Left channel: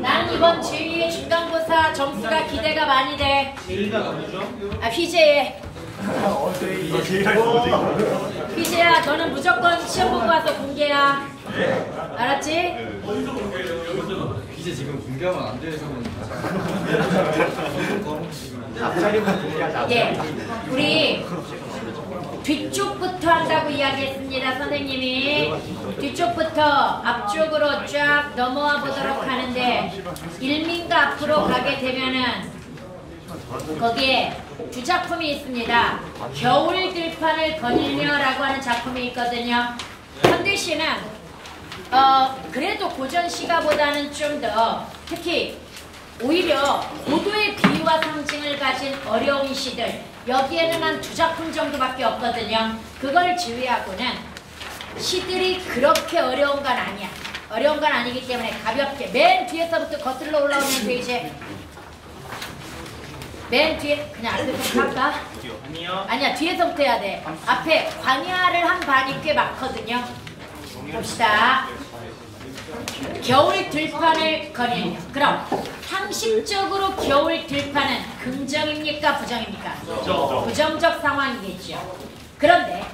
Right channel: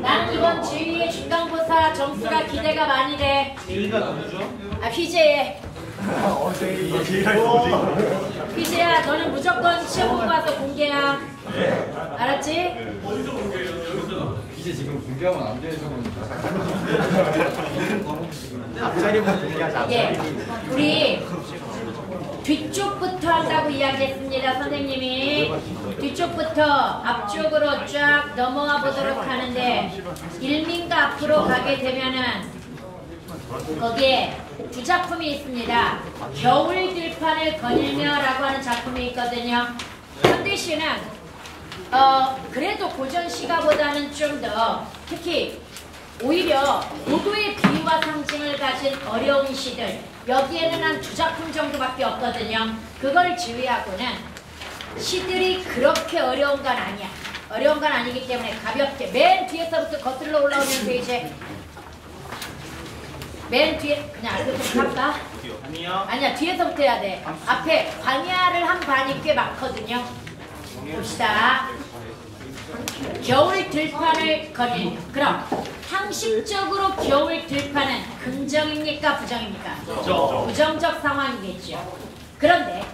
나는 이번 제2의 중간고사 점수가 기대가 많이 돼. 휘재에. 휘재야, 너는 무조건 시험 보고 와서 공개야. 알았지? 어디서 공개해요? 여기서? 이제 지금 공개하면 안 되는 앞자리만 공개하자. 예, 우리 뒤쪽부터 한다고 이야기했습니다. 선생님이 뒤쪽부터 앞쪽으로 쫙 넘어와 보도록 하는데, 일민가 앞으로 가게 되면은 거기에 두 작품이 있습니다. 겨울 들판을 거닐며 라고 하는 작품이 있거든요. 현대 시는 그래도 고전 시가보다는 좀 더, 특히 오히려 고도의 비유와 상징을 가진 어려운 시들, 여기에는 한 두 작품 정도밖에 없거든요. 그걸 제외하고는 시들이 그렇게 어려운 건 아니야. 어려운 건 아니기 때문에 가볍게 맨 뒤에서부터 거슬러 올라오면 돼. 이제 맨 뒤에 그냥 앞에부터 할까? 아니야, 뒤에서부터 해야 돼. 앞에 광야를 한 반이 꽤 많거든요. 봅시다. 겨울 들판을 거닐. 그럼 상식적으로 겨울 들판은 긍정입니까? 부정입니까? 부정적 상황이겠죠. 그런데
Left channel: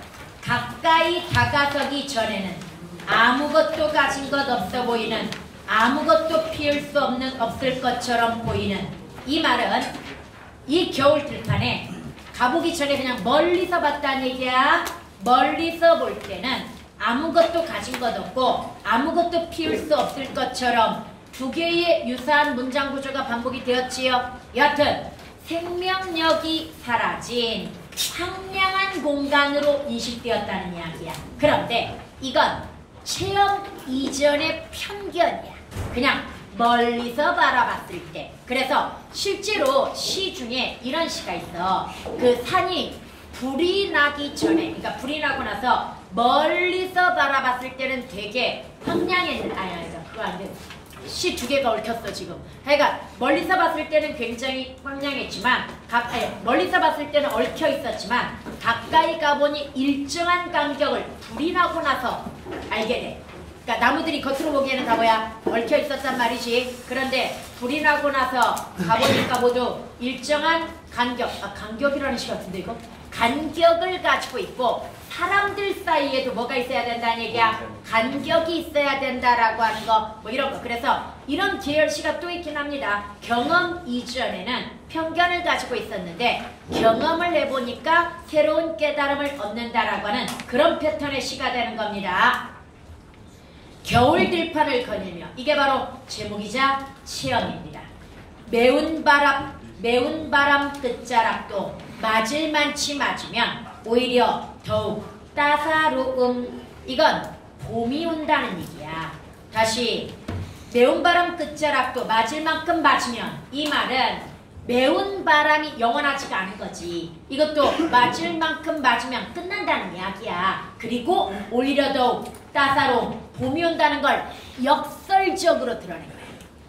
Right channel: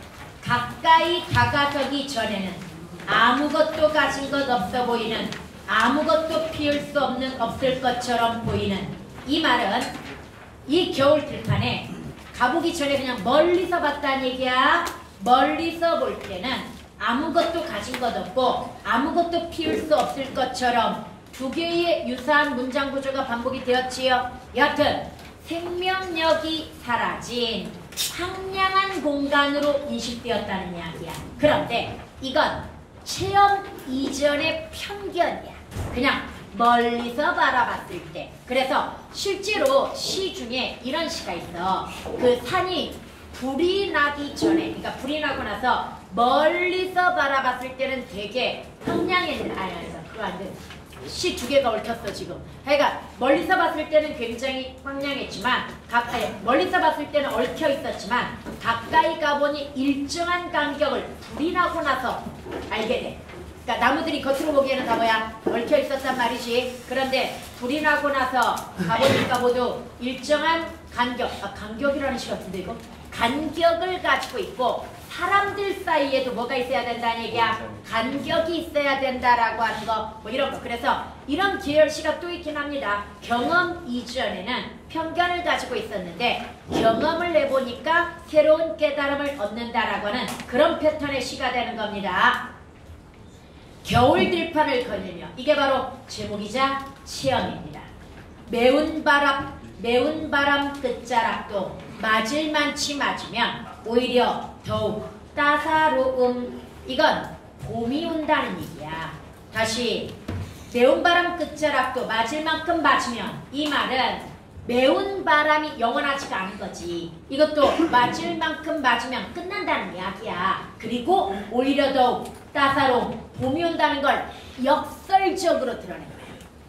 가까이 다가서기 전에는 아무것도 가진 것 없어 보이는, 아무것도 피울 수 없을 것처럼 보이는 이 말은, 이 겨울 들판에 가보기 전에 그냥 멀리서 봤다는 얘기야. 멀리서 볼 때는 아무것도 가진 것 없고 아무것도 피울 수 없을 것처럼 두 개의 유사한 문장 구조가 반복이 되었지요. 여하튼 생명력이 사라진 황량한 공간으로 인식되었다는 이야기야. 그런데 이건 체험 이전의 편견이야. 그냥 멀리서 바라봤을 때. 그래서 실제로 시 중에 이런 시가 있어. 그 산이 불이 나기 전에, 그러니까 불이 나고 나서 멀리서 바라봤을 때는 되게 황량했는데, 시 두 개가 얽혔어 지금. 그러니까 멀리서 봤을 때는 굉장히 황량했지만, 멀리서 봤을 때는 얽혀 있었지만 가까이 가보니 일정한 간격을 불이 나고 나서 알게 돼. 그러니까 나무들이 겉으로 보기에는 다 뭐야? 얽혀 있었단 말이지. 그런데 불이 나고 나서 가보니까 모두 일정한 간격이라는 시 같은데 이거? 간격을 가지고 있고 사람들 사이에도 뭐가 있어야 된다는 얘기야? 간격이 있어야 된다라고 하는 거, 뭐 이런 거. 그래서 이런 계열시가 또 있긴 합니다. 경험 이전에는 편견을 가지고 있었는데 경험을 해보니까 새로운 깨달음을 얻는다라고 하는 그런 패턴의 시가 되는 겁니다. 겨울 들판을 거닐며, 이게 바로 제목이자 체험입니다. 매운 바람 끝자락도 맞을만치 맞으면 오히려 더욱 따사로움. 이건 봄이 온다는 얘기야. 다시, 매운 바람 끝자락도 맞을 만큼 맞으면, 이 말은 매운 바람이 영원하지가 않은 거지. 이것도 맞을 만큼 맞으면 끝난다는 이야기야. 그리고 오히려 더욱 따사로움, 봄이 온다는 걸 역설적으로 드러낸 거야.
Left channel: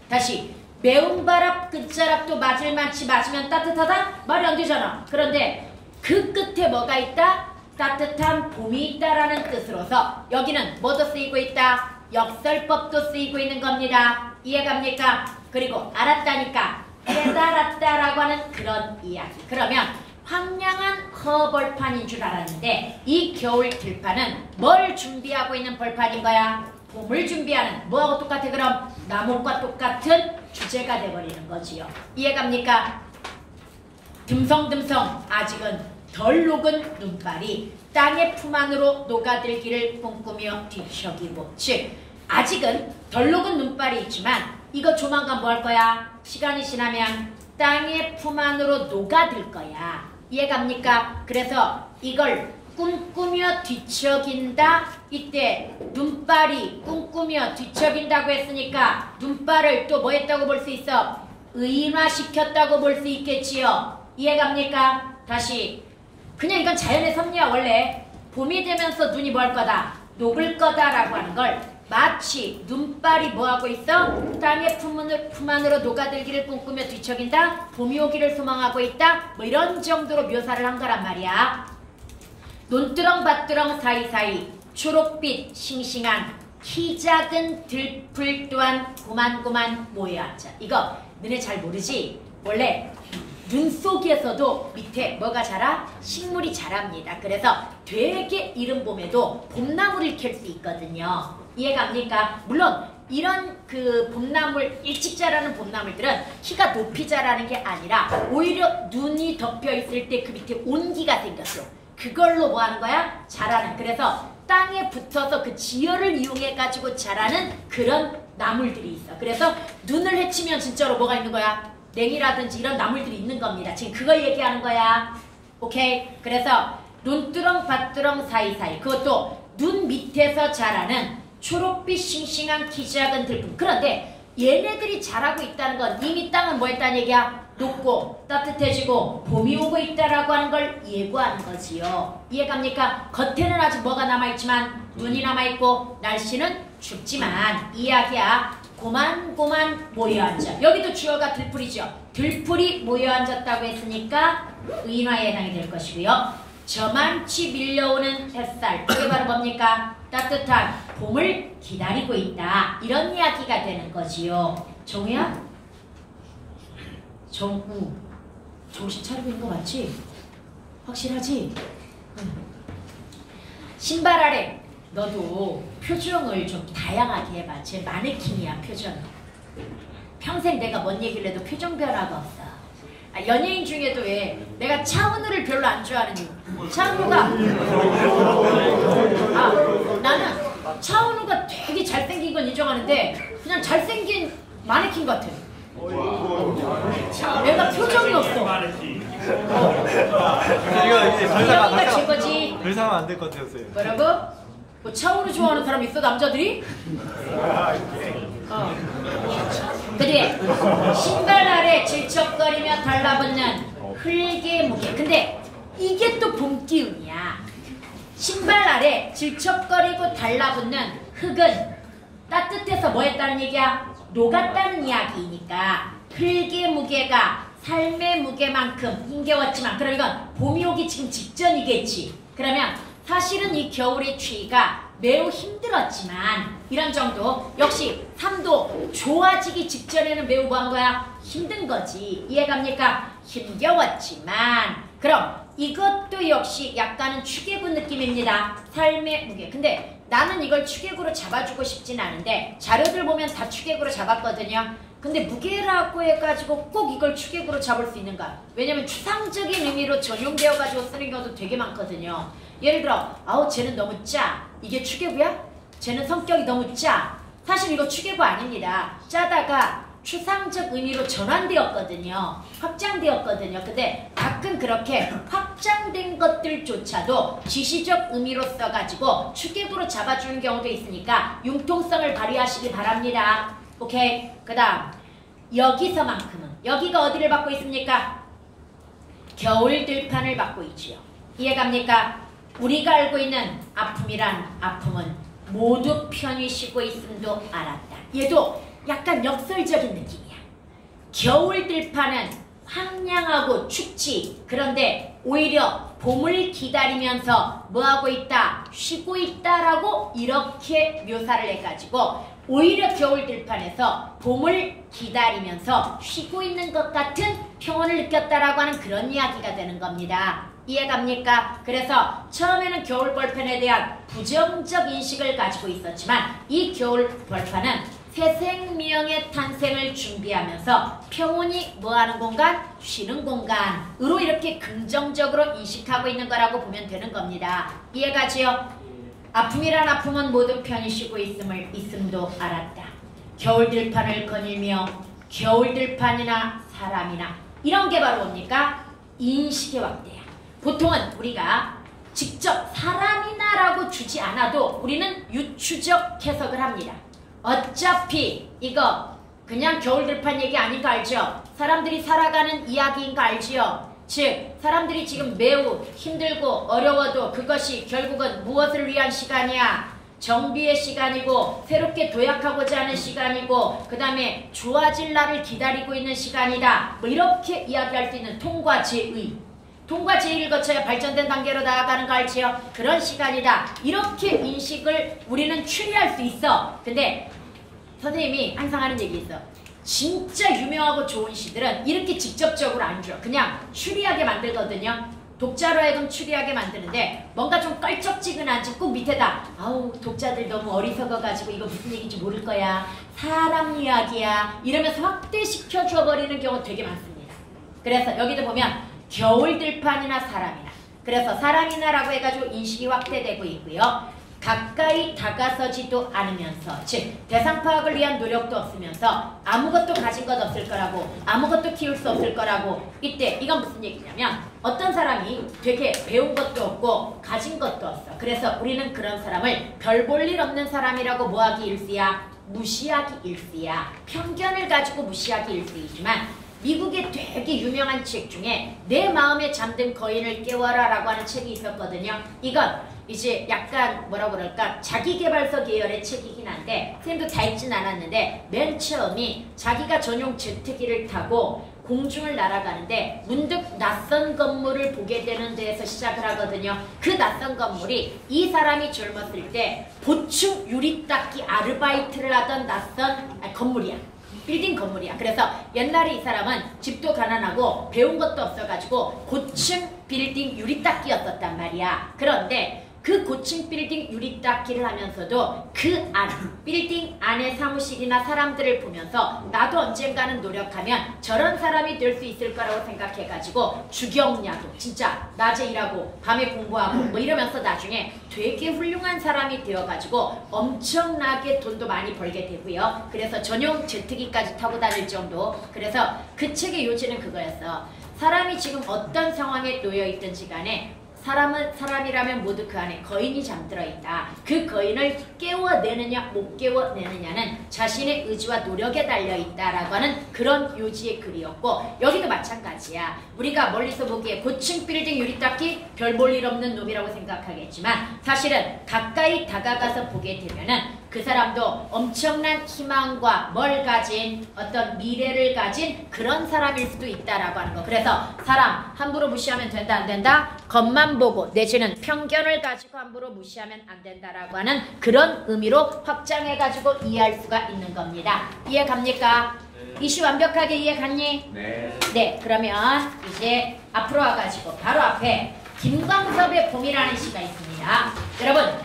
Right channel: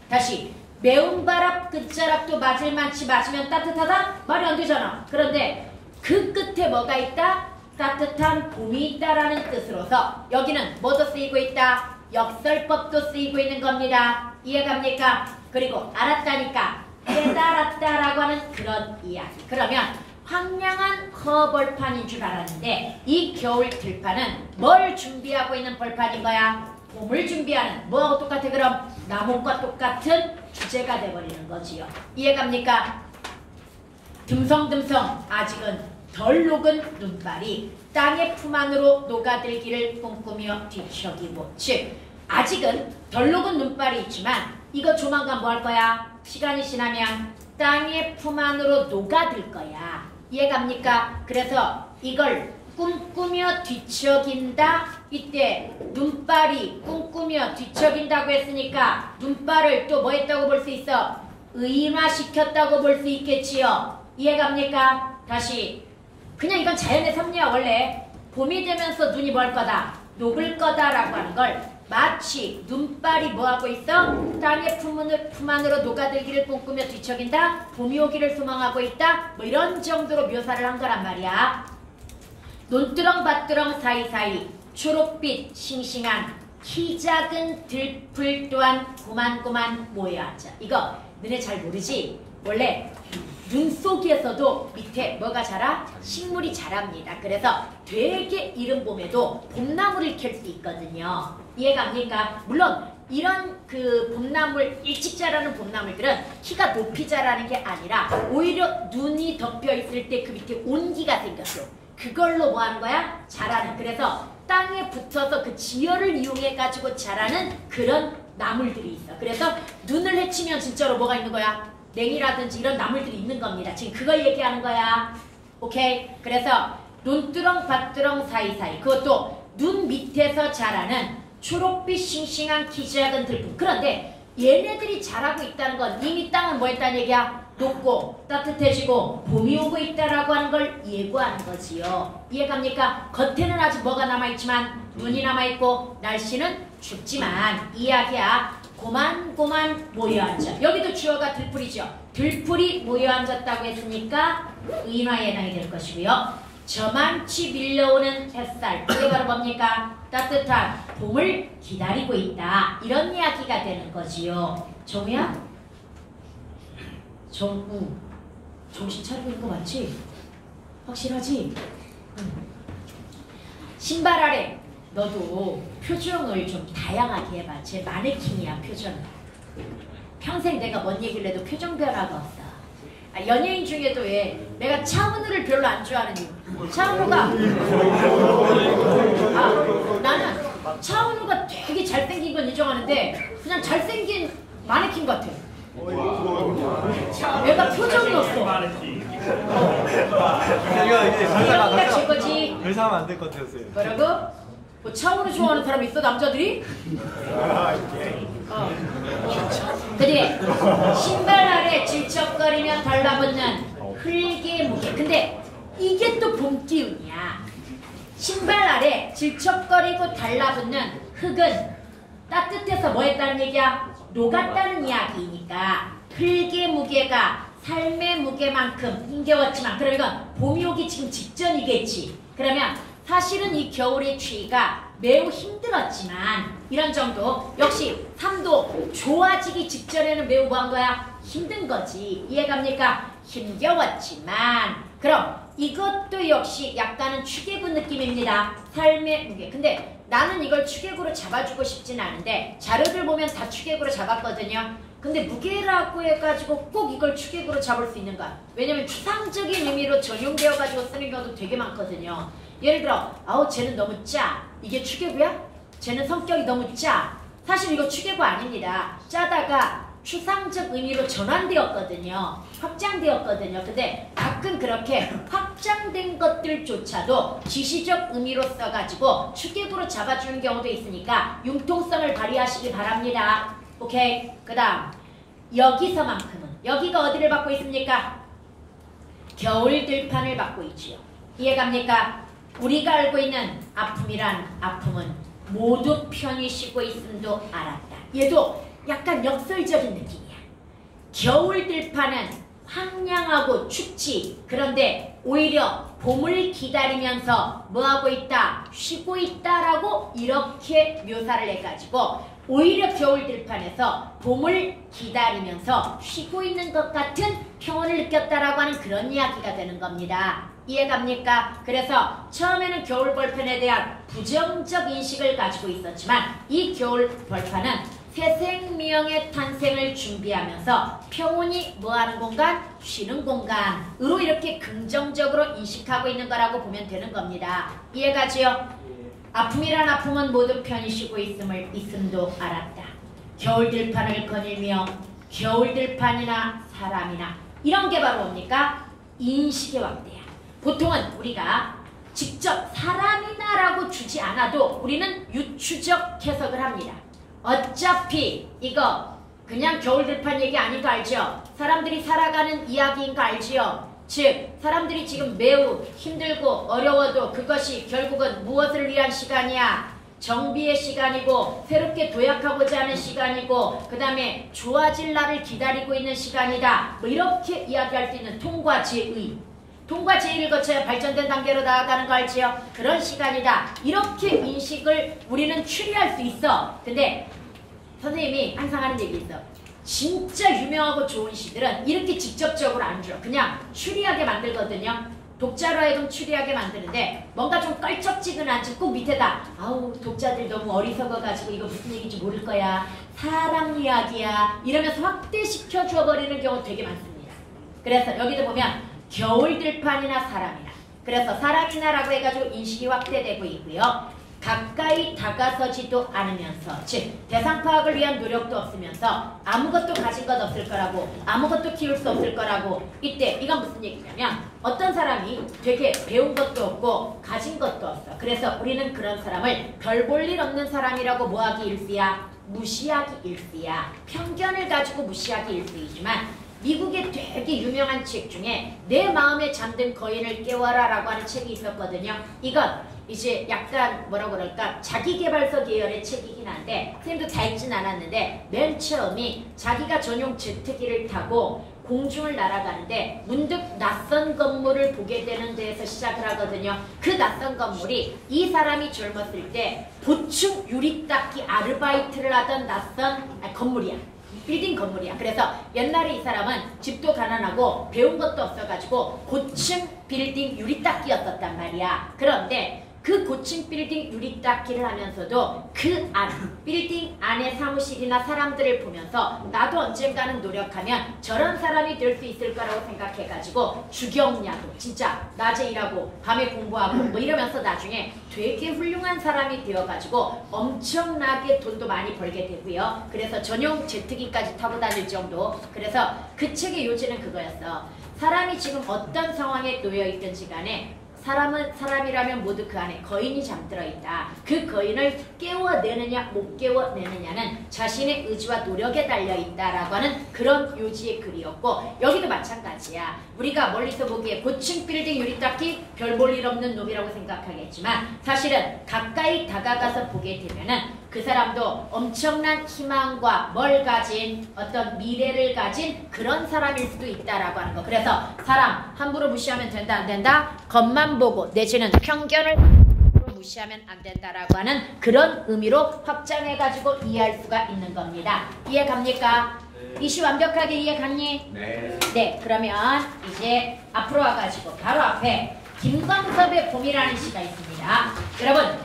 다시, 매운 바람 끝자락도 맞을 만치 맞으면 따뜻하다? 말이 안 되잖아. 그런데 그 끝에 뭐가 있다? 따뜻한 봄이 있다라는 뜻으로서 여기는 뭐도 쓰이고 있다? 역설법도 쓰이고 있는 겁니다. 이해갑니까? 그리고 알았다니까 깨달았다라고 하는 그런 이야기. 그러면 황량한 허벌판인 줄 알았는데 이 겨울 들판은 뭘 준비하고 있는 벌판인 거야? 봄을 준비하는, 뭐하고 똑같아? 그럼 나뭇과 똑같은 주제가 돼버리는 거지요. 이해갑니까? 듬성듬성 아직은 덜 녹은 눈발이 땅의 품 안으로 녹아들기를 꿈꾸며 뒤척이고, 즉 아직은 덜 녹은 눈발이 있지만 이거 조만간 뭐 할 거야? 시간이 지나면 땅의 품 안으로 녹아들 거야. 이해갑니까? 그래서 이걸 꿈꾸며 뒤척인다. 이때 눈발이 꿈꾸며 뒤척인다고 했으니까 눈발을 또 뭐 했다고 볼 수 있어? 의인화시켰다고 볼 수 있겠지요. 이해갑니까? 다시, 그냥 이건 자연의 섭리야. 원래 봄이 되면서 눈이 뭘 거다? 녹을 거다라고 하는 걸 마치 눈발이 뭐하고 있어? 땅의 품 안으로 녹아들기를 꿈꾸며 뒤척인다. 봄이 오기를 소망하고 있다. 뭐 이런 정도로 묘사를 한 거란 말이야. 논두렁 밭두렁 사이사이 초록빛 싱싱한 키 작은 들풀 또한 고만고만 모여 앉아. 이거 너네 잘 모르지? 원래 눈 속에서도 밑에 뭐가 자라? 식물이 자랍니다. 그래서 되게 이른 봄에도 봄나무를 캘 수 있거든요. 이해갑니까? 물론 이런 그 봄나물, 일찍 자라는 봄나물들은 키가 높이 자라는 게 아니라 오히려 눈이 덮여 있을 때 그 밑에 온기가 생겼어. 그걸로 뭐 하는 거야? 자라는. 그래서 땅에 붙어서 그 지열을 이용해 가지고 자라는 그런 나물들이 있어. 그래서 눈을 헤치면 진짜로 뭐가 있는 거야? 냉이라든지 이런 나물들이 있는 겁니다. 지금 그걸 얘기하는 거야. 오케이? 그래서 논두렁, 밭두렁 사이사이, 그것도 눈 밑에서 자라는 초록빛 싱싱한 키 작은 들풀. 그런데 얘네들이 자라고 있다는 건 이미 땅은 뭐 했다는 얘기야? 높고 따뜻해지고 봄이 오고 있다라고 하는 걸 예고하는 거지요. 이해갑니까? 겉에는 아직 뭐가 남아있지만 눈이 남아있고 날씨는 춥지만 이야기야. 고만고만 모여앉아. 여기도 주어가 들풀이죠. 들풀이 모여앉았다고 했으니까 의인화에 해당이 될 것이고요. 저만치 밀려오는 햇살, 그게 바로 뭡니까? 따뜻한 봄을 기다리고 있다. 이런 이야기가 되는 거지요. 정우야? 정우, 정신 차리고 있는 거 맞지? 확실하지? 응. 신발 아래 너도 표정을 좀 다양하게 해봐. 제 마네킹이야, 표정은. 평생 내가 뭔 얘기를 해도 표정 변화가 없어. 연예인 중에도 왜 내가 차은우를 별로 안 좋아하는 이유. 차은우가 나는 차은우가 되게 잘생긴 건 인정하는데 그냥 잘생긴 마네킹 같아. 내가 표정이 없어. 이거 제거지. 더 이상 안 될 것 같았어요. 뭐라고? 뭐 차은우 좋아하는 사람 있어, 남자들이? 그래, 신발 아래 질척거리며 달라붙는 흙의 무게. 근데 이게 또 봄 기운이야. 신발 아래 질척거리고 달라붙는 흙은 따뜻해서 뭐 했다는 얘기야? 녹았다는 이야기니까 흙의 무게가 삶의 무게만큼 힘겨웠지만, 그럼 이건 봄이 오기 지금 직전이겠지. 그러면 사실은 이 겨울의 추위가 매우 힘들었지만 이런 정도, 역시 삶도 좋아지기 직전에는 매우 뭐한 거야? 힘든 거지. 이해갑니까? 힘겨웠지만, 그럼 이것도 역시 약간은 축의구 느낌입니다. 삶의 무게. 근데 나는 이걸 축의구로 잡아주고 싶진 않은데 자료들 보면 다 축의구로 잡았거든요. 근데 무게라고 해가지고 꼭 이걸 축의구로 잡을 수 있는가? 왜냐면 추상적인 의미로 전용되어가지고 쓰는 경우도 되게 많거든요. 예를 들어, 아우 쟤는 너무 짜. 이게 축의구야? 쟤는 성격이 너무 짜. 사실 이거 축의구 아닙니다. 짜다가 추상적 의미로 전환되었거든요. 확장되었거든요. 근데 가끔 그렇게 확장된 것들조차도 지시적 의미로 써가지고 축의구로 잡아주는 경우도 있으니까 융통성을 발휘하시기 바랍니다. 오케이? 그 다음 여기서만큼은, 여기가 어디를 받고 있습니까? 겨울 들판을 받고 있지요. 이해갑니까? 우리가 알고 있는 아픔이란 아픔은 모두 편히 쉬고 있음도 알았다. 얘도 약간 역설적인 느낌이야. 겨울 들판은 황량하고 춥지. 그런데 오히려 봄을 기다리면서 뭐하고 있다? 쉬고 있다라고 이렇게 묘사를 해가지고 오히려 겨울 들판에서 봄을 기다리면서 쉬고 있는 것 같은 평온을 느꼈다라고 하는 그런 이야기가 되는 겁니다. 이해갑니까? 그래서 처음에는 겨울 벌판에 대한 부정적 인식을 가지고 있었지만 이 겨울 벌판은 새 생명의 탄생을 준비하면서 평온히 뭐하는 공간? 쉬는 공간으로 이렇게 긍정적으로 인식하고 있는 거라고 보면 되는 겁니다. 이해가지요? 아픔이란 아픔은 모두 편히 쉬고 있음도 알았다. 겨울 들판을 거닐며 겨울 들판이나 사람이나 이런 게 바로 뭡니까? 인식의 확대야. 보통은 우리가 직접 사람이나 라고 주지 않아도 우리는 유추적 해석을 합니다. 어차피 이거 그냥 겨울 들판 얘기 아닌 거 알죠? 사람들이 살아가는 이야기인 거 알지요? 즉 사람들이 지금 매우 힘들고 어려워도 그것이 결국은 무엇을 위한 시간이야? 정비의 시간이고 새롭게 도약하고자 하는 시간이고 그 다음에 좋아질 날을 기다리고 있는 시간이다. 뭐 이렇게 이야기할 수 있는 통과 제의. 통과 제의를 거쳐야 발전된 단계로 나아가는 거 알지요? 그런 시간이다. 이렇게 인식을 우리는 추리할 수 있어. 근데 선생님이 항상 하는 얘기 있어. 진짜 유명하고 좋은 시들은 이렇게 직접적으로 안 줘. 그냥 추리하게 만들거든요. 독자로 하여금 추리하게 만드는데 뭔가 좀 껄쩍지근하지 꼭 밑에다 아우 독자들 너무 어리석어가지고 이거 무슨 얘기인지 모를 거야. 사람 이야기야. 이러면서 확대시켜 줘버리는 경우 되게 많습니다. 그래서 여기도 보면 겨울 들판이나 사람이나 그래서 사람이나라고 해가지고 인식이 확대되고 있고요. 가까이 다가서지도 않으면서 즉 대상 파악을 위한 노력도 없으면서 아무것도 가진 것 없을 거라고 아무것도 키울 수 없을 거라고 이때 이건 무슨 얘기냐면 어떤 사람이 되게 배운 것도 없고 가진 것도 없어. 그래서 우리는 그런 사람을 별 볼 일 없는 사람이라고 뭐하기 일수야? 무시하기 일수야. 편견을 가지고 무시하기 일수이지만 미국의 되게 유명한 책 중에 내 마음에 잠든 거인을 깨워라 라고 하는 책이 있었거든요. 이건 이제 약간 뭐라 그럴까 자기계발서 계열의 책이긴 한데 선생님도 다 읽진 않았는데 맨 처음이 자기가 전용 제트기를 타고 공중을 날아가는데 문득 낯선 건물을 보게 되는 데에서 시작을 하거든요. 그 낯선 건물이 이 사람이 젊었을 때 보충 유리닦기 아르바이트를 하던 낯선 건물이야. 빌딩 건물이야. 그래서 옛날에 이 사람은 집도 가난하고 배운 것도 없어가지고 고층 빌딩 유리닦기였었단 말이야. 그런데 그 고층 빌딩 유리닦기를 하면서도 그 안, 빌딩 안의 사무실이나 사람들을 보면서 나도 언젠가는 노력하면 저런 사람이 될 수 있을 거라고 생각해가지고 주경야도 진짜 낮에 일하고 밤에 공부하고 뭐 이러면서 나중에 되게 훌륭한 사람이 되어가지고 엄청나게 돈도 많이 벌게 되고요. 그래서 전용 제트기까지 타고 다닐 정도. 그래서 그 책의 요지는 그거였어. 사람이 지금 어떤 상황에 놓여 있든지 간에 사람은 사람이라면 모두 그 안에 거인이 잠들어 있다. 그 거인을 깨워내느냐 못 깨워내느냐는 자신의 의지와 노력에 달려 있다라고 하는 그런 요지의 글이었고 여기도 마찬가지야. 우리가 멀리서 보기에 고층 빌딩 유리닦기 별 볼 일 없는 놈이라고 생각하겠지만 사실은 가까이 다가가서 보게 되면은 그 사람도 엄청난 희망과 뭘 가진 어떤 미래를 가진 그런 사람일 수도 있다라고 하는 거. 그래서 사람 함부로 무시하면 된다 안 된다? 겉만 보고 내지는 편견을 가지고 함부로 무시하면 안 된다라고 하는 그런 의미로 확장해가지고 이해할 수가 있는 겁니다. 이해 갑니까? 이슈 완벽하게 이해 갔니? 네. 네, 그러면 이제 앞으로 와가지고 바로 앞에 김광섭의 봄이라는 시가 있습니다. 여러분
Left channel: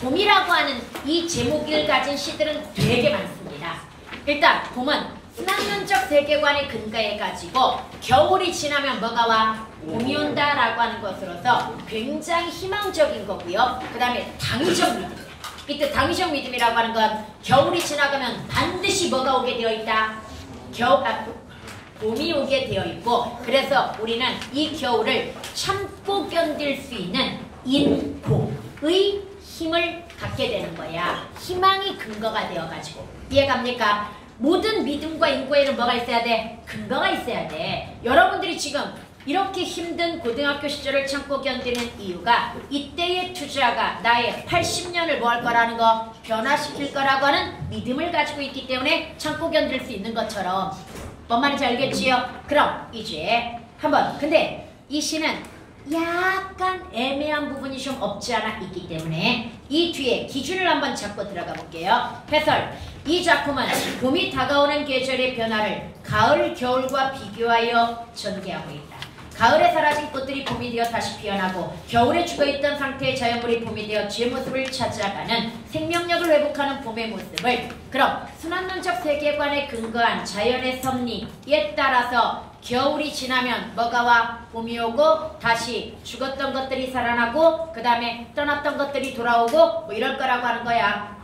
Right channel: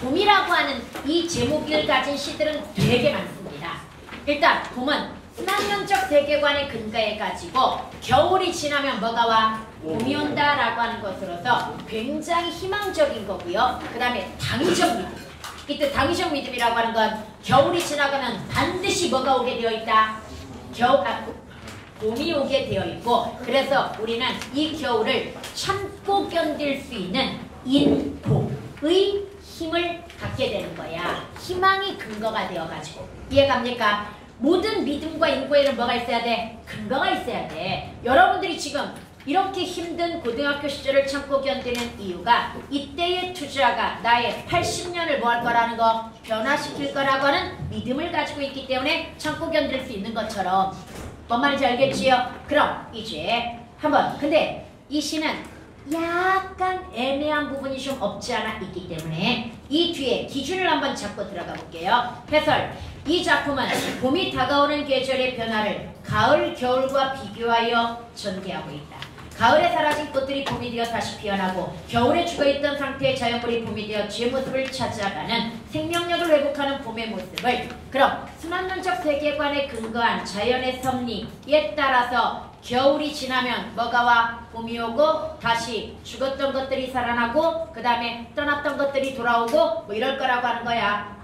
봄이라고 하는 이 제목을 가진 시들은 되게 많습니다. 일단 봄은 순환론적 세계관에 근거해가지고 겨울이 지나면 뭐가 와? 봄이 온다라고 하는 것으로서 굉장히 희망적인 거고요. 그 다음에 당위적 믿음. 이때 당위적 믿음이라고 하는 건 겨울이 지나가면 반드시 뭐가 오게 되어 있다? 봄이 오게 되어 있고 그래서 우리는 이 겨울을 참고 견딜 수 있는 인고의 힘을 갖게 되는 거야. 희망이 근거가 되어가지고. 이해갑니까? 모든 믿음과 인고에는 뭐가 있어야 돼? 근거가 있어야 돼. 여러분들이 지금 이렇게 힘든 고등학교 시절을 참고 견디는 이유가 이때의 투자가 나의 80년을 뭐 할 거라는 거? 변화시킬 거라고 하는 믿음을 가지고 있기 때문에 참고 견딜 수 있는 것처럼. 뭔 말인지 알겠지요? 그럼 이제 한번 근데 이 시는 약간 애매한 부분이 좀 없지 않아 있기 때문에 이 뒤에 기준을 한번 잡고 들어가 볼게요. 해설. 이 작품은 봄이 다가오는 계절의 변화를 가을, 겨울과 비교하여 전개하고 있다. 가을에 사라진 꽃들이 봄이 되어 다시 피어나고 겨울에 죽어있던 상태의 자연물이 봄이 되어 쥐의 모습을 찾아가는 생명력을 회복하는 봄의 모습을 그럼 순환론적 세계관에 근거한 자연의 섭리에 따라서 겨울이 지나면 뭐가 와? 봄이 오고 다시 죽었던 것들이 살아나고 그 다음에 떠났던 것들이 돌아오고 뭐 이럴 거라고 하는 거야.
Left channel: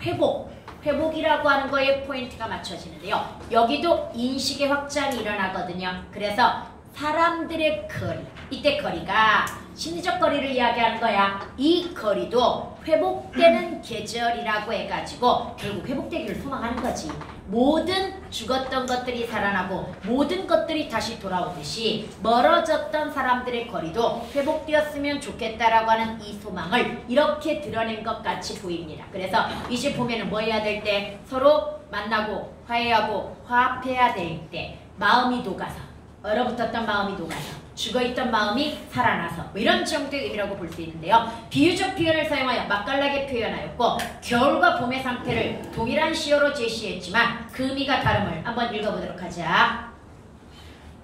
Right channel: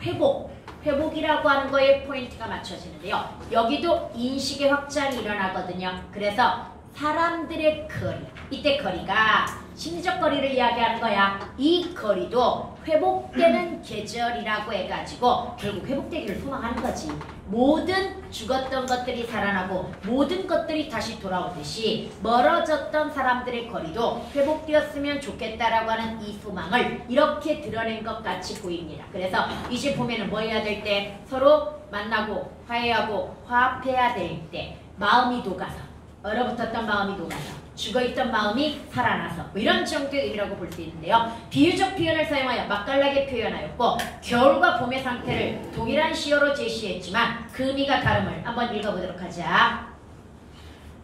회복이라고 하는 거에 포인트가 맞춰지는데요. 여기도 인식의 확장이 일어나거든요. 그래서 사람들의 거리, 이때 거리가 심리적 거리를 이야기하는 거야. 이 거리도 회복되는 계절이라고 해가지고 결국 회복되기를 소망하는 거지. 모든 죽었던 것들이 살아나고 모든 것들이 다시 돌아오듯이 멀어졌던 사람들의 거리도 회복되었으면 좋겠다라고 하는 이 소망을 이렇게 드러낸 것 같이 보입니다. 그래서 이제 보면은 뭐 해야 될 때 서로 만나고 화해하고 화합해야 될 때 마음이 녹아서 얼어붙었던 마음이 녹아서 죽어있던 마음이 살아나서 뭐 이런 정도의 의미라고 볼 수 있는데요. 비유적 표현을 사용하여 맛깔나게 표현하였고 겨울과 봄의 상태를 동일한 시어로 제시했지만 그 의미가 다름을 한번 읽어보도록 하자.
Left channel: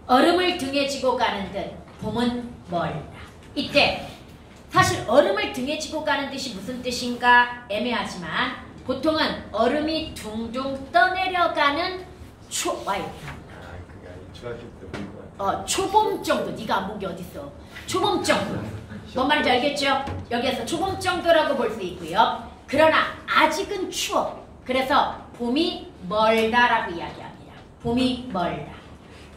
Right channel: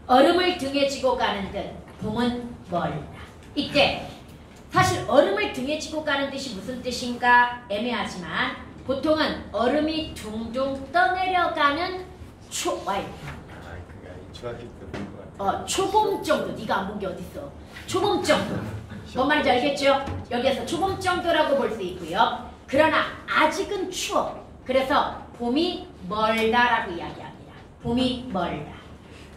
얼음을 등에 지고 가는 듯 봄은 멀다. 이때 사실 얼음을 등에 지고 가는 뜻이 무슨 뜻인가 애매하지만 보통은 얼음이 둥둥 떠내려가는 초봄 정도. 네가 안 본 게 어딨어. 초봄 정도. 뭔 말인지 알겠죠? 여기에서 초봄 정도라고 볼 수 있고요. 그러나 아직은 추워. 그래서 봄이 멀다라고 이야기합니다. 봄이 멀다.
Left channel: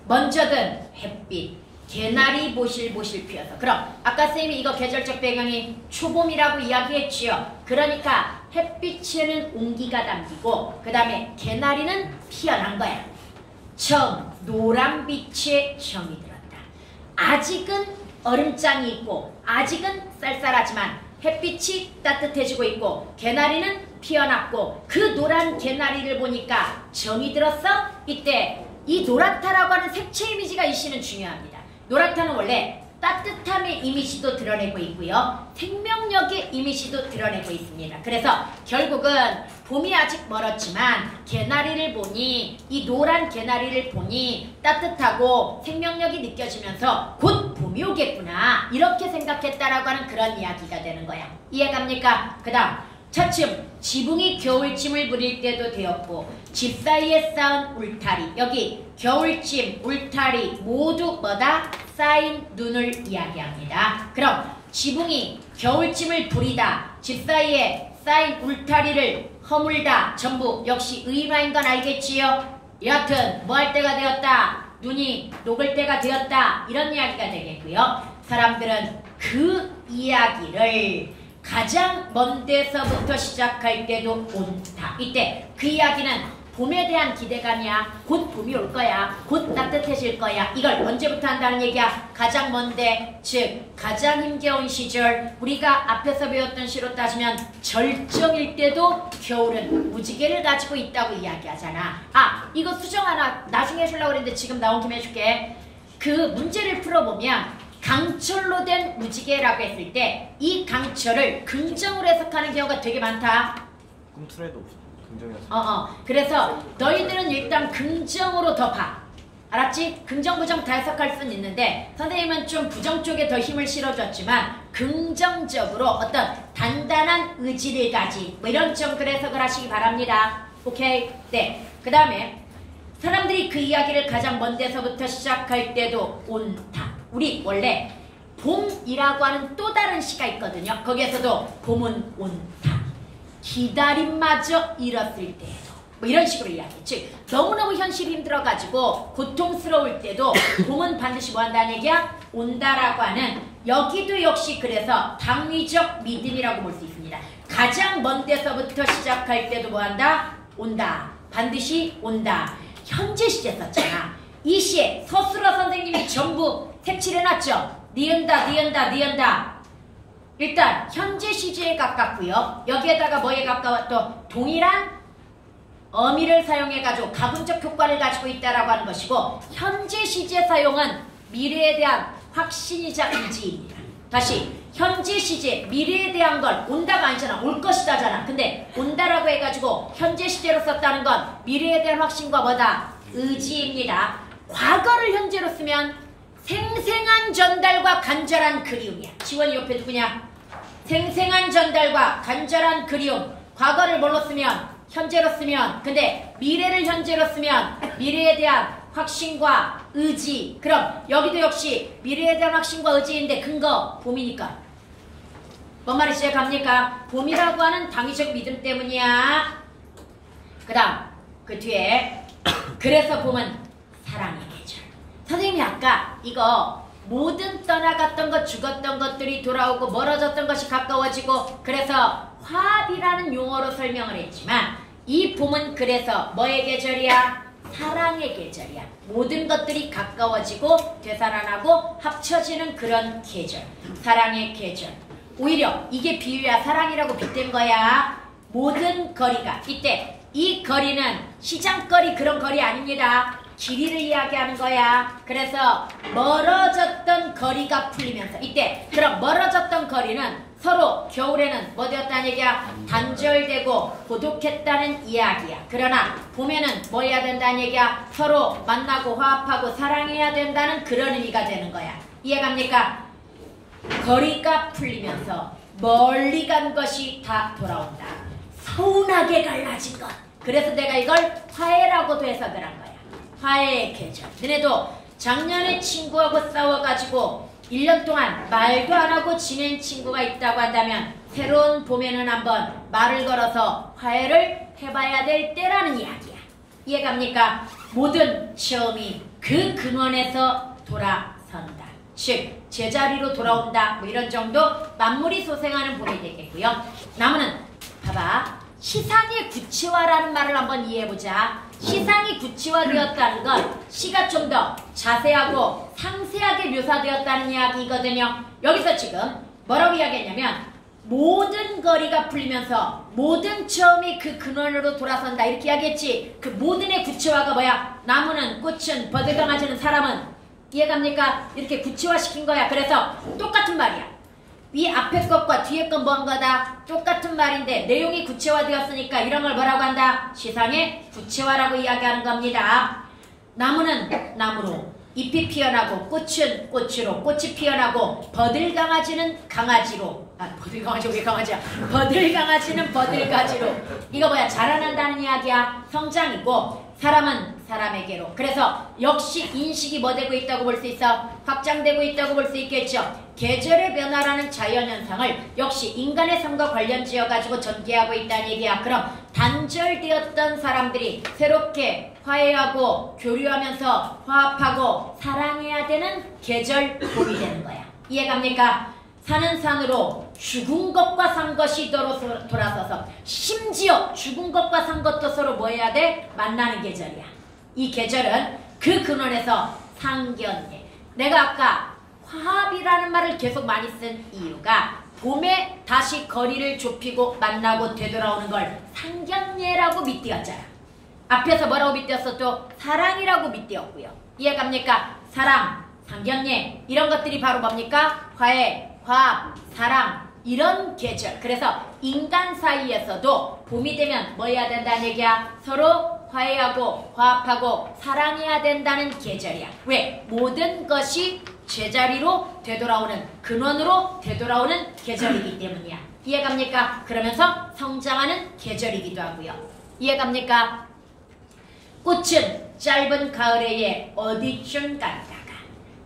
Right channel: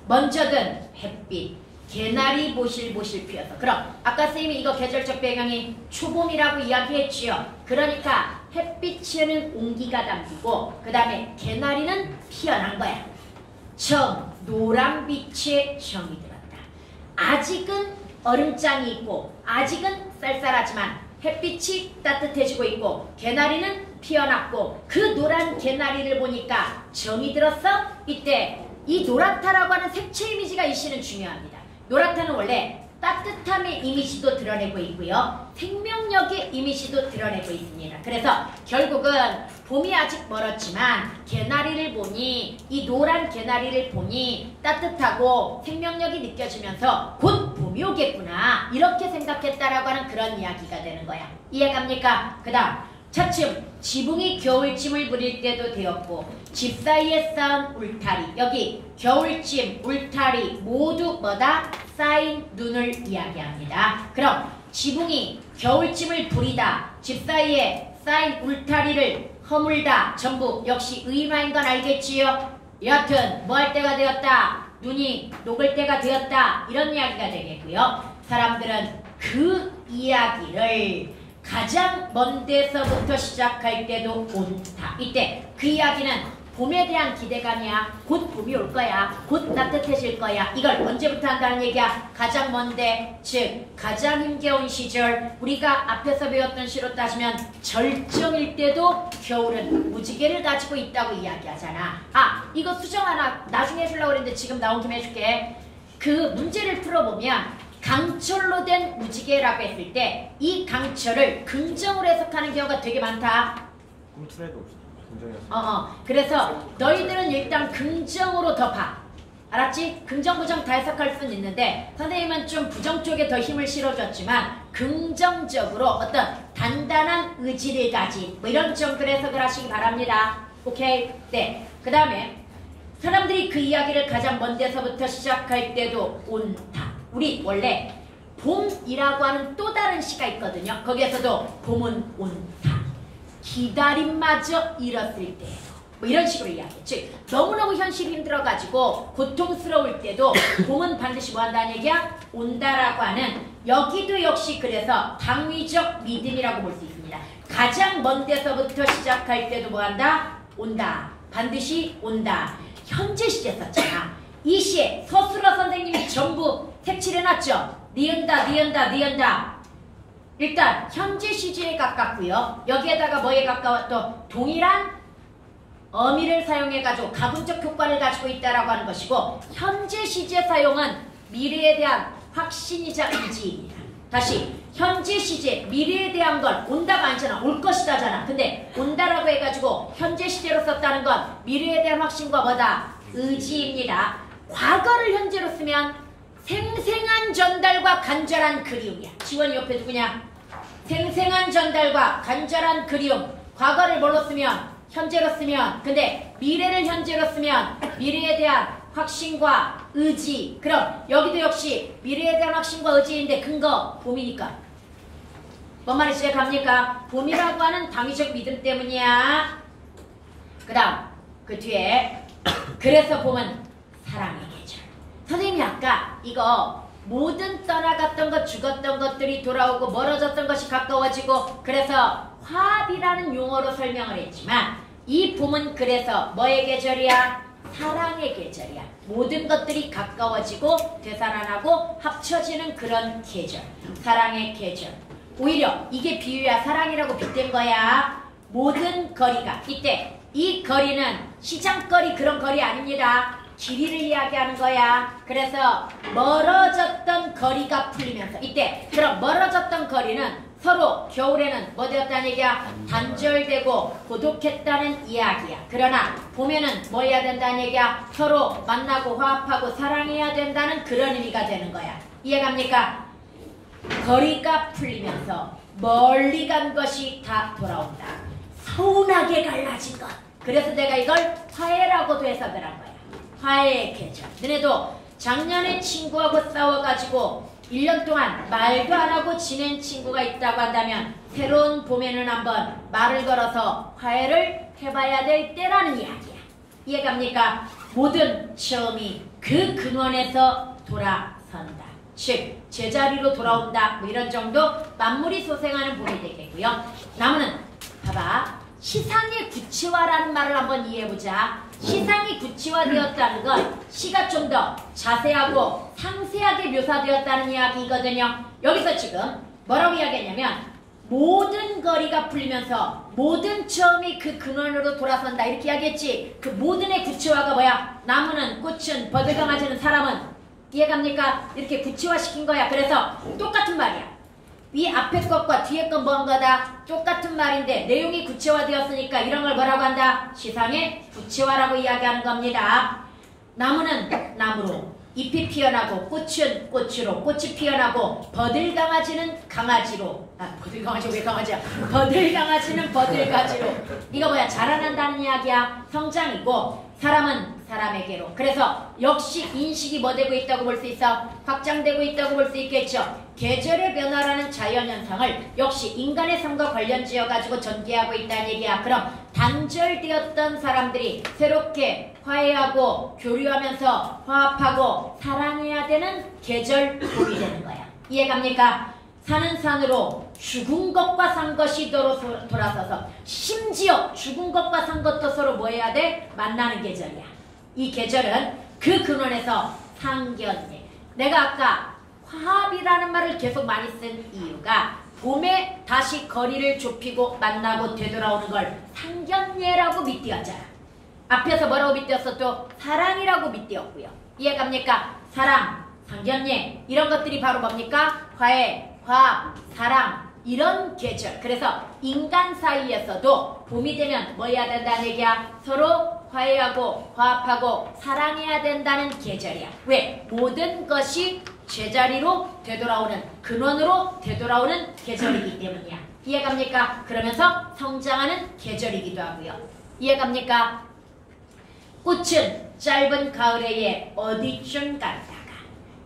먼저 든 햇빛, 개나리 보실보실 피어서. 그럼 아까 선생님이 이거 계절적 배경이 초봄이라고 이야기했지요. 그러니까 햇빛에는 온기가 담기고 그 다음에 개나리는 피어난 거야. 처음 노란빛에 정이 들었다. 아직은 얼음장이 있고 아직은 쌀쌀하지만 햇빛이 따뜻해지고 있고 개나리는 피어났고 그 노란 개나리를 보니까 정이 들었어. 이때 이 노랗다라고 하는 색채 이미지가 이 시는 중요합니다. 노랗다는 원래 따뜻함의 이미지도 드러내고 있고요. 생명력의 이미지도 드러내고 있습니다. 그래서 결국은 봄이 아직 멀었지만 개나리를 보니 이 노란 개나리를 보니 따뜻하고 생명력이 느껴지면서 곧 봄이 오겠구나 이렇게 생각했다라고 하는 그런 이야기가 되는 거야. 이해갑니까? 그 다음 차츰 지붕이 겨울짐을 부릴 때도 되었고 집 사이에 쌓은 울타리 여기 겨울짐, 울타리 모두 뭐다? 쌓인 눈을 이야기합니다. 그럼 지붕이 겨울짐을 부리다 집 사이에 쌓인 울타리를 허물다 전부 역시 의마인 건 알겠지요? 여하튼 뭐 할 때가 되었다? 눈이 녹을 때가 되었다 이런 이야기가 되겠고요. 사람들은 그 이야기를 가장 먼 데서부터 시작할 때도 온다. 이때 그 이야기는 봄에 대한 기대감이야. 곧 봄이 올 거야. 곧 따뜻해질 거야. 이걸 언제부터 한다는 얘기야? 가장 먼데, 즉 가장 힘겨운 시절 우리가 앞에서 배웠던 시로 따지면 절정일 때도 겨울은 무지개를 가지고 있다고 이야기하잖아. 아 이거 수정 하나 나중에 해주려고 그랬는데 지금 나온 김에 해줄게. 그 문제를 풀어보면 강철로 된 무지개라고 했을 때 이 강철을 긍정으로 해석하는 경우가 되게 많다. 꿈틀에도 없어. 긍정이었어. 그래서 너희들은 일단 긍정으로 더 봐. 알았지? 긍정, 부정 다 해석할 수는 있는데 선생님은 좀 부정 쪽에 더 힘을 실어줬지만 긍정적으로 어떤 단단한 의지를 가진 뭐 이런 정도로 해석을 하시기 바랍니다. 오케이? 네. 그 다음에 사람들이 그 이야기를 가장 먼 데서부터 시작할 때도 온다. 우리 원래 봄이라고 하는 또 다른 시가 있거든요. 거기에서도 봄은 온다. 기다림마저 잃었을 때에도 뭐 이런 식으로 이야기해. 즉 너무너무 현실이 힘들어가지고 고통스러울 때도 봄은 반드시 뭐 한다는 얘기야? 온다라고 하는 여기도 역시 그래서 당위적 믿음이라고 볼 수 있습니다. 가장 먼 데서부터 시작할 때도 뭐 한다? 온다. 반드시 온다. 현재 시제 썼잖아. 이 시에 서술어 선생님이 전부 색칠해놨죠. 니은다 니은다 니은다. 일단 현재 시제에 가깝고요. 여기에다가 뭐에 가까워? 또 동일한 어미를 사용해가지고 가분적 효과를 가지고 있다라고 하는 것이고 현재 시제 사용은 미래에 대한 확신이자 의지입니다. 다시 현재 시제 미래에 대한 건 온다가 아니잖아. 올 것이다잖아. 근데 온다라고 해가지고 현재 시제로 썼다는 건 미래에 대한 확신과 뭐다? 의지입니다. 과거를 현재로 쓰면 생생한 전달과 간절한 그리움이야. 지원이 옆에 누구냐? 생생한 전달과 간절한 그리움. 과거를 뭘로 쓰면? 현재로 쓰면. 근데 미래를 현재로 쓰면 미래에 대한 확신과 의지. 그럼 여기도 역시 미래에 대한 확신과 의지인데 근거 봄이니까. 뭔 말인지 갑니까? 봄이라고 하는 당위적 믿음 때문이야. 그 다음 그 뒤에 그래서 봄은 사랑의 계절. 선생님이 아까 이거 모든 떠나갔던 것 죽었던 것들이 돌아오고 멀어졌던 것이 가까워지고 그래서 화합이라는 용어로 설명을 했지만 이 봄은 그래서 뭐의 계절이야? 사랑의 계절이야. 모든 것들이 가까워지고 되살아나고 합쳐지는 그런 계절. 사랑의 계절. 오히려 이게 비유야. 사랑이라고 빗댄 거야. 모든 거리가 이때 이 거리는 시장거리 그런 거리 아닙니다. 길이를 이야기하는 거야. 그래서 멀어졌던 거리가 풀리면서 이때 그럼 멀어졌던 거리는 서로 겨울에는 뭐 되었다는 얘기야? 단절되고 고독했다는 이야기야. 그러나 봄에는 뭐 해야 된다는 얘기야? 서로 만나고 화합하고 사랑해야 된다는 그런 의미가 되는 거야. 이해갑니까? 거리가 풀리면서 멀리 간 것이 다 돌아온다. 서운하게 갈라진 것. 그래서 내가 이걸 화해라고도 해석을 한 거야. 화해의 계절. 너네도 작년에 친구하고 싸워가지고 1년 동안 말도 안 하고 지낸 친구가 있다고 한다면 새로운 봄에는 한번 말을 걸어서 화해를 해봐야 될 때라는 이야기야. 이해갑니까? 모든 시험이 그 근원에서 돌아선다. 즉 제자리로 돌아온다. 뭐 이런 정도 만물이 소생하는 봄이 되겠고요. 나무는 봐봐. 시상의 구체화라는 말을 한번 이해해보자. 시상이 구체화되었다는 건 시가 좀 더 자세하고 상세하게 묘사되었다는 이야기거든요. 여기서 지금 뭐라고 이야기했냐면 모든 거리가 풀리면서 모든 처음이 그 근원으로 돌아선다 이렇게 이야기했지. 그 모든의 구체화가 뭐야? 나무는, 꽃은, 버들 강아지는, 사람은. 이해갑니까? 이렇게 구체화시킨 거야. 그래서 똑같은 말이야. 이 앞에 것과 뒤에 건 뭔 거다? 똑같은 말인데 내용이 구체화되었으니까 이런 걸 뭐라고 한다? 시상의 구체화라고 이야기하는 겁니다. 나무는 나무로, 잎이 피어나고 꽃은 꽃으로, 꽃이 피어나고 버들 강아지는 강아지로. 버들 강아지 왜 강아지야? 버들 강아지는 버들가지로. 이거 뭐야? 자라난다는 이야기야. 성장이고 사람은 사람에게로. 그래서 역시 인식이 뭐 되고 있다고 볼 수 있어? 확장되고 있다고 볼 수 있겠죠. 계절의 변화라는 자연현상을 역시 인간의 삶과 관련 지어가지고 전개하고 있다는 얘기야. 그럼 단절되었던 사람들이 새롭게 화해하고 교류하면서 화합하고 사랑해야 되는 계절 봄이 되는 거야. 이해갑니까? 사는 산으로 죽은 것과 산 것이 돌아서서 심지어 죽은 것과 산 것도 서로 뭐 해야 돼? 만나는 계절이야. 이 계절은 그 근원에서 상견례. 내가 아까 화합이라는 말을 계속 많이 쓴 이유가 봄에 다시 거리를 좁히고 만나고 되돌아오는 걸 상견례라고 밑띄었잖아. 앞에서 뭐라고 밑띄었어? 또 사랑이라고 밑띄었고요. 이해갑니까? 사랑, 상견례 이런 것들이 바로 뭡니까? 화해, 화합, 사랑 이런 계절. 그래서 인간 사이에서도 봄이 되면 뭐 해야 된다는 얘기야? 서로 화해하고 화합하고 사랑해야 된다는 계절이야. 왜? 모든 것이 제자리로 되돌아오는 근원으로 되돌아오는 계절이기 때문이야. 이해갑니까? 그러면서 성장하는 계절이기도 하고요. 이해갑니까? 꽃은 짧은 가을에 어디쯤 간다가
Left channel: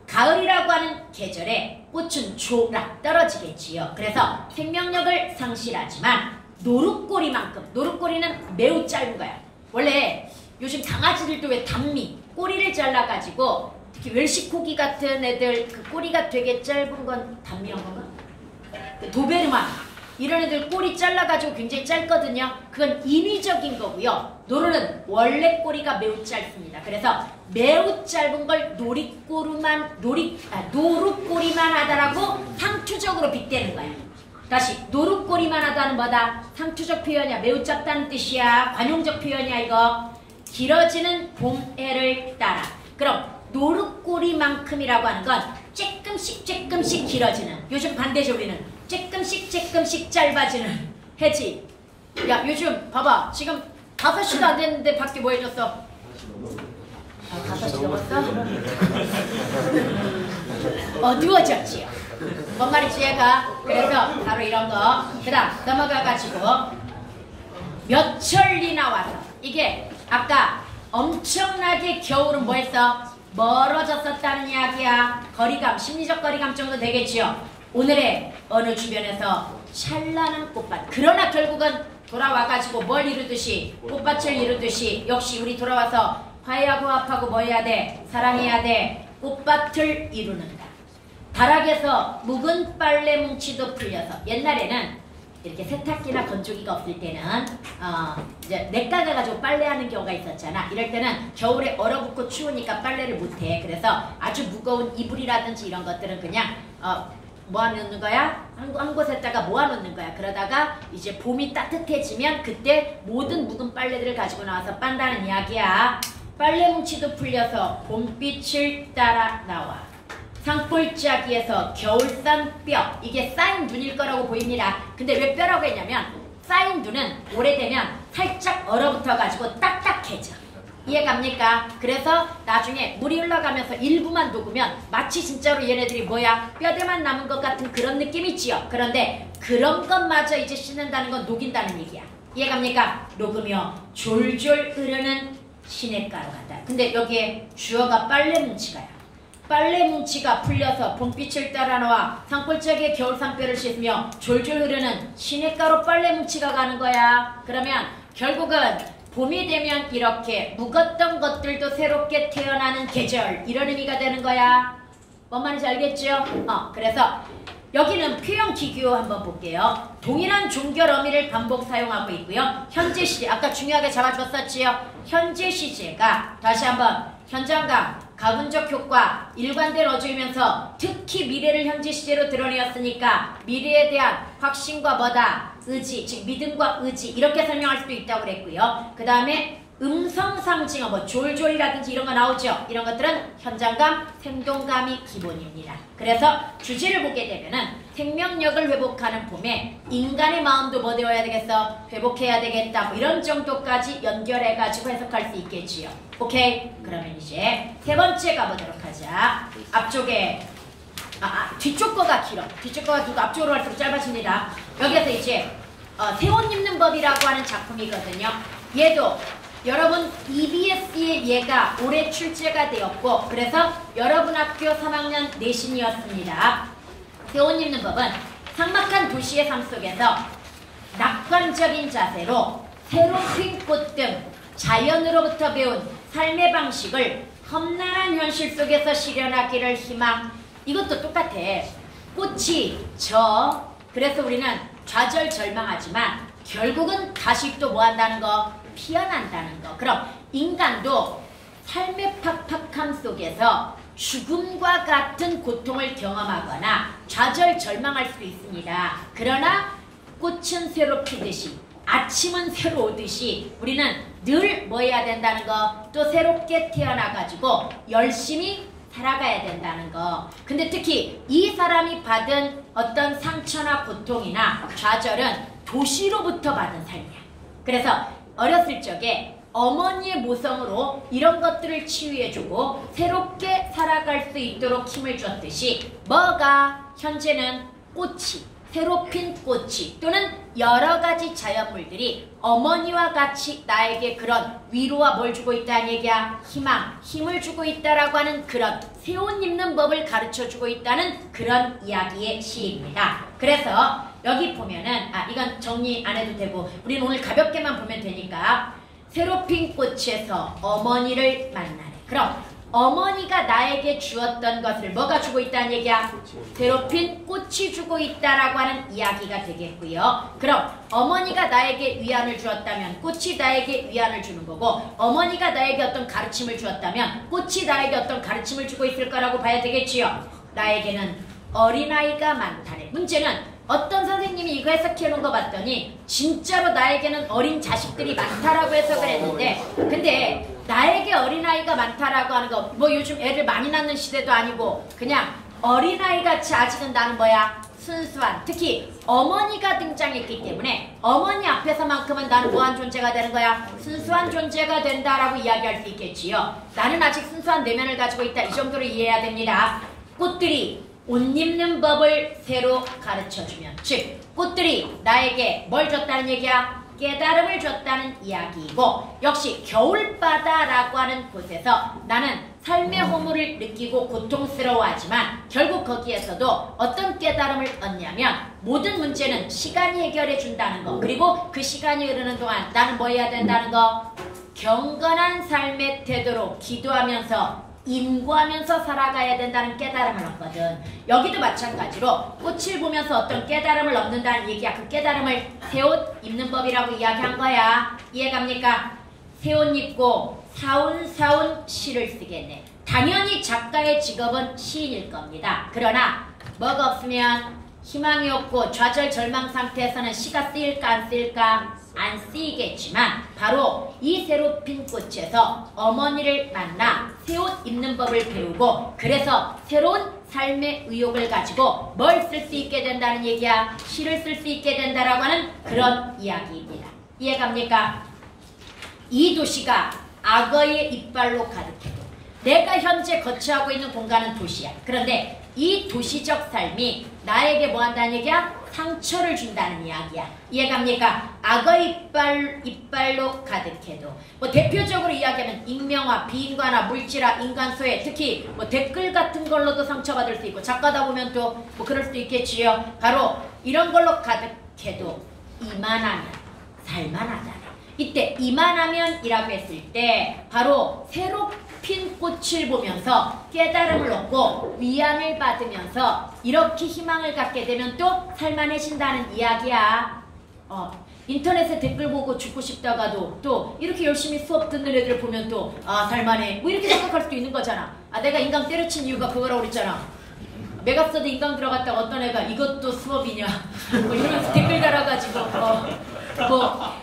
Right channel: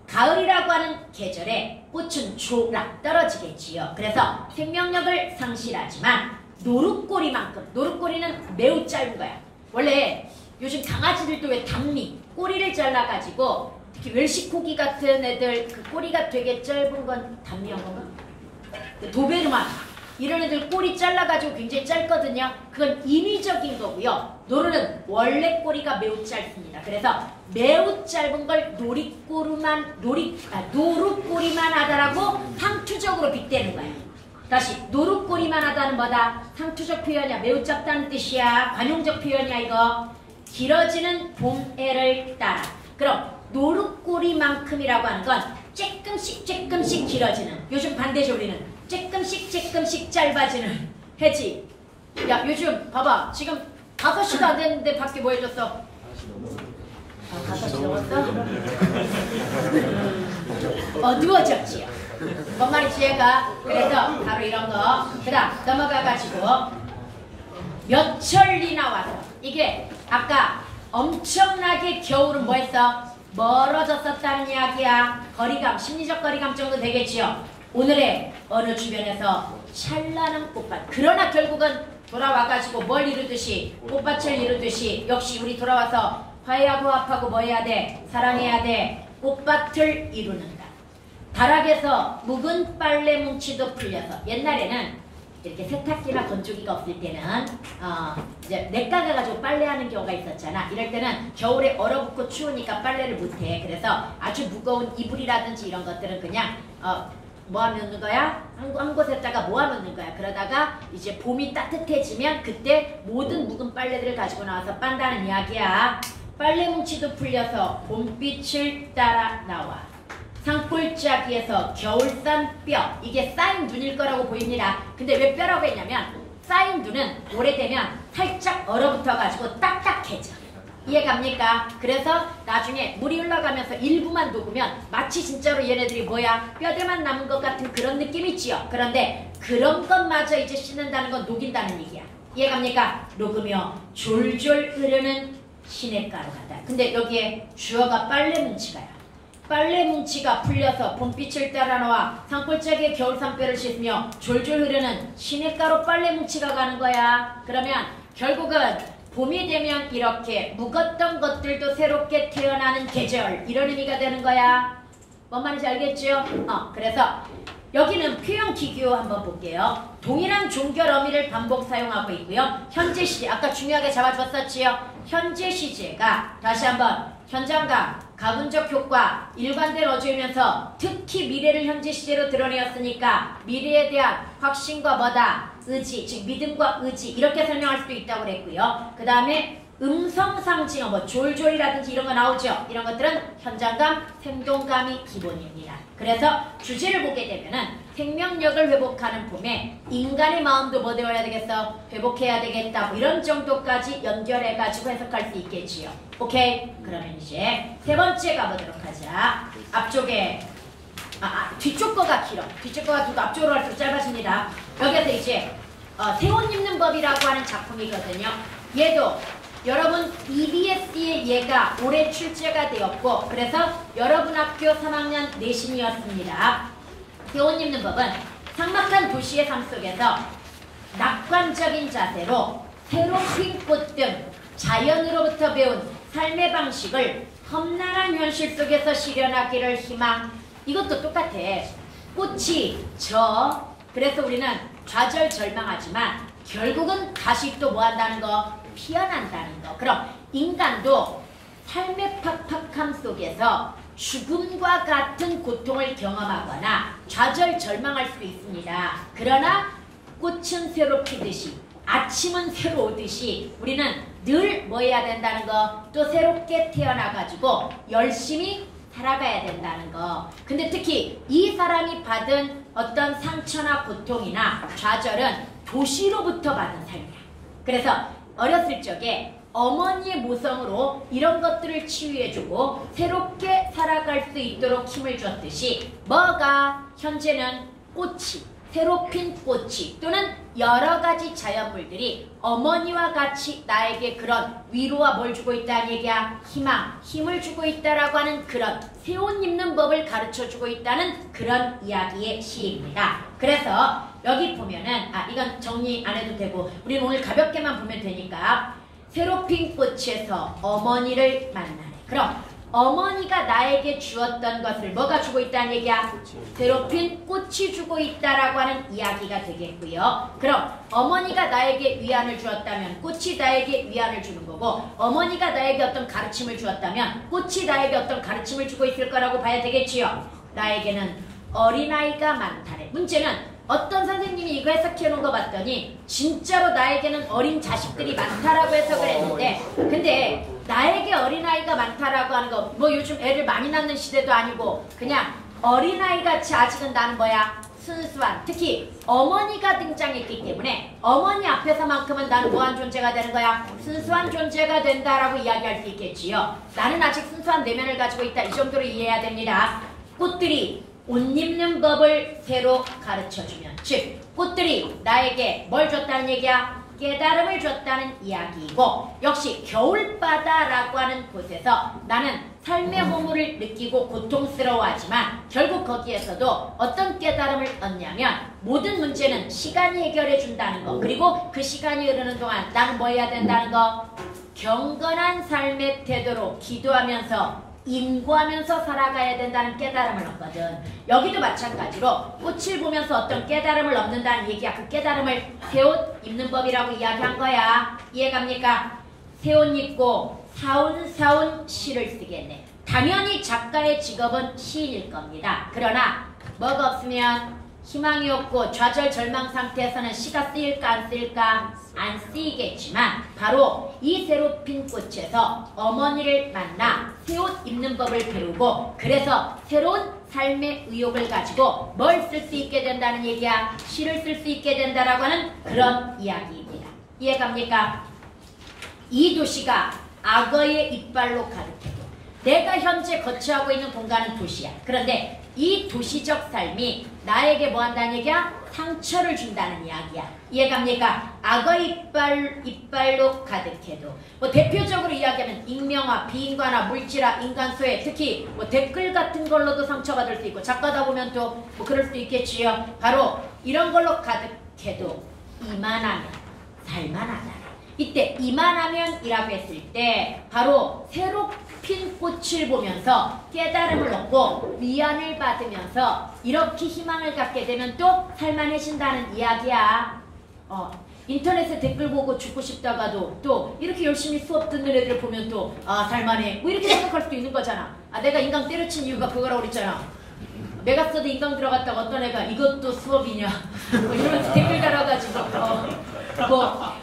가을이라고 하는 계절에 꽃은 조락 떨어지겠지요. 그래서 생명력을 상실하지만 노룻꼬리만큼, 노룻꼬리는 매우 짧은 거야. 원래 요즘 강아지들도 왜 단미, 꼬리를 잘라가지고 특히 웰시코기 같은 애들 그 꼬리가 되게 짧은 건 단미한 건가? 도베르만 이런 애들 꼬리 잘라가지고 굉장히 짧거든요. 그건 인위적인 거고요. 노루는 원래 꼬리가 매우 짧습니다. 그래서 매우 짧은 걸 노룻꼬리만 하다라고 상투적으로 빗대는 거예요. 다시 노룻꼬리만 하다는 뭐다? 상투적 표현이야. 매우 짧다는 뜻이야. 관용적 표현이야 이거. 길어지는 봄해를 따라. 그럼 노룻꼬리만큼이라고 하는 건 조금씩 길어지는. 요즘 반대죠 우리는. 조금씩 짧아지는 해지. 야 요즘 봐봐. 지금 5시도 안 됐는데 밖에 뭐 해줬어? 5시 넘었어? 어두워졌지. 뭔 말인지 얘가. 그래서 바로 이런 거. 그 다음 넘어가가지고 몇 천리 나와서 이게 아까 엄청나게 겨울은 뭐 했어? 멀어졌었다는 이야기야. 거리감, 심리적 거리감 정도 되겠지요. 오늘의 어느 주변에서 찬란한 꽃밭. 그러나 결국은 돌아와가지고 뭘 이루듯이 꽃밭을 이루듯이 역시 우리 돌아와서 화해하고 화합하고 뭐 해야 돼? 사랑해야 돼. 꽃밭을 이루는다. 다락에서 묵은 빨래 뭉치도 풀려서 옛날에는 이렇게 세탁기나 건조기가 없을 때는 이제 냇가가 가지고 빨래하는 경우가 있었잖아. 이럴 때는 겨울에 얼어붙고 추우니까 빨래를 못해. 그래서 아주 무거운 이불이라든지 이런 것들은 그냥 뭐 하는 거야? 한 곳에다가 모아놓는 거야. 그러다가 이제 봄이 따뜻해지면 그때 모든 묵은 빨래들을 가지고 나와서 빤다는 이야기야. 빨래 뭉치도 풀려서 봄빛을 따라 나와. 산골짜기에서 겨울산 뼈, 이게 쌓인 눈일 거라고 보입니다. 근데 왜 뼈라고 했냐면 쌓인 눈은 오래되면 살짝 얼어붙어가지고 딱딱해져. 이해갑니까? 그래서 나중에 물이 흘러가면서 일부만 녹으면 마치 진짜로 얘네들이 뭐야? 뼈대만 남은 것 같은 그런 느낌이지요. 그런데 그런 것마저 이제 씻는다는 건 녹인다는 얘기야. 이해갑니까? 녹으며 졸졸 흐르는 시냇가로 가다. 근데 여기에 주어가 빨래 뭉치가요. 빨래 뭉치가 풀려서 봄빛을 따라 나와 산골짜기에 겨울산뼈를 씻으며 졸졸 흐르는 시냇가로 빨래 뭉치가 가는 거야. 그러면 결국은 봄이 되면 이렇게 묵었던 것들도 새롭게 태어나는 계절, 이런 의미가 되는 거야. 뭔 말인지 알겠죠? 그래서 여기는 표현 기교 한번 볼게요. 동일한 종결 어미를 반복 사용하고 있고요. 현재 시제, 아까 중요하게 잡아줬었지요. 현재 시제가 다시 한번 현장감, 가군적 효과, 일관된 어조이면서 특히 미래를 현재 시제로 드러내었으니까 미래에 대한 확신과 뭐다? 의지, 즉 믿음과 의지, 이렇게 설명할 수도 있다고 그랬고요. 그 다음에 음성 상징어, 뭐 졸졸이라든지 이런 거 나오죠. 이런 것들은 현장감, 생동감이 기본입니다. 그래서 주제를 보게 되면은 생명력을 회복하는 봄에 인간의 마음도 뭐 되어야 되겠어? 회복해야 되겠다. 뭐 이런 정도까지 연결해가지고 해석할 수 있겠지요. 오케이? 그러면 이제 세 번째 가보도록 하자. 앞쪽에 뒤쪽 거가 길어. 뒤쪽 거가 길고 앞쪽으로 갈수록 짧아집니다. 여기서 이제 새옷 입는 법이라고 하는 작품이거든요. 얘도 여러분 EBS의 얘가 올해 출제가 되었고 그래서 여러분 학교 3학년 내신이었습니다. 새옷 입는 법은 삭막한 도시의 삶 속에서 낙관적인 자세로 새롭은 꽃 등 자연으로부터 배운 삶의 방식을 험난한 현실 속에서 실현하기를 희망. 이것도 똑같아. 꽃이 져. 그래서 우리는 좌절절망하지만 결국은 다시 또 뭐 한다는 거? 피어난다는 거. 그럼 인간도 삶의 팍팍함 속에서 죽음과 같은 고통을 경험하거나 좌절절망할 수도 있습니다. 그러나 꽃은 새로 피듯이 아침은 새로 오듯이 우리는 늘 뭐 해야 된다는 거? 또 새롭게 태어나가지고 열심히 살아가야 된다는 거. 근데 특히 이 사람이 받은 어떤 상처나 고통이나 좌절은 도시로부터 받은 삶이야. 그래서 어렸을 적에 어머니의 모성으로 이런 것들을 치유해주고 새롭게 살아갈 수 있도록 힘을 줬듯이 뭐가 현재는 꽃이, 새로 핀 꽃이 또는 여러 가지 자연물들이 어머니와 같이 나에게 그런 위로와 뭘 주고 있다는 얘기야? 희망, 힘을 주고 있다라고 하는 그런 새 옷 입는 법을 가르쳐주고 있다는 그런 이야기의 시입니다. 그래서 여기 보면은 이건 정리 안 해도 되고 우리는 오늘 가볍게만 보면 되니까 새로 핀 꽃에서 어머니를 만나네. 그럼 어머니가 나에게 주었던 것을 뭐가 주고 있다는 얘기야? 새로 핀 꽃이 주고 있다라고 하는 이야기가 되겠고요. 그럼 어머니가 나에게 위안을 주었다면 꽃이 나에게 위안을 주는 거고 어머니가 나에게 어떤 가르침을 주었다면 꽃이 나에게 어떤 가르침을 주고 있을 거라고 봐야 되겠지요. 나에게는 어린아이가 많다네. 문제는 어떤 선생님이 이거 해석해놓은 거 봤더니 진짜로 나에게는 어린 자식들이 많다라고 해석을 했는데 근데 나에게 어린아이가 많다라고 하는 거 뭐 요즘 애를 많이 낳는 시대도 아니고 그냥 어린아이같이 아직은 나는 뭐야? 순수한 특히 어머니가 등장했기 때문에 어머니 앞에서만큼은 나는 뭐한 존재가 되는 거야? 순수한 존재가 된다라고 이야기할 수 있겠지요. 나는 아직 순수한 내면을 가지고 있다. 이 정도로 이해해야 됩니다. 꽃들이 옷 입는 법을 새로 가르쳐주면 즉 꽃들이 나에게 뭘 줬다는 얘기야? 깨달음을 줬다는 이야기이고 역시 겨울바다라고 하는 곳에서 나는 삶의 허물을 느끼고 고통스러워하지만 결국 거기에서도 어떤 깨달음을 얻냐면 모든 문제는 시간이 해결해 준다는 거 그리고 그 시간이 흐르는 동안 나는 뭐 해야 된다는 거 경건한 삶의 태도로 기도하면서 인구하면서 살아가야 된다는 깨달음을 얻거든. 여기도 마찬가지로 꽃을 보면서 어떤 깨달음을 얻는다는 얘기야. 그 깨달음을 새옷 입는 법이라고 이야기한 거야. 이해갑니까? 새옷 입고 사운사운 시를 쓰겠네. 당연히 작가의 직업은 시인일 겁니다. 그러나 뭐가 없으면 희망이 없고 좌절 절망 상태에서는 씨가 쓰일까 안 쓰일까? 안 쓰이겠지만 바로 이 새로 핀 꽃에서 어머니를 만나 새 옷 입는 법을 배우고 그래서 새로운 삶의 의욕을 가지고 뭘 쓸 수 있게 된다는 얘기야. 시를 쓸 수 있게 된다라고 하는 그런 이야기입니다. 이해갑니까? 이 도시가 악어의 이빨로 가득해도 내가 현재 거처하고 있는 공간은 도시야. 그런데 이 도시적 삶이 나에게 뭐 한다는 얘기야? 상처를 준다는 이야기야. 이해갑니까? 악어 이빨로 가득해도 뭐 대표적으로 이야기하면 익명화, 비인간화, 물질화, 인간소외, 특히 뭐 댓글 같은 걸로도 상처받을 수 있고 작가다 보면 또 뭐 그럴 수도 있겠지요. 바로 이런 걸로 가득해도 이만하면 살만하다. 이때 이만하면이라고 했을 때 바로 새로 핀 꽃을 보면서 깨달음을 얻고 위안을 받으면서 이렇게 희망을 갖게 되면 또 살만해진다는 이야기야. 인터넷에 댓글 보고 죽고 싶다가도 또 이렇게 열심히 수업 듣는 애들을 보면 또 살만해 뭐 이렇게 생각할 수도 있는 거잖아. 내가 인강 때려친 이유가 그거라고 그랬잖아. 메가스터디 인강 들어갔다가 어떤 애가 이것도 수업이냐 뭐 이러면서 댓글 달아가지고 뭐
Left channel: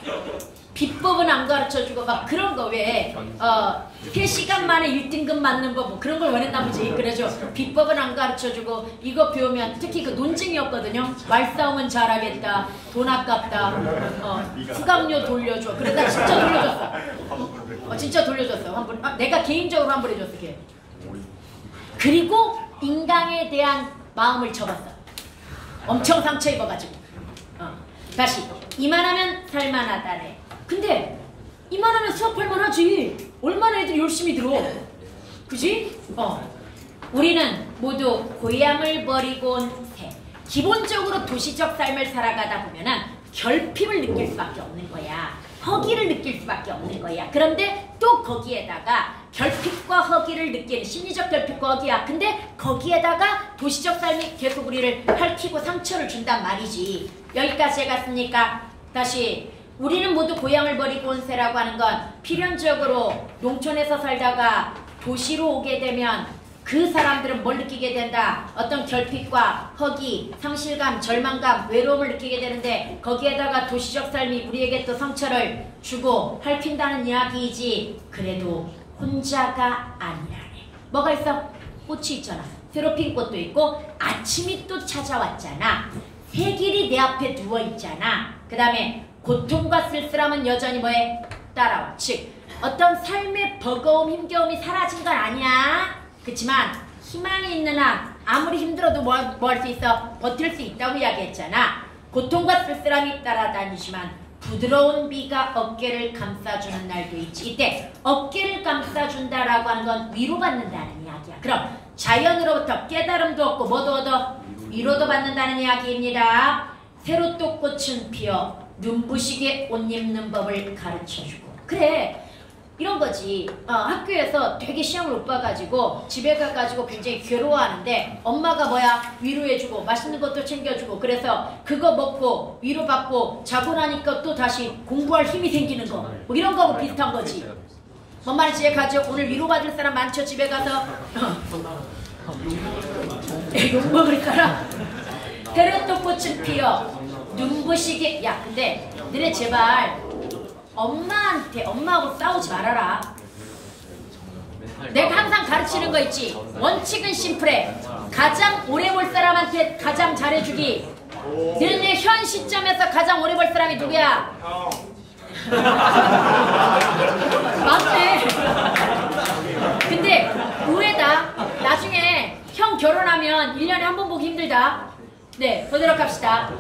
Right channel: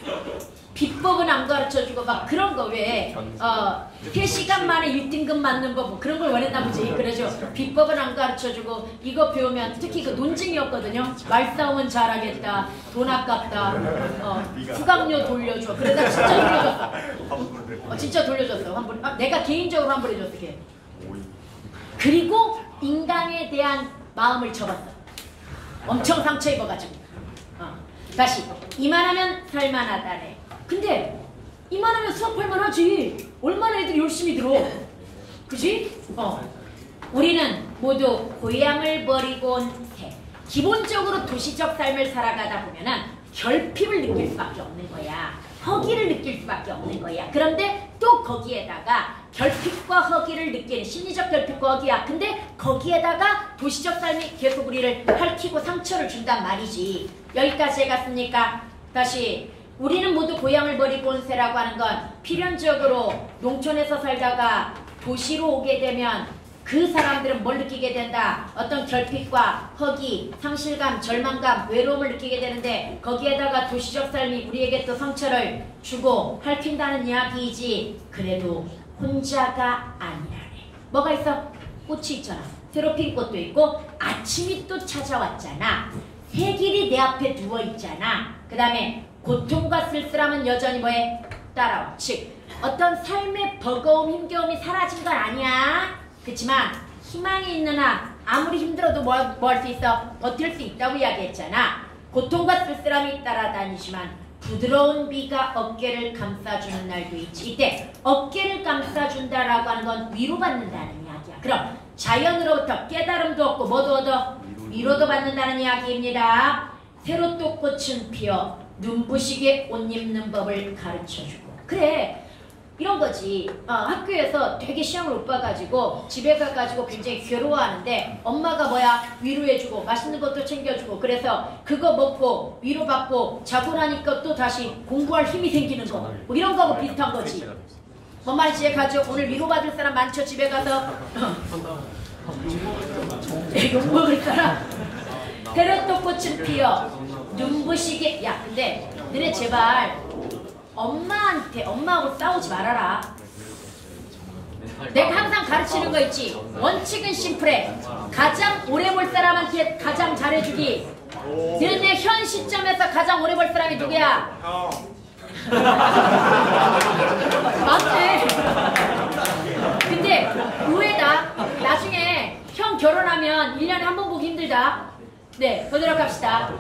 비법은 안 가르쳐주고 막 그런 거 왜 3시간 만에 1등급 맞는 법 뭐 그런 걸 원했나 보지. 그래서 비법은 안 가르쳐주고 이거 배우면 특히 그 논증이었거든요. 말싸움은 잘하겠다. 돈 아깝다. 수강료 돌려줘. 그러다 진짜 돌려줬어. 진짜 돌려줬어. 환불. 내가 개인적으로 환불해줬어. 걔. 그리고 인강에 대한 마음을 접었어. 엄청 상처 입어가지고. 다시 이만하면 살만하다네. 근데 이만하면 수업할만 하지. 얼마나 애들이 열심히 들어. 그지? 우리는 모두 고향을 버리고 온 새. 기본적으로 도시적 삶을 살아가다 보면은 결핍을 느낄 수밖에 없는 거야. 허기를 느낄 수밖에 없는 거야. 그런데 또 거기에다가 결핍과 허기를 느끼는 심리적 결핍과 허기야. 근데 거기에다가 도시적 삶이 계속 우리를 핥히고 상처를 준단 말이지. 여기까지 해갔습니까? 다시 우리는 모두 고향을 버리고 온 새라고 하는 건 필연적으로 농촌에서 살다가 도시로 오게 되면 그 사람들은 뭘 느끼게 된다? 어떤 결핍과 허기, 상실감, 절망감, 외로움을 느끼게 되는데 거기에다가 도시적 삶이 우리에게 또 상처를 주고 핥힌다는 이야기이지. 그래도 혼자가 아니라네. 뭐가 있어? 꽃이 있잖아. 새로 핀 꽃도 있고 아침이 또 찾아왔잖아. 새길이 내 앞에 누워있잖아. 그 다음에 고통과 쓸쓸함은 여전히 뭐해? 따라와. 즉 어떤 삶의 버거움, 힘겨움이 사라진 건 아니야. 그렇지만 희망이 있는 한 아무리 힘들어도 뭐 할 수 있어? 버틸 수 있다고 이야기했잖아. 고통과 쓸쓸함이 따라다니지만 부드러운 비가 어깨를 감싸주는 날도 있지. 이때 어깨를 감싸준다라고 하는 건 위로받는다는 이야기야. 그럼 자연으로부터 깨달음도 얻고 뭐도 얻어? 위로도 받는다는 이야기입니다. 새로 또 꽃은 피어 눈부시게 옷 입는 법을 가르쳐주고. 그래 이런 거지. 학교에서 되게 시험을 못 봐가지고 집에 가가지고 굉장히 괴로워하는데 엄마가 뭐야? 위로해주고 맛있는 것도 챙겨주고 그래서 그거 먹고 위로받고 자고 나니까 또 다시 공부할 힘이 생기는 거. 뭐 이런 거하고 비슷한 거지. 엄마는 집에 가죠. 오늘 위로받을 사람 많죠? 집에 가서 욕먹을 거라. 새로 또 꽃은 피어 눈부시게. 야 근데 너네 제발 엄마하고 싸우지 말아라. 내가 항상 가르치는 거 있지. 원칙은 심플해. 가장 오래 볼 사람한테 가장 잘해주기. 너네 현 시점에서 가장 오래 볼 사람이 누구야? 맞네. 근데 의외다. 나중에 형 결혼하면 1년에 한 번 보기 힘들다. 네, 보도록 합시다.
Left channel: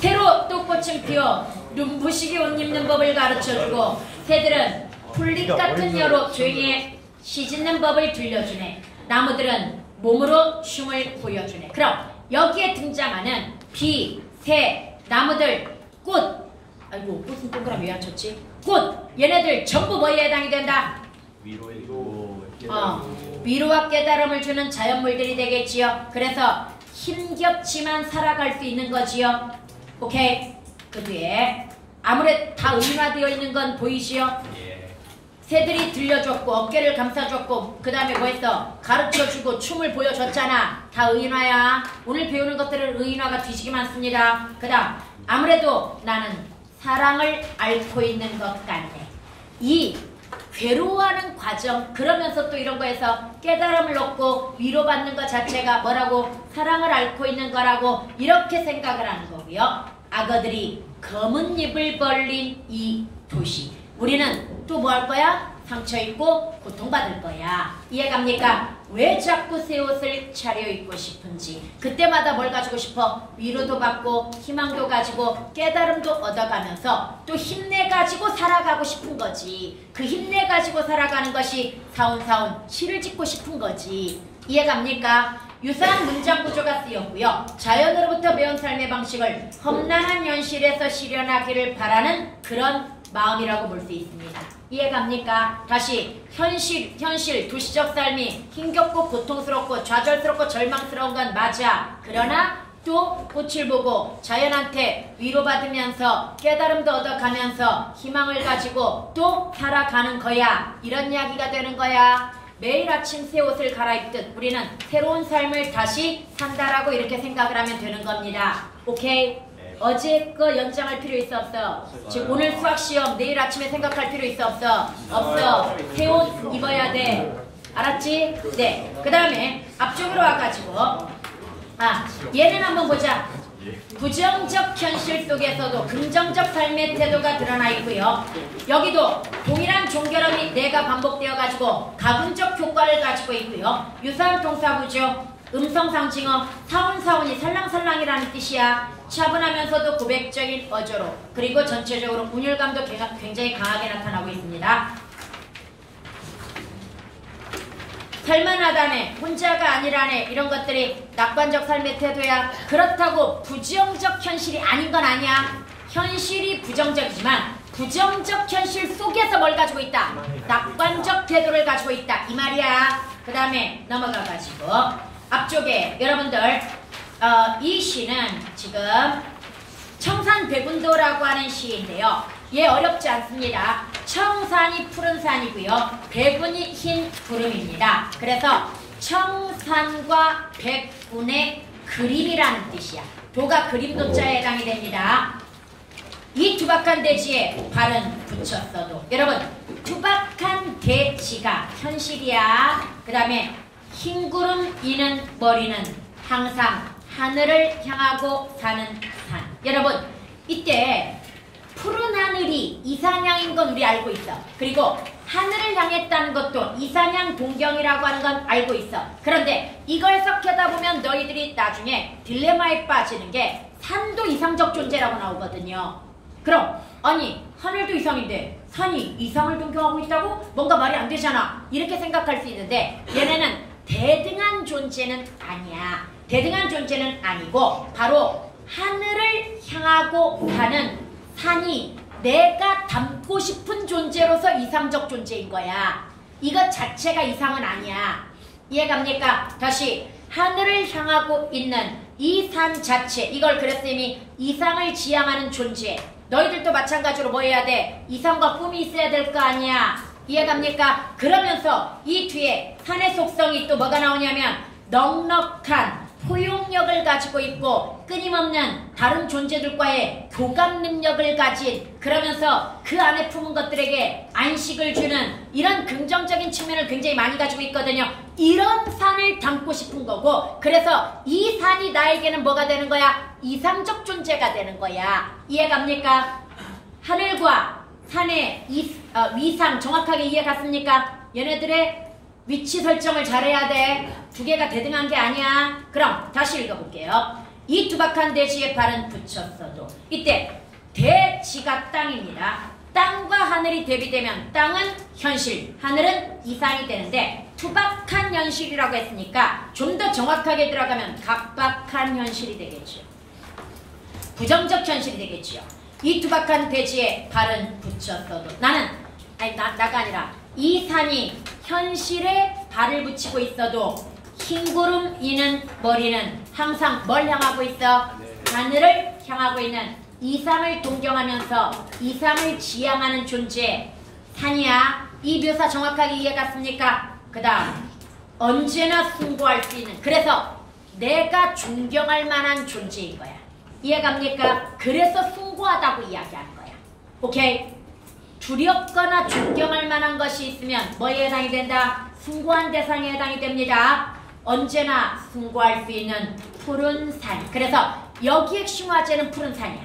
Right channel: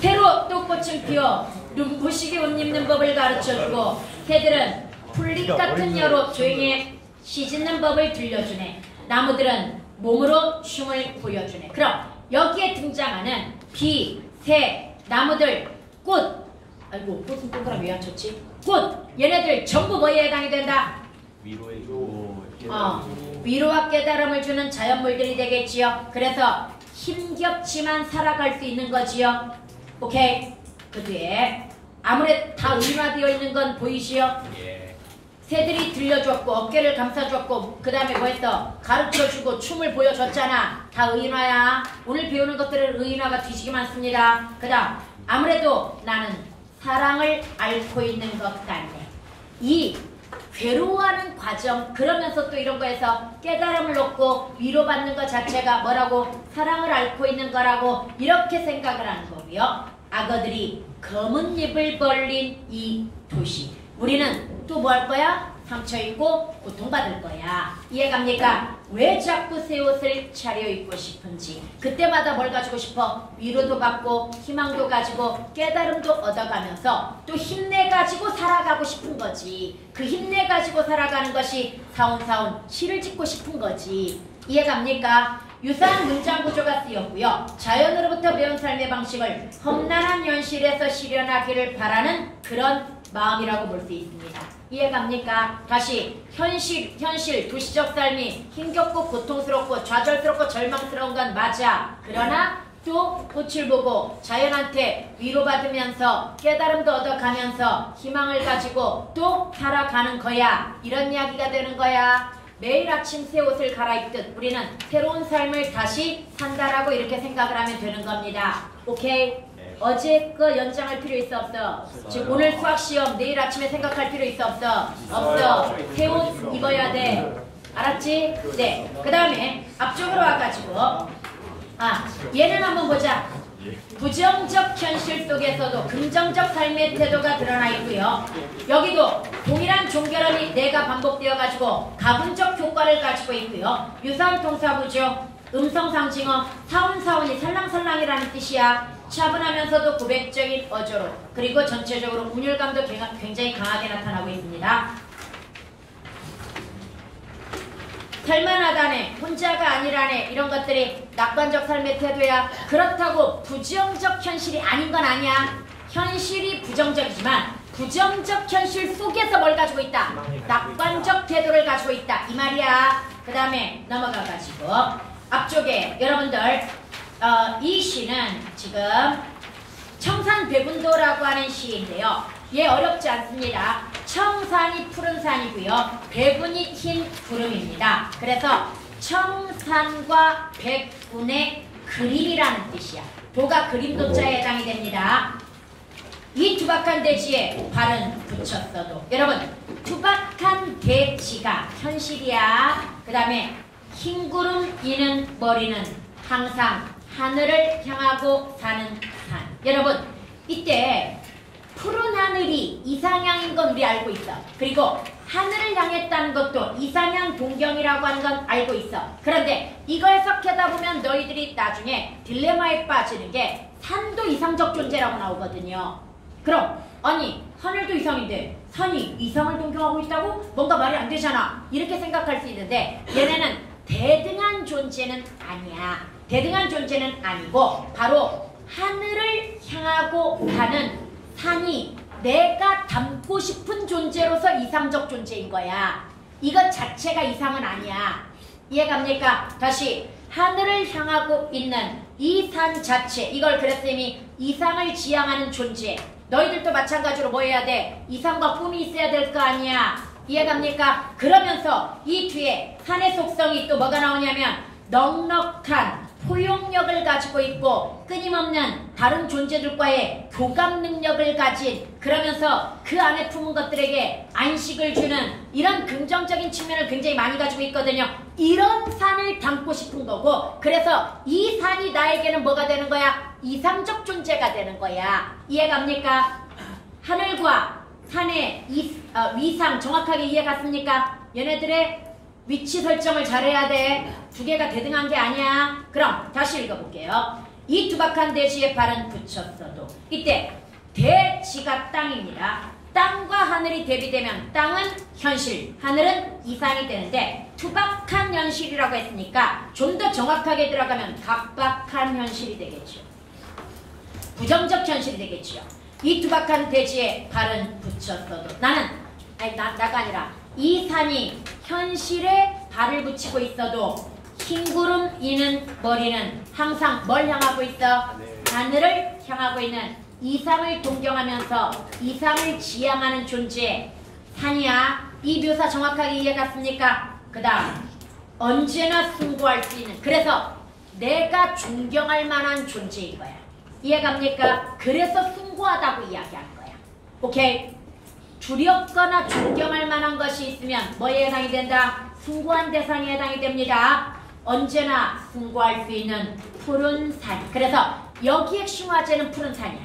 새로 또 꽃을 피워 눈부시게 옷 입는 법을 가르쳐주고 새들은 풀잎 같은 녀로 조용히 시짖는 법을 들려주네. 나무들은 몸으로 춤을 보여주네. 그럼 여기에 등장하는 비, 새, 나무들, 꽃. 아이고 꽃은 동그라미 왜 안 쳤지? 꽃! 얘네들 전부 뭐에 해당이 된다? 위로와 깨달음을 주는 자연물들이 되겠지요. 그래서 힘겹지만 살아갈 수 있는 거지요. 오케이. 그 뒤에 아무래도 다 의인화되어 있는 건 보이시요? 새들이 들려줬고 어깨를 감싸줬고 그 다음에 뭐 했어? 가르쳐주고 춤을 보여줬잖아. 다 의인화야. 오늘 배우는 것들은 의인화가 뒤지게 많습니다. 그 다음 아무래도 나는 사랑을 앓고 있는 것 같네. 이 괴로워하는 과정 그러면서 또 이런 거에서 깨달음을 얻고 위로받는 것 자체가 뭐라고? 사랑을 앓고 있는 거라고 이렇게 생각을 하는 거고요. 악어들이 검은 입을 벌린 이 도시. 우리는 또 뭐 할 거야? 상처 입고 고통받을 거야. 이해갑니까? 왜 자꾸 새 옷을 차려입고 싶은지. 그때마다 뭘 가지고 싶어? 위로도 받고 희망도 가지고 깨달음도 얻어가면서 또 힘내가지고 살아가고 싶은 거지. 그 힘내가지고 살아가는 것이 사운사운 시를 짓고 싶은 거지. 이해갑니까? 유사한 문장 구조가 쓰였고요. 자연으로부터 배운 삶의 방식을 험난한 현실에서 실현하기를 바라는 그런 마음이라고 볼 수 있습니다. 이해갑니까? 다시 현실 도시적 삶이 힘겹고 고통스럽고 좌절스럽고 절망스러운 건 맞아. 그러나 또 꽃을 보고 자연한테 위로받으면서 깨달음도 얻어가면서 희망을 가지고 또 살아가는 거야. 이런 이야기가 되는 거야. 매일 아침 새 옷을 갈아입듯 우리는 새로운 삶을 다시 산다라고 이렇게 생각을 하면 되는 겁니다. 오케이? 어제 거 연장할 필요 있어 없어? 지금 오늘 수학 시험 내일 아침에 생각할 필요 있어 없어? 없어. 새 옷 입어야 돼. 알았지? 네. 그 다음에 앞쪽으로 와가지고 얘는 한번 보자. 부정적 현실 속에서도 긍정적 삶의 태도가 드러나 있고요. 여기도 동일한 종결함이 내가 반복되어가지고 가분적 효과를 가지고 있고요. 유사한 동사구조, 음성상징어, 사운사운이 살랑살랑이라는 뜻이야. 차분하면서도 고백적인 어조로 그리고 전체적으로 운율감도 굉장히 강하게 나타나고 있습니다. 살만하다네, 혼자가 아니라네 이런 것들이 낙관적 삶의 태도야. 그렇다고 부정적 현실이 아닌 건 아니야. 현실이 부정적이지만 부정적 현실 속에서 뭘 가지고 있다? 낙관적 태도를 가지고 있다 이 말이야. 그 다음에 넘어가가지고 앞쪽에 여러분들 이 시는 지금 청산백운도라고 하는 시인데요. 얘 어렵지 않습니다. 청산이 푸른 산이고요. 백운이 흰 구름입니다. 그래서 청산과 백운의 그림이라는 뜻이야. 도가 그림도자에 해당이 됩니다. 이 투박한 대지에 발은 붙였어도 여러분 투박한 대지가 현실이야. 그 다음에 흰 구름 이는 머리는 항상 하늘을 향하고 사는 산. 여러분 이때 푸른 하늘이 이상향인 건 우리 알고 있어. 그리고 하늘을 향했다는 것도 이상향 동경이라고 하는 건 알고 있어. 그런데 이걸 해석하다 보면 너희들이 나중에 딜레마에 빠지는 게 산도 이상적 존재라고 나오거든요. 그럼 아니 하늘도 이상인데 산이 이상을 동경하고 있다고? 뭔가 말이 안 되잖아. 이렇게 생각할 수 있는데 얘네는 대등한 존재는 아니야. 대등한 존재는 아니고 바로 하늘을 향하고 가는 산이 내가 닮고 싶은 존재로서 이상적 존재인 거야. 이것 자체가 이상은 아니야. 이해갑니까? 다시 하늘을 향하고 있는 이 산 자체 이걸 그랬으니 이상을 지향하는 존재. 너희들도 마찬가지로 뭐 해야 돼? 이상과 꿈이 있어야 될 거 아니야. 이해갑니까? 그러면서 이 뒤에 산의 속성이 또 뭐가 나오냐면 넉넉한 포용력을 가지고 있고 끊임없는 다른 존재들과의 교감 능력을 가진 그러면서 그 안에 품은 것들에게 안식을 주는 이런 긍정적인 측면을 굉장히 많이 가지고 있거든요. 이런 산을 담고 싶은 거고 그래서 이 산이 나에게는 뭐가 되는 거야? 이상적 존재가 되는 거야. 이해갑니까? 하늘과 산의 위상 정확하게 이해 갔습니까? 얘네들의 위치 설정을 잘해야 돼. 두 개가 대등한 게 아니야. 그럼 다시 읽어볼게요. 이 투박한 대지에 발은 붙였어도 이때 대지가 땅입니다. 땅과 하늘이 대비되면 땅은 현실, 하늘은 이상이 되는데 투박한 현실이라고 했으니까 좀 더 정확하게 들어가면 각박한 현실이 되겠죠. 부정적 현실이 되겠죠. 이 투박한 대지에 발은 붙였어도 나가 아니라 이 산이 현실에 발을 붙이고 있어도 흰구름 이는 머리는 항상 뭘 향하고 있어? 하늘을 향하고 있는 이상을 동경하면서 이상을 지향하는 존재 산이야. 이 묘사 정확하게 이해갔습니까? 그 다음 언제나 숭고할 수 있는, 그래서 내가 존경할 만한 존재인 거야. 이해갑니까? 그래서 숭고하다고 이야기하는 거야. 오케이? 두렵거나 존경할 만한 것이 있으면 뭐에 해당이 된다? 숭고한 대상에 해당이 됩니다. 언제나 숭고할 수 있는 푸른 산. 그래서 여기에 싱화제는 푸른 산이야.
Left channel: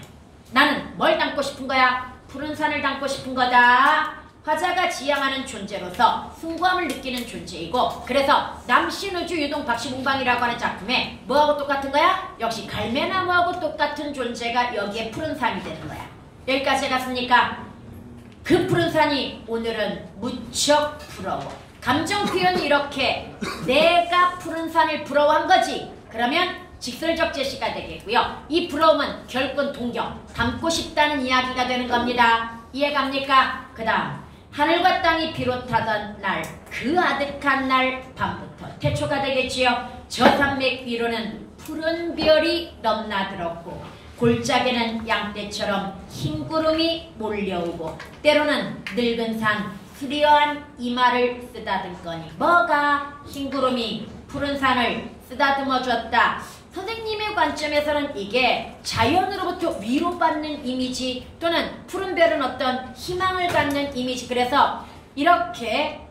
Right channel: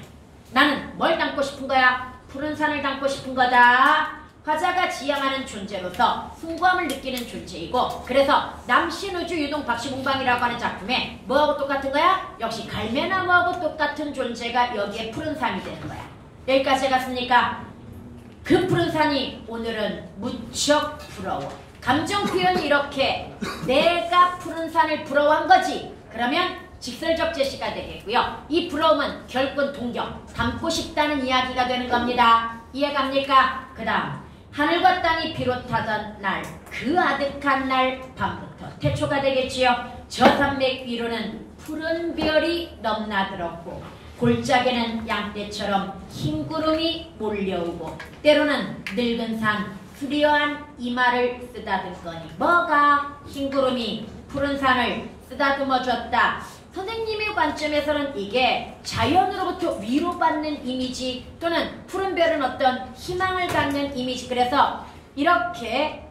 나는 뭘 담고 싶은 거야? 푸른 산을 담고 싶은 거다. 화자가 지향하는 존재로서 숭고함을 느끼는 존재이고, 그래서 남신우주 유동 박시봉방이라고 하는 작품에 뭐하고 똑같은 거야? 역시 갈매나무하고 똑같은 존재가 여기에 푸른 산이 되는 거야. 여기까지 해갔습니까? 그 푸른 산이 오늘은 무척 부러워. 감정 표현이 이렇게 내가 푸른 산을 부러워한 거지. 그러면 직설적 제시가 되겠고요. 이 부러움은 결국 동경, 닮고 싶다는 이야기가 되는 겁니다. 이해갑니까? 그 다음 하늘과 땅이 비롯하던 날, 그 아득한 날 밤부터 태초가 되겠지요. 저 산맥 위로는 푸른 별이 넘나들었고 골짜기는 양떼처럼 흰 구름이 몰려오고 때로는 늙은 산 수려한 이마를 쓰다듬거니 뭐가 흰 구름이 푸른 산을 쓰다듬어 줬다. 선생님의 관점에서는 이게 자연으로부터 위로받는 이미지 또는 푸른 별은 어떤 희망을 갖는 이미지. 그래서 이렇게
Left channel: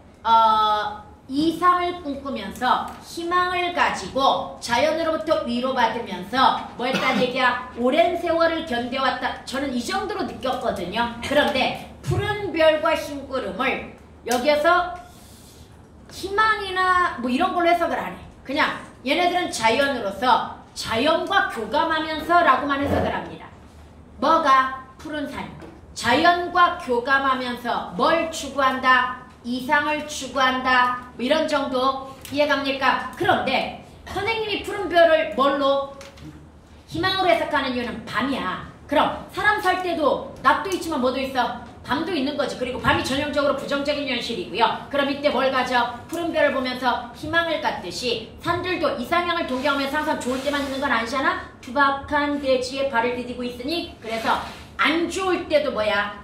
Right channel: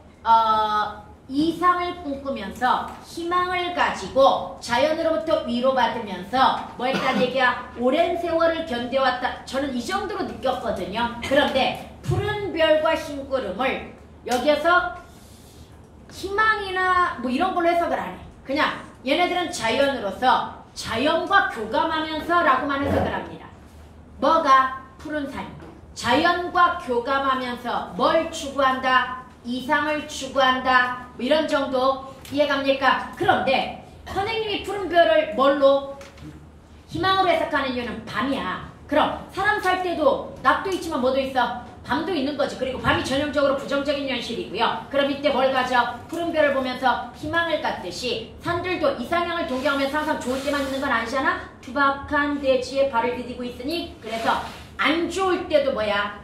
이상을 꿈꾸면서 희망을 가지고 자연으로부터 위로받으면서 뭘까 얘기야? 오랜 세월을 견뎌왔다. 저는 이 정도로 느꼈거든요. 그런데 푸른 별과 흰 구름을 여기에서 희망이나 뭐 이런 걸로 해석을 안 해. 그냥 얘네들은 자연으로서 자연과 교감하면서 라고만 해석을 합니다. 뭐가? 푸른 산. 자연과 교감하면서 뭘 추구한다? 이상을 추구한다. 뭐 이런 정도 이해갑니까? 그런데 선생님이 푸른 별을 뭘로? 희망으로 해석하는 이유는 밤이야. 그럼 사람 살 때도 낮도 있지만 뭐도 있어? 밤도 있는 거지. 그리고 밤이 전형적으로 부정적인 현실이고요. 그럼 이때 뭘 가져? 푸른 별을 보면서 희망을 갖듯이 산들도 이상향을 동경하면서 항상 좋을 때만 있는 건 아니잖아? 투박한 대지에 발을 디디고 있으니 그래서 안 좋을 때도 뭐야?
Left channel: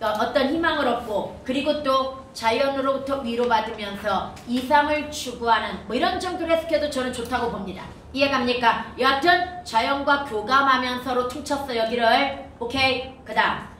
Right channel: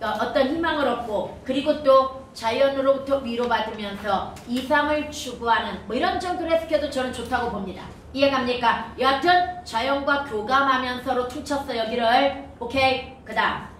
어떤 희망을 얻고 그리고 또 자연으로부터 위로받으면서 이상을 추구하는 뭐 이런 정도로 해석해도 저는 좋다고 봅니다. 이해갑니까? 여하튼 자연과 교감하면서로 퉁쳤어 여기를. 오케이? 그 다음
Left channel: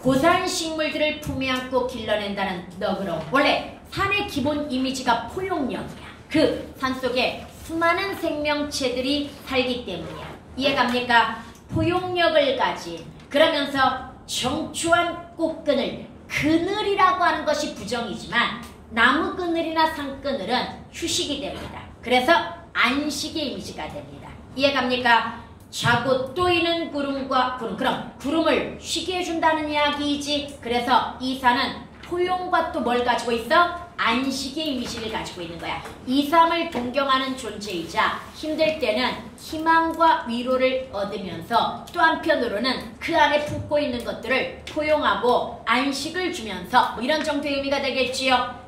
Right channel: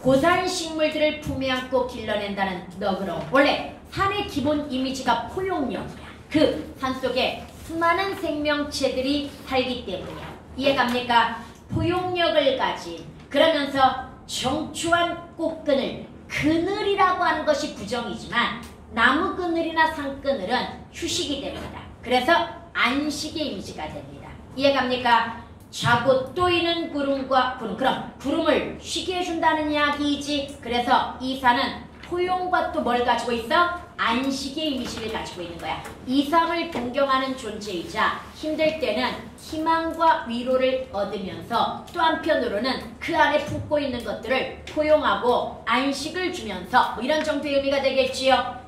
고산 식물들을 품에 안고 길러낸다는 너그러움. 원래 산의 기본 이미지가 포용력이야. 그 산속에 수많은 생명체들이 살기 때문이야. 이해갑니까? 포용력을 가진, 그러면서 정초한 꽃그늘, 그늘이라고 하는 것이 부정이지만 나무 그늘이나 산 그늘은 휴식이 됩니다. 그래서 안식의 이미지가 됩니다. 이해갑니까? 자고 또이는 구름과 구름. 그럼 구름을 쉬게 해준다는 이야기이지. 그래서 이 산은 포용과 또 뭘 가지고 있어? 안식의 이미지를 가지고 있는 거야. 이상을 동경하는 존재이자 힘들 때는 희망과 위로를 얻으면서 또 한편으로는 그 안에 품고 있는 것들을 포용하고 안식을 주면서 뭐 이런 정도의 의미가 되겠지요.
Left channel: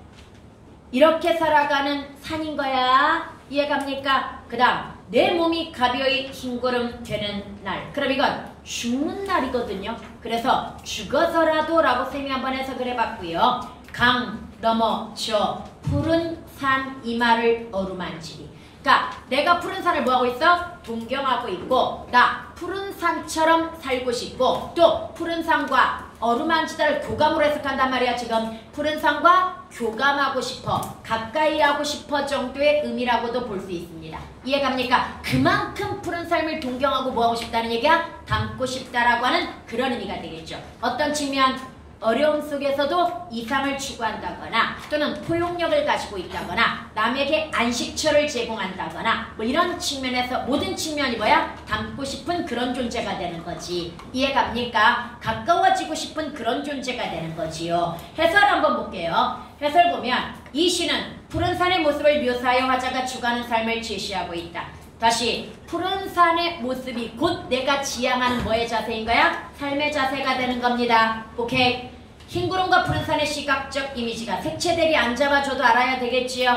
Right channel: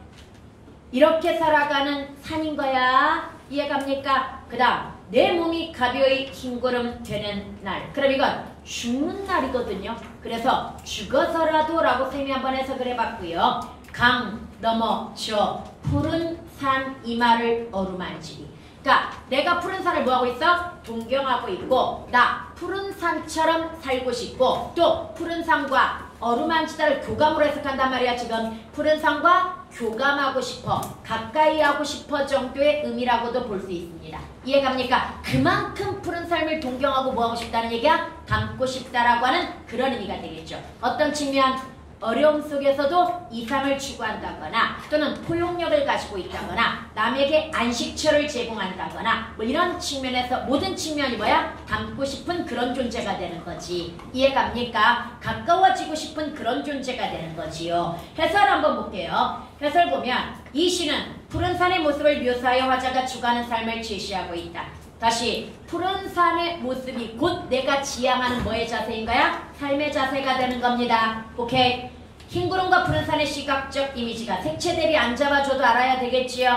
이렇게 살아가는 산인 거야. 이해갑니까? 그 다음 내 몸이 가벼이 흰구름 되는 날. 그럼 이건 죽는 날이거든요. 그래서 죽어서라도 라고 쌤이 한번 해석을 해봤고요. 강 넘어 저 푸른 산 이마를 어루만지리. 그러니까 내가 푸른 산을 뭐하고 있어? 동경하고 있고 나 푸른 산처럼 살고 싶고 또 푸른 산과 어루만지다를 교감으로 해석한단 말이야. 지금 푸른 산과 교감하고 싶어, 가까이 하고 싶어 정도의 의미라고도 볼 수 있습니다. 이해갑니까? 그만큼 푸른 삶을 동경하고 뭐하고 싶다는 얘기야? 담고 싶다라고 하는 그런 의미가 되겠죠. 어떤 측면? 어려움 속에서도 이상을 추구한다거나 또는 포용력을 가지고 있다거나 남에게 안식처를 제공한다거나 뭐 이런 측면에서 모든 측면이 뭐야? 닮고 싶은 그런 존재가 되는 거지. 이해갑니까? 가까워지고 싶은 그런 존재가 되는 거지요. 해설 한번 볼게요. 해설 보면 이 시는 푸른 산의 모습을 묘사하여 화자가 추구하는 삶을 제시하고 있다. 다시 푸른 산의 모습이 곧 내가 지향하는 뭐의 자세인 거야? 삶의 자세가 되는 겁니다. 오케이? 흰구름과 푸른 산의 시각적 이미지가 색채 대비 안 잡아줘도 알아야 되겠지요.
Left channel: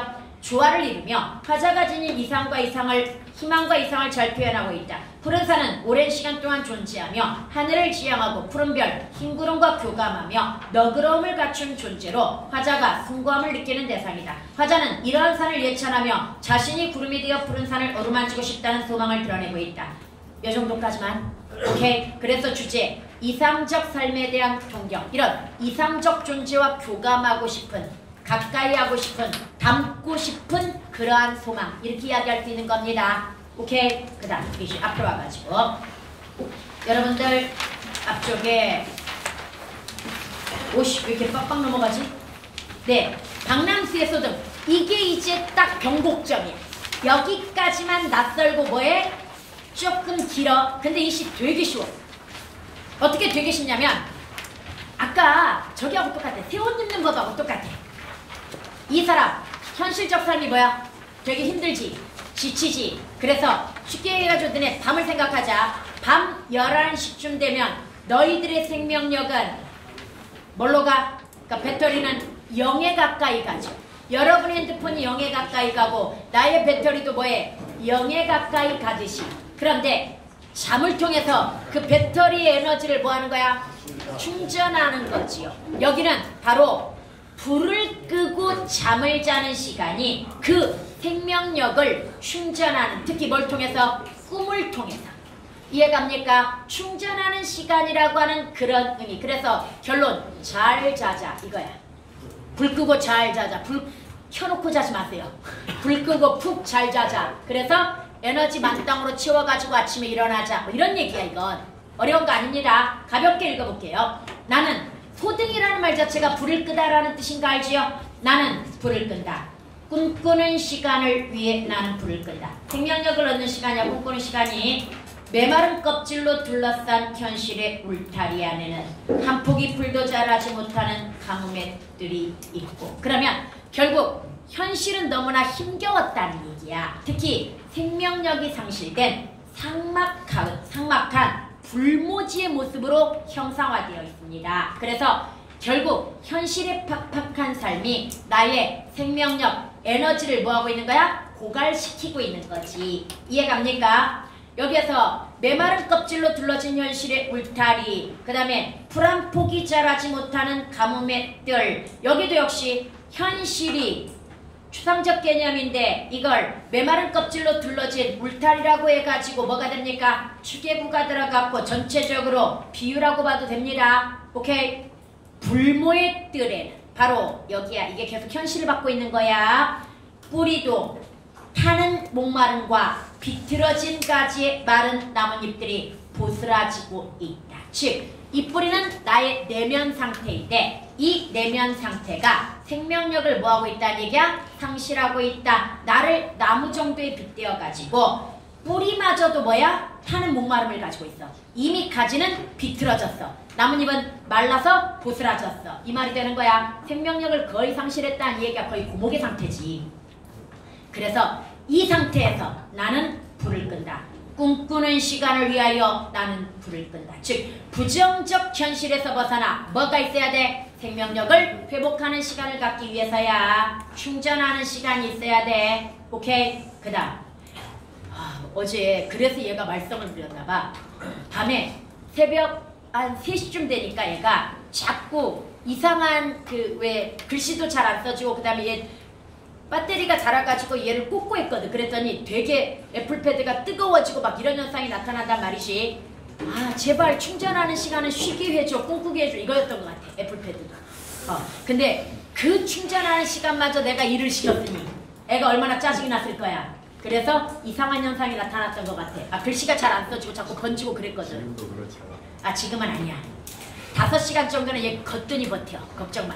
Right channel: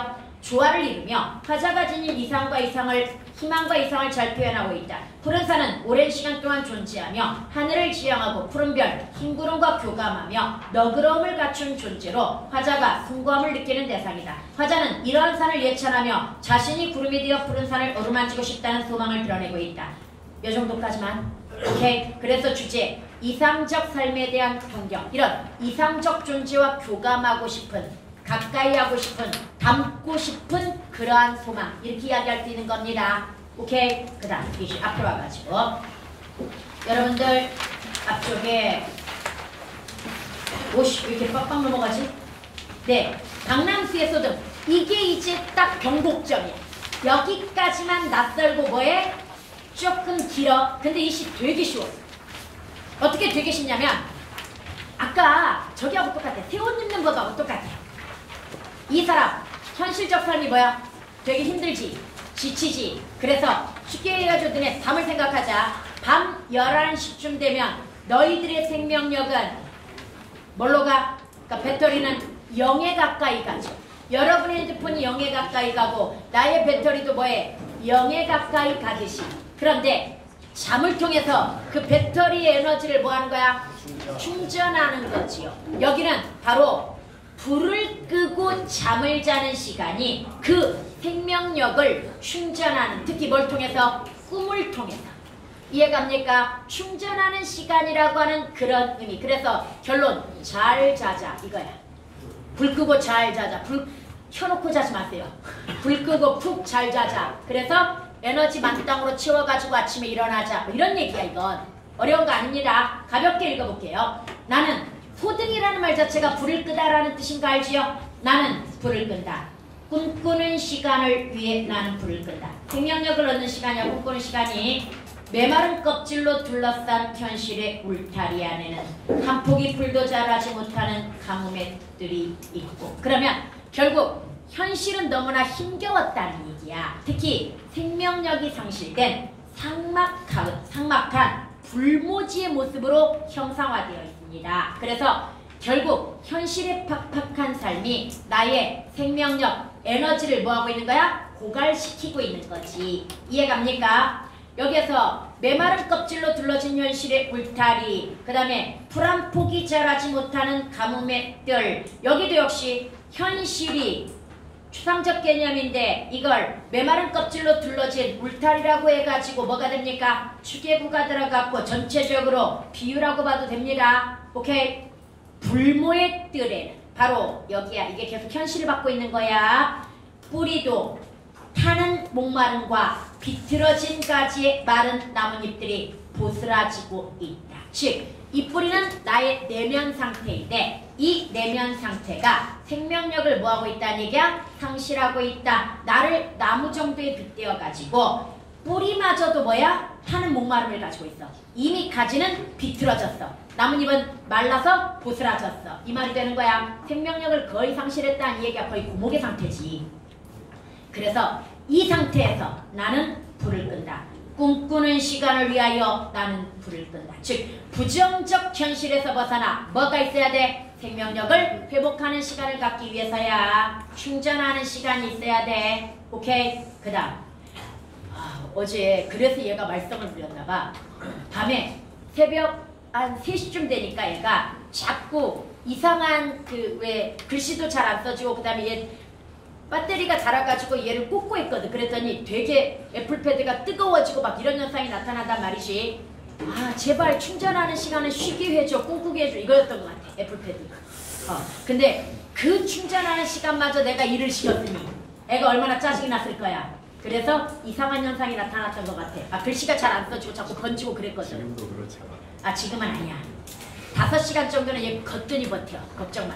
조화를 이루며 화자가 지닌 희망과 이상을 잘 표현하고 있다. 푸른 산은 오랜 시간 동안 존재하며 하늘을 지향하고 푸른 별, 흰 구름과 교감하며 너그러움을 갖춘 존재로 화자가 숭고함을 느끼는 대상이다. 화자는 이러한 산을 예찬하며 자신이 구름이 되어 푸른 산을 어루만지고 싶다는 소망을 드러내고 있다. 이 정도까지만. 오케이. 그래서 주제 이상적 삶에 대한 동경. 이런 이상적 존재와 교감하고 싶은, 가까이 하고 싶은, 닮고 싶은 그러한 소망, 이렇게 이야기할 수 있는 겁니다. 오케이. 그 다음 앞으로 와가지고 여러분들 앞쪽에 오씨 왜 이렇게 빡빡 넘어가지? 네, 박람수의 소등. 이게 이제 딱 경곡점이야. 여기까지만 낯설고 뭐해? 조금 길어. 근데 이 시 되게 쉬워. 어떻게 되게 쉽냐면 아까 저기하고 똑같아. 세옷 입는 법하고 똑같아. 이 사람 현실적 삶이 뭐야? 되게 힘들지, 지치지. 그래서 쉽게 해가지고 너네 밤을 생각하자. 밤 11시쯤 되면 너희들의 생명력은 뭘로 가? 그러니까 배터리는 0에 가까이 가죠. 여러분의 핸드폰이 0에 가까이 가고 나의 배터리도 뭐해? 0에 가까이 가듯이. 그런데 잠을 통해서 그 배터리의 에너지를 뭐 하는 거야? 충전하는 거지요. 여기는 바로 불을 끄고 잠을 자는 시간이 그 생명력을 충전하는, 특히 뭘 통해서? 꿈을 통해서. 이해갑니까? 충전하는 시간이라고 하는 그런 의미. 그래서 결론, 잘 자자 이거야. 불 끄고 잘 자자. 불 켜놓고 자지 마세요. 불 끄고 푹 잘 자자. 그래서 에너지 만땅으로 채워가지고 아침에 일어나자. 뭐 이런 얘기야 이건. 어려운 거 아닙니다. 가볍게 읽어볼게요. 나는 소등이라는 말 자체가 불을 끄다라는 뜻인 거 알지요? 나는 불을 끈다. 꿈꾸는 시간을 위해 나는 불을 끈다. 생명력을 얻는 시간이야. 꿈꾸는 시간이 메마른 껍질로 둘러싼 현실의 울타리 안에는 한 포기 풀도 자라지 못하는 가뭄의들이 있고. 그러면 결국 현실은 너무나 힘겨웠다는 얘기야. 특히 생명력이 상실된 삭막한 불모지의 모습으로 형상화되어 있습니다. 그래서 결국 현실의 팍팍한 삶이 나의 생명력, 에너지를 뭐하고 있는 거야? 고갈시키고 있는 거지. 이해갑니까? 여기에서 메마른 껍질로 둘러진 현실의 울타리, 그 다음에 풀 한 폭이 자라지 못하는 가뭄의 뜰. 여기도 역시 현실이 추상적 개념인데 이걸 메마른 껍질로 둘러진 울타리라고 해가지고 뭐가 됩니까? 추계구가 들어갔고 전체적으로 비유라고 봐도 됩니다. 오케이? 불모의 뜰에는 바로 여기야. 이게 계속 현실을 받고 있는 거야. 뿌리도 타는 목마름과 비틀어진 가지의 마른 나뭇잎들이 보스라지고 있다. 즉, 이 뿌리는 나의 내면 상태인데 이 내면 상태가 생명력을 뭐하고 있다는 얘기야? 상실하고 있다. 나를 나무 정도에 빗대어가지고 뿌리마저도 뭐야? 타는 목마름을 가지고 있어. 이미 가지는 비틀어졌어. 나뭇잎은 말라서 보스라졌어. 이 말이 되는 거야. 생명력을 거의 상실했다는 얘기가 거의 고목의 상태지. 그래서 이 상태에서 나는 불을 끈다. 꿈꾸는 시간을 위하여 나는 불을 끈다. 즉 부정적 현실에서 벗어나 뭐가 있어야 돼? 생명력을 회복하는 시간을 갖기 위해서야. 충전하는 시간이 있어야 돼. 오케이? 그 다음 어제 그래서 얘가 말썽을 부렸나 봐. 밤에 새벽 한 3시쯤 되니까 얘가 자꾸 이상한 왜 글씨도 잘 안 써지고 그 다음에 얘 배터리가 닳아가지고 얘를 꽂고 있거든. 그랬더니 되게 애플패드가 뜨거워지고 막 이런 현상이 나타난단 말이지. 아 제발 충전하는 시간은 쉬게 해줘, 꿈꾸게 해줘, 이거였던 것 같아. 애플패드가. 근데 그 충전하는 시간마저 내가 일을 시켰으니 애가 얼마나 짜증이 났을 거야. 그래서 이상한 현상이 나타났던 것 같아. 아 글씨가 잘 안 써지고 자꾸 번지고 그랬거든. 지금도 그렇잖아. 아 지금은 아니야. 5시간 정도는 얘 거뜬히 버텨. 걱정 마.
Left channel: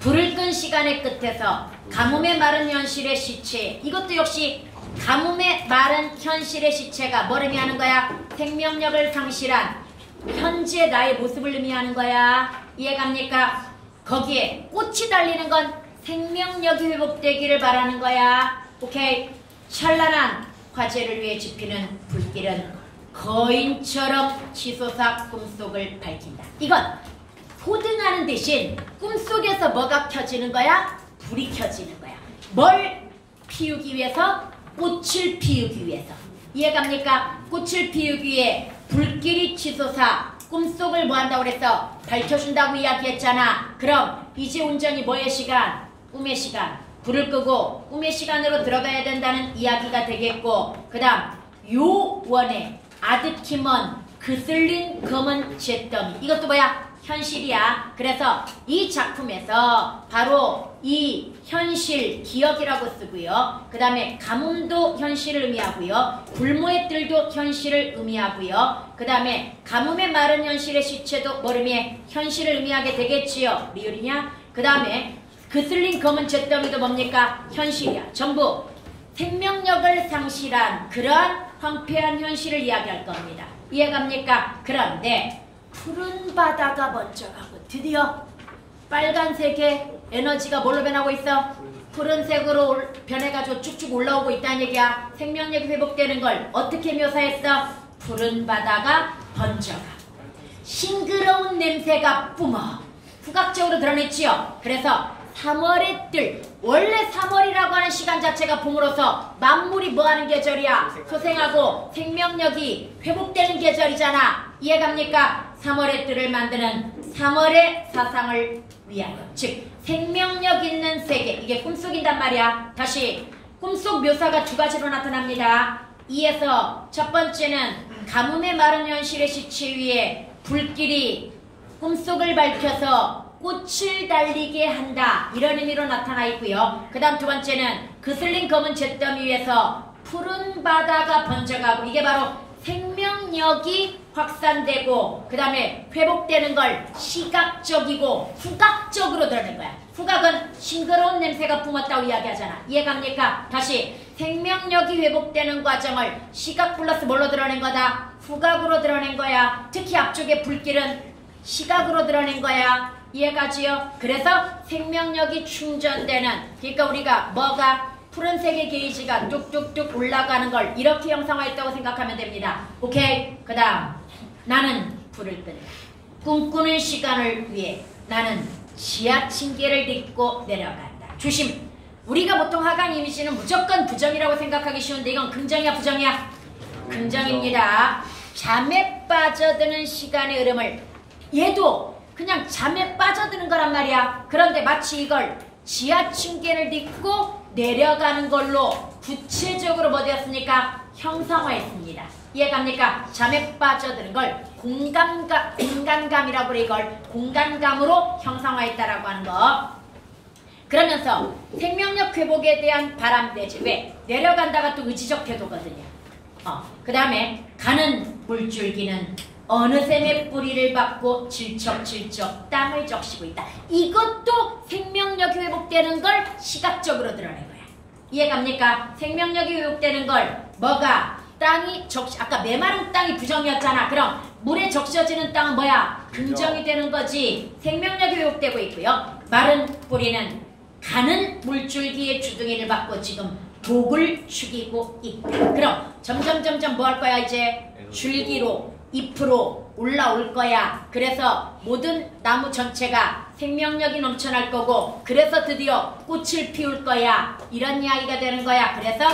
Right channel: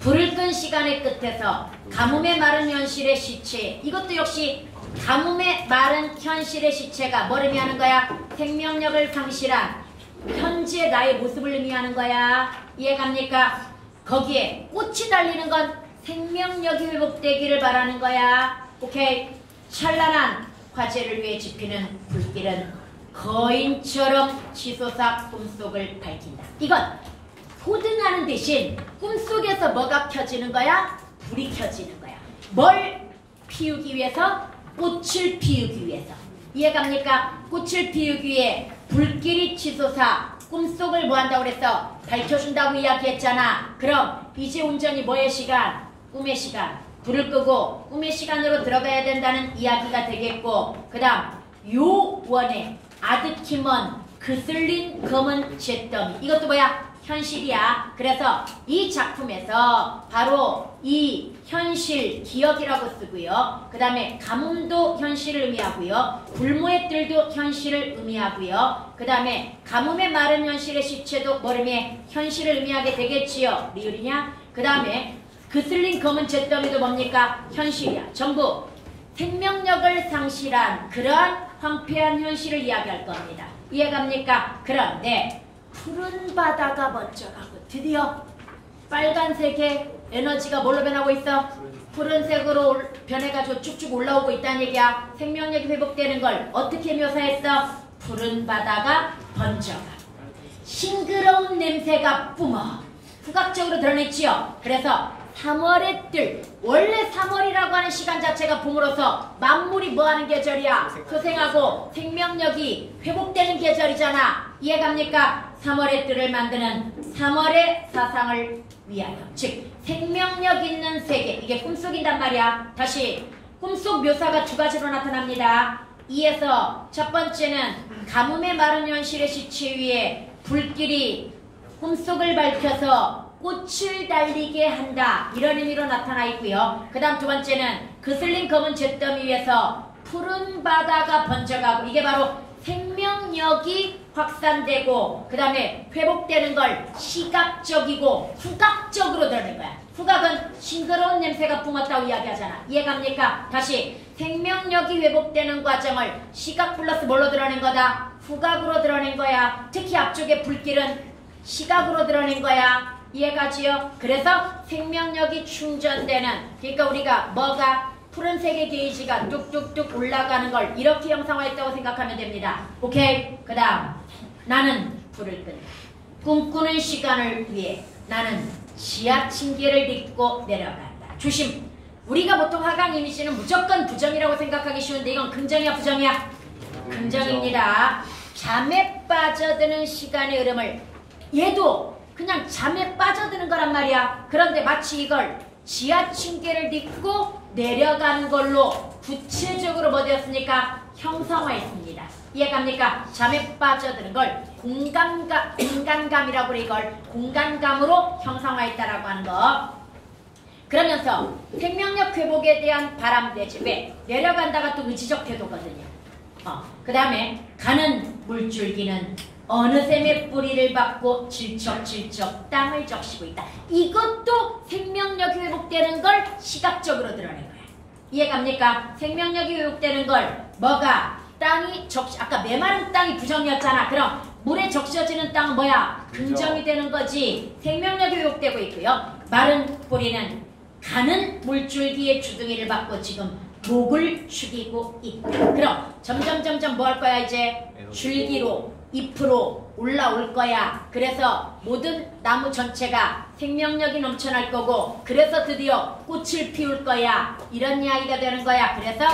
불을 끈 시간의 끝에서 가뭄의 마른 현실의 시체. 이것도 역시 가뭄의 마른 현실의 시체가 뭘 의미하는 거야? 생명력을 상실한 현재 나의 모습을 의미하는 거야. 이해갑니까? 거기에 꽃이 달리는 건 생명력이 회복되기를 바라는 거야. 오케이? 찬란한 화제를 위해 지피는 불길은 거인처럼 치솟아 꿈속을 밝힌다. 이건 소등하는 대신 꿈속에서 뭐가 켜지는 거야? 불이 켜지는 거야. 뭘 피우기 위해서? 꽃을 피우기 위해서. 이해갑니까? 꽃을 피우기 위해 불길이 치솟아 꿈속을 뭐한다고 그랬어? 밝혀준다고 이야기했잖아. 그럼 이제 온전히 뭐의 시간? 꿈의 시간. 불을 끄고 꿈의 시간으로 들어가야 된다는 이야기가 되겠고, 그 다음 요원의 아득히먼 그슬린 검은 잿더미. 이것도 뭐야? 현실이야. 그래서 이 작품에서 바로 이 현실 기억이라고 쓰고요. 그 다음에 가뭄도 현실을 의미하고요. 불모의 뜰도 현실을 의미하고요. 그 다음에 가뭄의 마른 현실의 시체도 뭘 의미해? 현실을 의미하게 되겠지요. 리을이냐? 그 다음에 그슬린 검은 잿더미도 뭡니까? 현실이야. 전부 생명력을 상실한 그런 황폐한 현실을 이야기할 겁니다. 이해갑니까? 그런데 푸른 바다가 번쩍하고 드디어 빨간색의 에너지가 뭘로 변하고 있어? 푸른색으로 변해가지고 쭉쭉 올라오고 있다는 얘기야. 생명력이 회복되는 걸 어떻게 묘사했어? 푸른 바다가 번쩍하고 싱그러운 냄새가 뿜어 후각적으로 드러냈지요. 그래서 3월의 뜰, 원래 3월이라고 하는 시간 자체가 봄으로서 만물이 뭐하는 계절이야? 소생하고 생명력이 회복되는 계절이잖아. 이해갑니까? 3월의 뜰을 만드는 3월의 사상을 위하여, 즉 생명력 있는 세계, 이게 꿈속인단 말이야. 다시 꿈속 묘사가 두 가지로 나타납니다. 이에서 첫 번째는 가뭄의 마른 현실의 시체 위에 불길이 꿈속을 밝혀서 꽃을 달리게 한다, 이런 의미로 나타나 있고요. 그 다음 두 번째는 그슬린 검은 잿더미 위에서 푸른 바다가 번져가고, 이게 바로 생명력이 확산되고 그 다음에 회복되는 걸 시각적이고 후각적으로 드러낸 거야. 후각은 싱그러운 냄새가 뿜었다고 이야기하잖아. 이해갑니까? 다시 생명력이 회복되는 과정을 시각 플러스 뭘로 드러낸 거다? 후각으로 드러낸 거야. 특히 앞쪽에 불길은 시각으로 드러낸 거야. 이해가지요? 그래서 생명력이 충전되는, 그러니까 우리가 뭐가 푸른색의 게이지가 뚝뚝뚝 올라가는 걸 이렇게 형상화했다고 생각하면 됩니다. 오케이? 그 다음 나는 불을 끈다. 꿈꾸는 시간을 위해 나는 지하층계를 딛고 내려간다. 조심! 우리가 보통 하강 이미지는 무조건 부정이라고 생각하기 쉬운데 이건 긍정이야 부정이야? 긍정입니다. 잠에 빠져드는 시간의 흐름을, 얘도 그냥 잠에 빠져드는 거란 말이야. 그런데 마치 이걸 지하층계를 딛고 내려가는 걸로 구체적으로 뭐 되었습니까? 형상화했습니다. 이해갑니까? 잠에 빠져드는 걸 공간감이라고 이걸 공간감으로 형상화했다라고 하는 거. 그러면서 생명력 회복에 대한 바람대지, 왜? 내려간다가 또 의지적 태도거든요. 그 다음에 가는 물줄기는 어느새 맷뿌리를 받고 질척질척 땅을 적시고 있다. 이것도 생명력이 회복되는 걸 시각적으로 드러낸 거야. 이해갑니까? 생명력이 회복되는 걸 뭐가? 땅이 아까 메마른 땅이 부정이었잖아. 그럼 물에 적셔지는 땅은 뭐야? 긍정이 되는 거지. 생명력이 회복되고 있고요. 마른 뿌리는 가는 물줄기의 주둥이를 받고 지금 목을 축이고 있다. 그럼 점점 뭐 할 거야? 이제 줄기로 잎으로 올라올 거야. 그래서 모든 나무 전체가 생명력이 넘쳐날 거고, 그래서 드디어 꽃을 피울 거야. 이런 이야기가 되는 거야. 그래서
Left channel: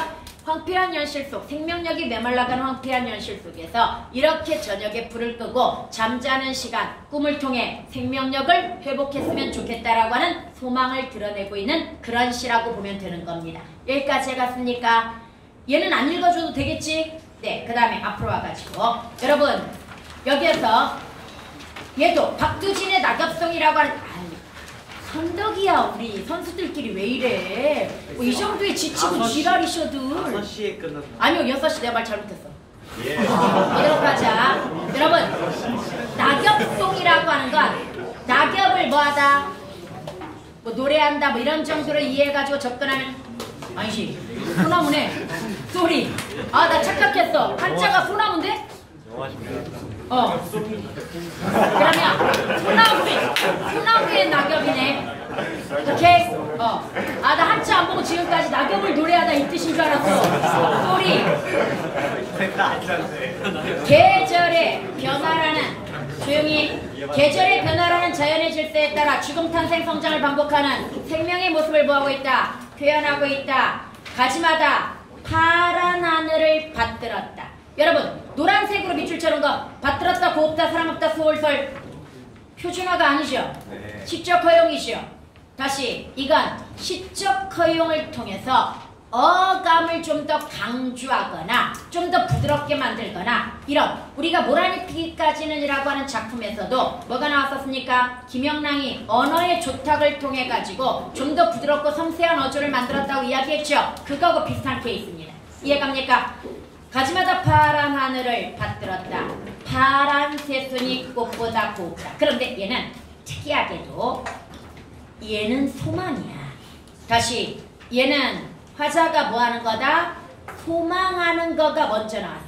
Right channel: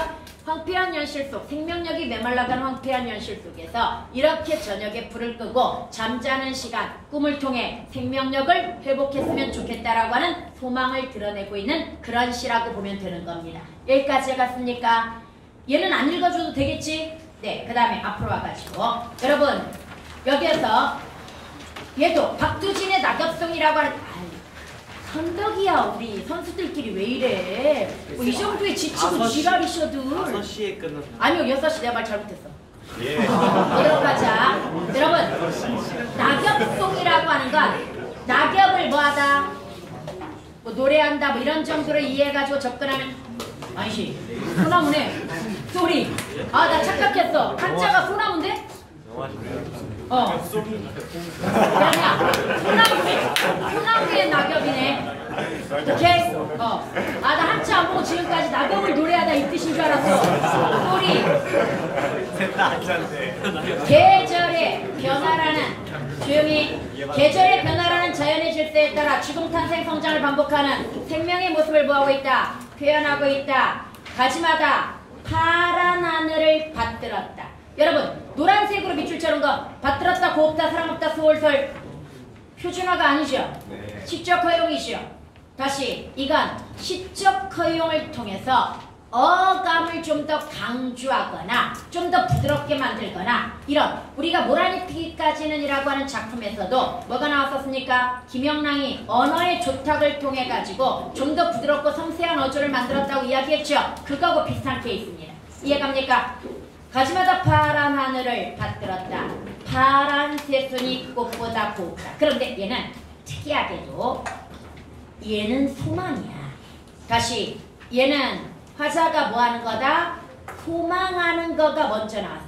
황폐한 현실 속, 생명력이 메말라가는 황폐한 현실 속에서 이렇게 저녁에 불을 끄고 잠자는 시간, 꿈을 통해 생명력을 회복했으면 좋겠다라고 하는 소망을 드러내고 있는 그런 시라고 보면 되는 겁니다. 여기까지 해갔습니까? 얘는 안 읽어줘도 되겠지? 네, 그 다음에 앞으로 와가지고 여러분 여기에서 얘도 박두진의 낙엽송이라고 하는, 선덕이야. 우리 선수들끼리 왜 이래? 뭐 이 정도에 지치고 지랄이셔도 5시에 끝났나? 아니요 6시. 내가 말 잘못했어. 예. 어디로 가자. 여러분 낙엽송이라고 하는 건 낙엽을 뭐하다? 뭐 노래한다 뭐 이런 정도로 이해해가지고 접근하면, 아니지 소나무네. 소리. 아 나 착각했어. 한자가 소나무인데? 그러면 소나무의 낙엽이네. 오케이? 아 나 한자 안 보고 지금까지 낙엽을 노래하다 이 뜻인 줄 알았어. 소리. 계절의 변화라는, 조용히. 계절의 변화라는 자연의 질서에 따라 죽음 탄생 성장을 반복하는 생명의 모습을 보하고 있다. 표현하고 있다. 가지마다 파란 하늘을 받들었다. 여러분 노란색으로 밑줄 쳐는 거 받들었다, 곱다, 사랑없다, 소홀설 표준어가 아니죠. 시적 허용이죠. 다시 이건 시적 허용을 통해서 어감을 좀 더 강조하거나 좀 더 부드럽게 만들거나 이런 우리가 몰아넣기까지는이라고 하는 작품에서도 뭐가 나왔었습니까? 김영랑이 언어의 조탁을 통해 가지고 좀 더 부드럽고 섬세한 어조를 만들었다고 이야기했죠. 그거하고 비슷한 케이스입니다. 이해갑니까? 가지마다 파란 하늘을 받들었다. 파란 새순이 꽃보다 곱다. 그런데 얘는 특이하게도 얘는 소망이야. 다시 얘는 화자가 뭐하는 거다? 소망하는 거가 먼저 나왔어.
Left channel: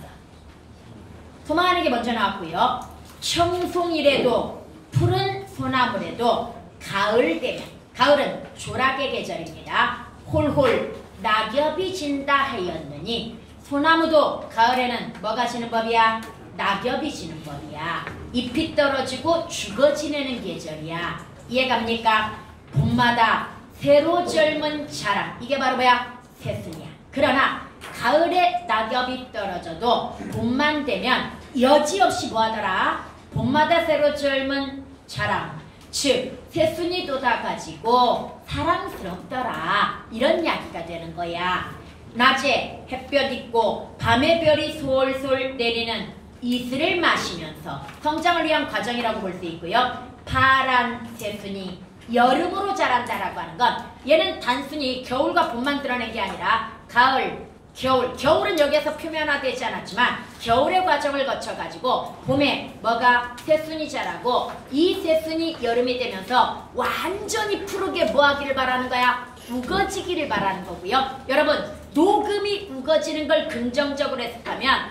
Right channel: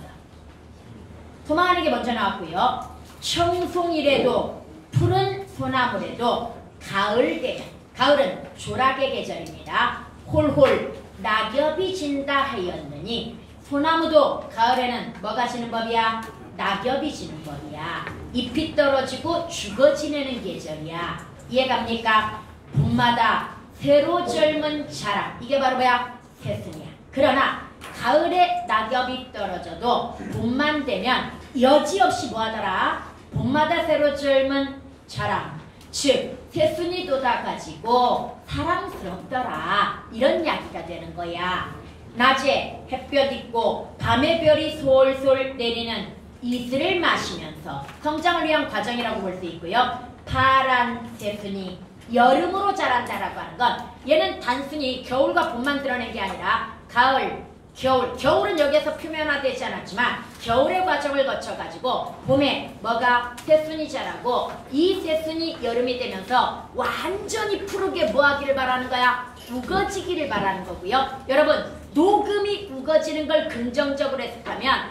소망하는 게 먼저 나왔고요. 청송이래도 푸른 소나무래도 가을 되면, 가을은 조락의 계절입니다. 홀홀 낙엽이 진다 하였느니 소나무도 가을에는 뭐가 지는 법이야? 낙엽이 지는 법이야. 잎이 떨어지고 죽어 지내는 계절이야. 이해갑니까? 봄마다 새로 젊은 자랑. 이게 바로 뭐야? 새순이야. 그러나 가을에 낙엽이 떨어져도 봄만 되면 여지없이 뭐하더라? 봄마다 새로 젊은 자랑. 즉 새순이 돋아가지고 사랑스럽더라. 이런 이야기가 되는 거야. 낮에 햇볕 있고 밤에 별이 솔솔 내리는 이슬을 마시면서 성장을 위한 과정이라고 볼 수 있고요. 파란 새순이 여름으로 자란다라고 하는 건 얘는 단순히 겨울과 봄만 드러낸 게 아니라 가을, 겨울, 겨울은 여기에서 표면화되지 않았지만 겨울의 과정을 거쳐가지고 봄에 뭐가 새순이 자라고 이 새순이 여름이 되면서 완전히 푸르게 뭐하기를 바라는 거야? 우거지기를 바라는 거고요. 여러분 녹음이 우거지는 걸 긍정적으로 해석하면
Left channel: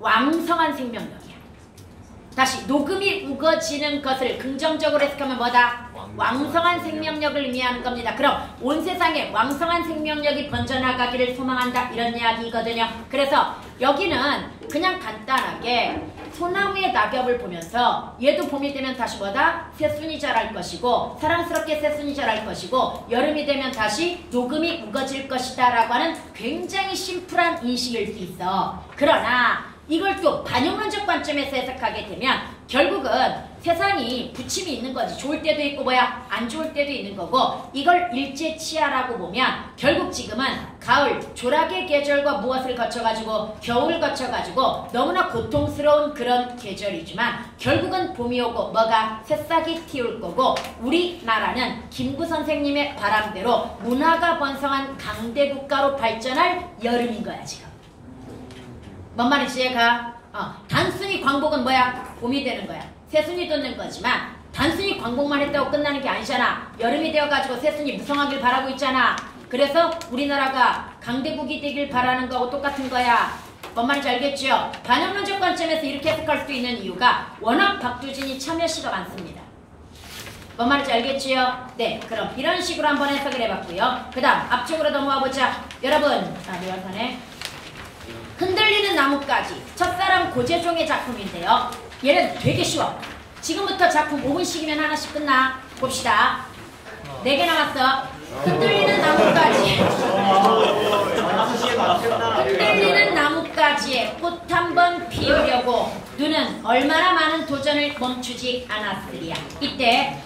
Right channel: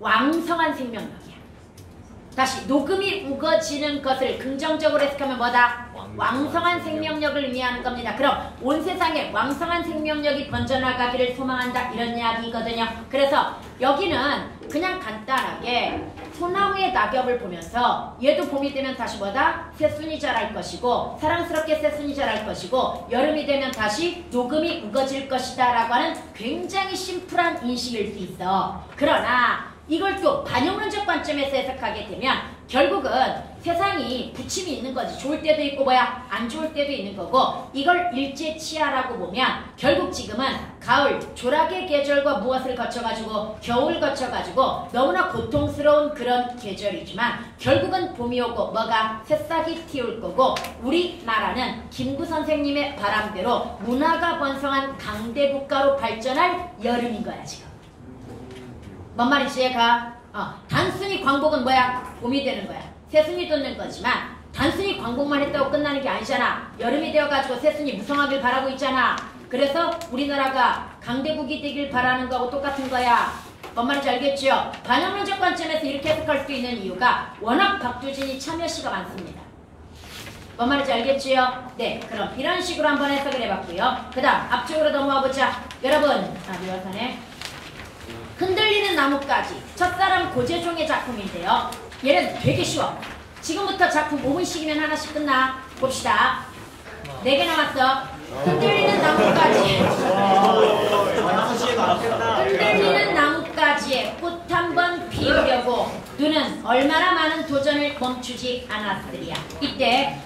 왕성한 생명력이야. 다시 녹음이 우거지는 것을 긍정적으로 해석하면 뭐다? 왕성한 생명력을 의미하는 겁니다. 그럼 온 세상에 왕성한 생명력이 번져나가기를 소망한다 이런 이야기거든요. 그래서 여기는 그냥 간단하게 소나무의 낙엽을 보면서 얘도 봄이 되면 다시 뭐다? 새순이 자랄 것이고 사랑스럽게 새순이 자랄 것이고 여름이 되면 다시 녹음이 우거질 것이다 라고 하는 굉장히 심플한 인식일 수 있어. 그러나 이걸 또 반영론적 관점에서 해석하게 되면 결국은 세상이 부침이 있는 거지. 좋을 때도 있고 뭐야 안 좋을 때도 있는 거고 이걸 일제치하라고 보면 결국 지금은 가을 조락의 계절과 무엇을 거쳐가지고 겨울을 거쳐가지고 너무나 고통스러운 그런 계절이지만 결국은 봄이 오고 뭐가 새싹이 튀울 거고 우리나라는 김구 선생님의 바람대로 문화가 번성한 강대국가로 발전할 여름인 거야 지금. 뭔 말인지 얘가 단순히 광복은 뭐야? 봄이 되는 거야. 새순이 돋는 거지만 단순히 광복만 했다고 끝나는 게 아니잖아. 여름이 되어가지고 새순이 무성하길 바라고 있잖아. 그래서 우리나라가 강대국이 되길 바라는 거하고 똑같은 거야. 뭔 말인지 알겠지요? 반영론적 관점에서 이렇게 해석할 수 있는 이유가 워낙 박두진이 참여시가 많습니다. 뭔 말인지 알겠지요? 네, 그럼 이런 식으로 한번 해석을 해봤고요. 그 다음 앞쪽으로 넘어와 보자. 여러분, 리허설에 흔들리는 나뭇가지 첫사랑 고재종의 작품인데요. 얘는 되게 쉬워. 지금부터 작품 5분씩이면 하나씩 끝나. 봅시다. 4개 남았어. 흔들리는 나뭇가지. 흔들리는 나뭇가지에 꽃 한 번 피우려고 눈은 얼마나 많은 도전을 멈추지 않았으리야. 이때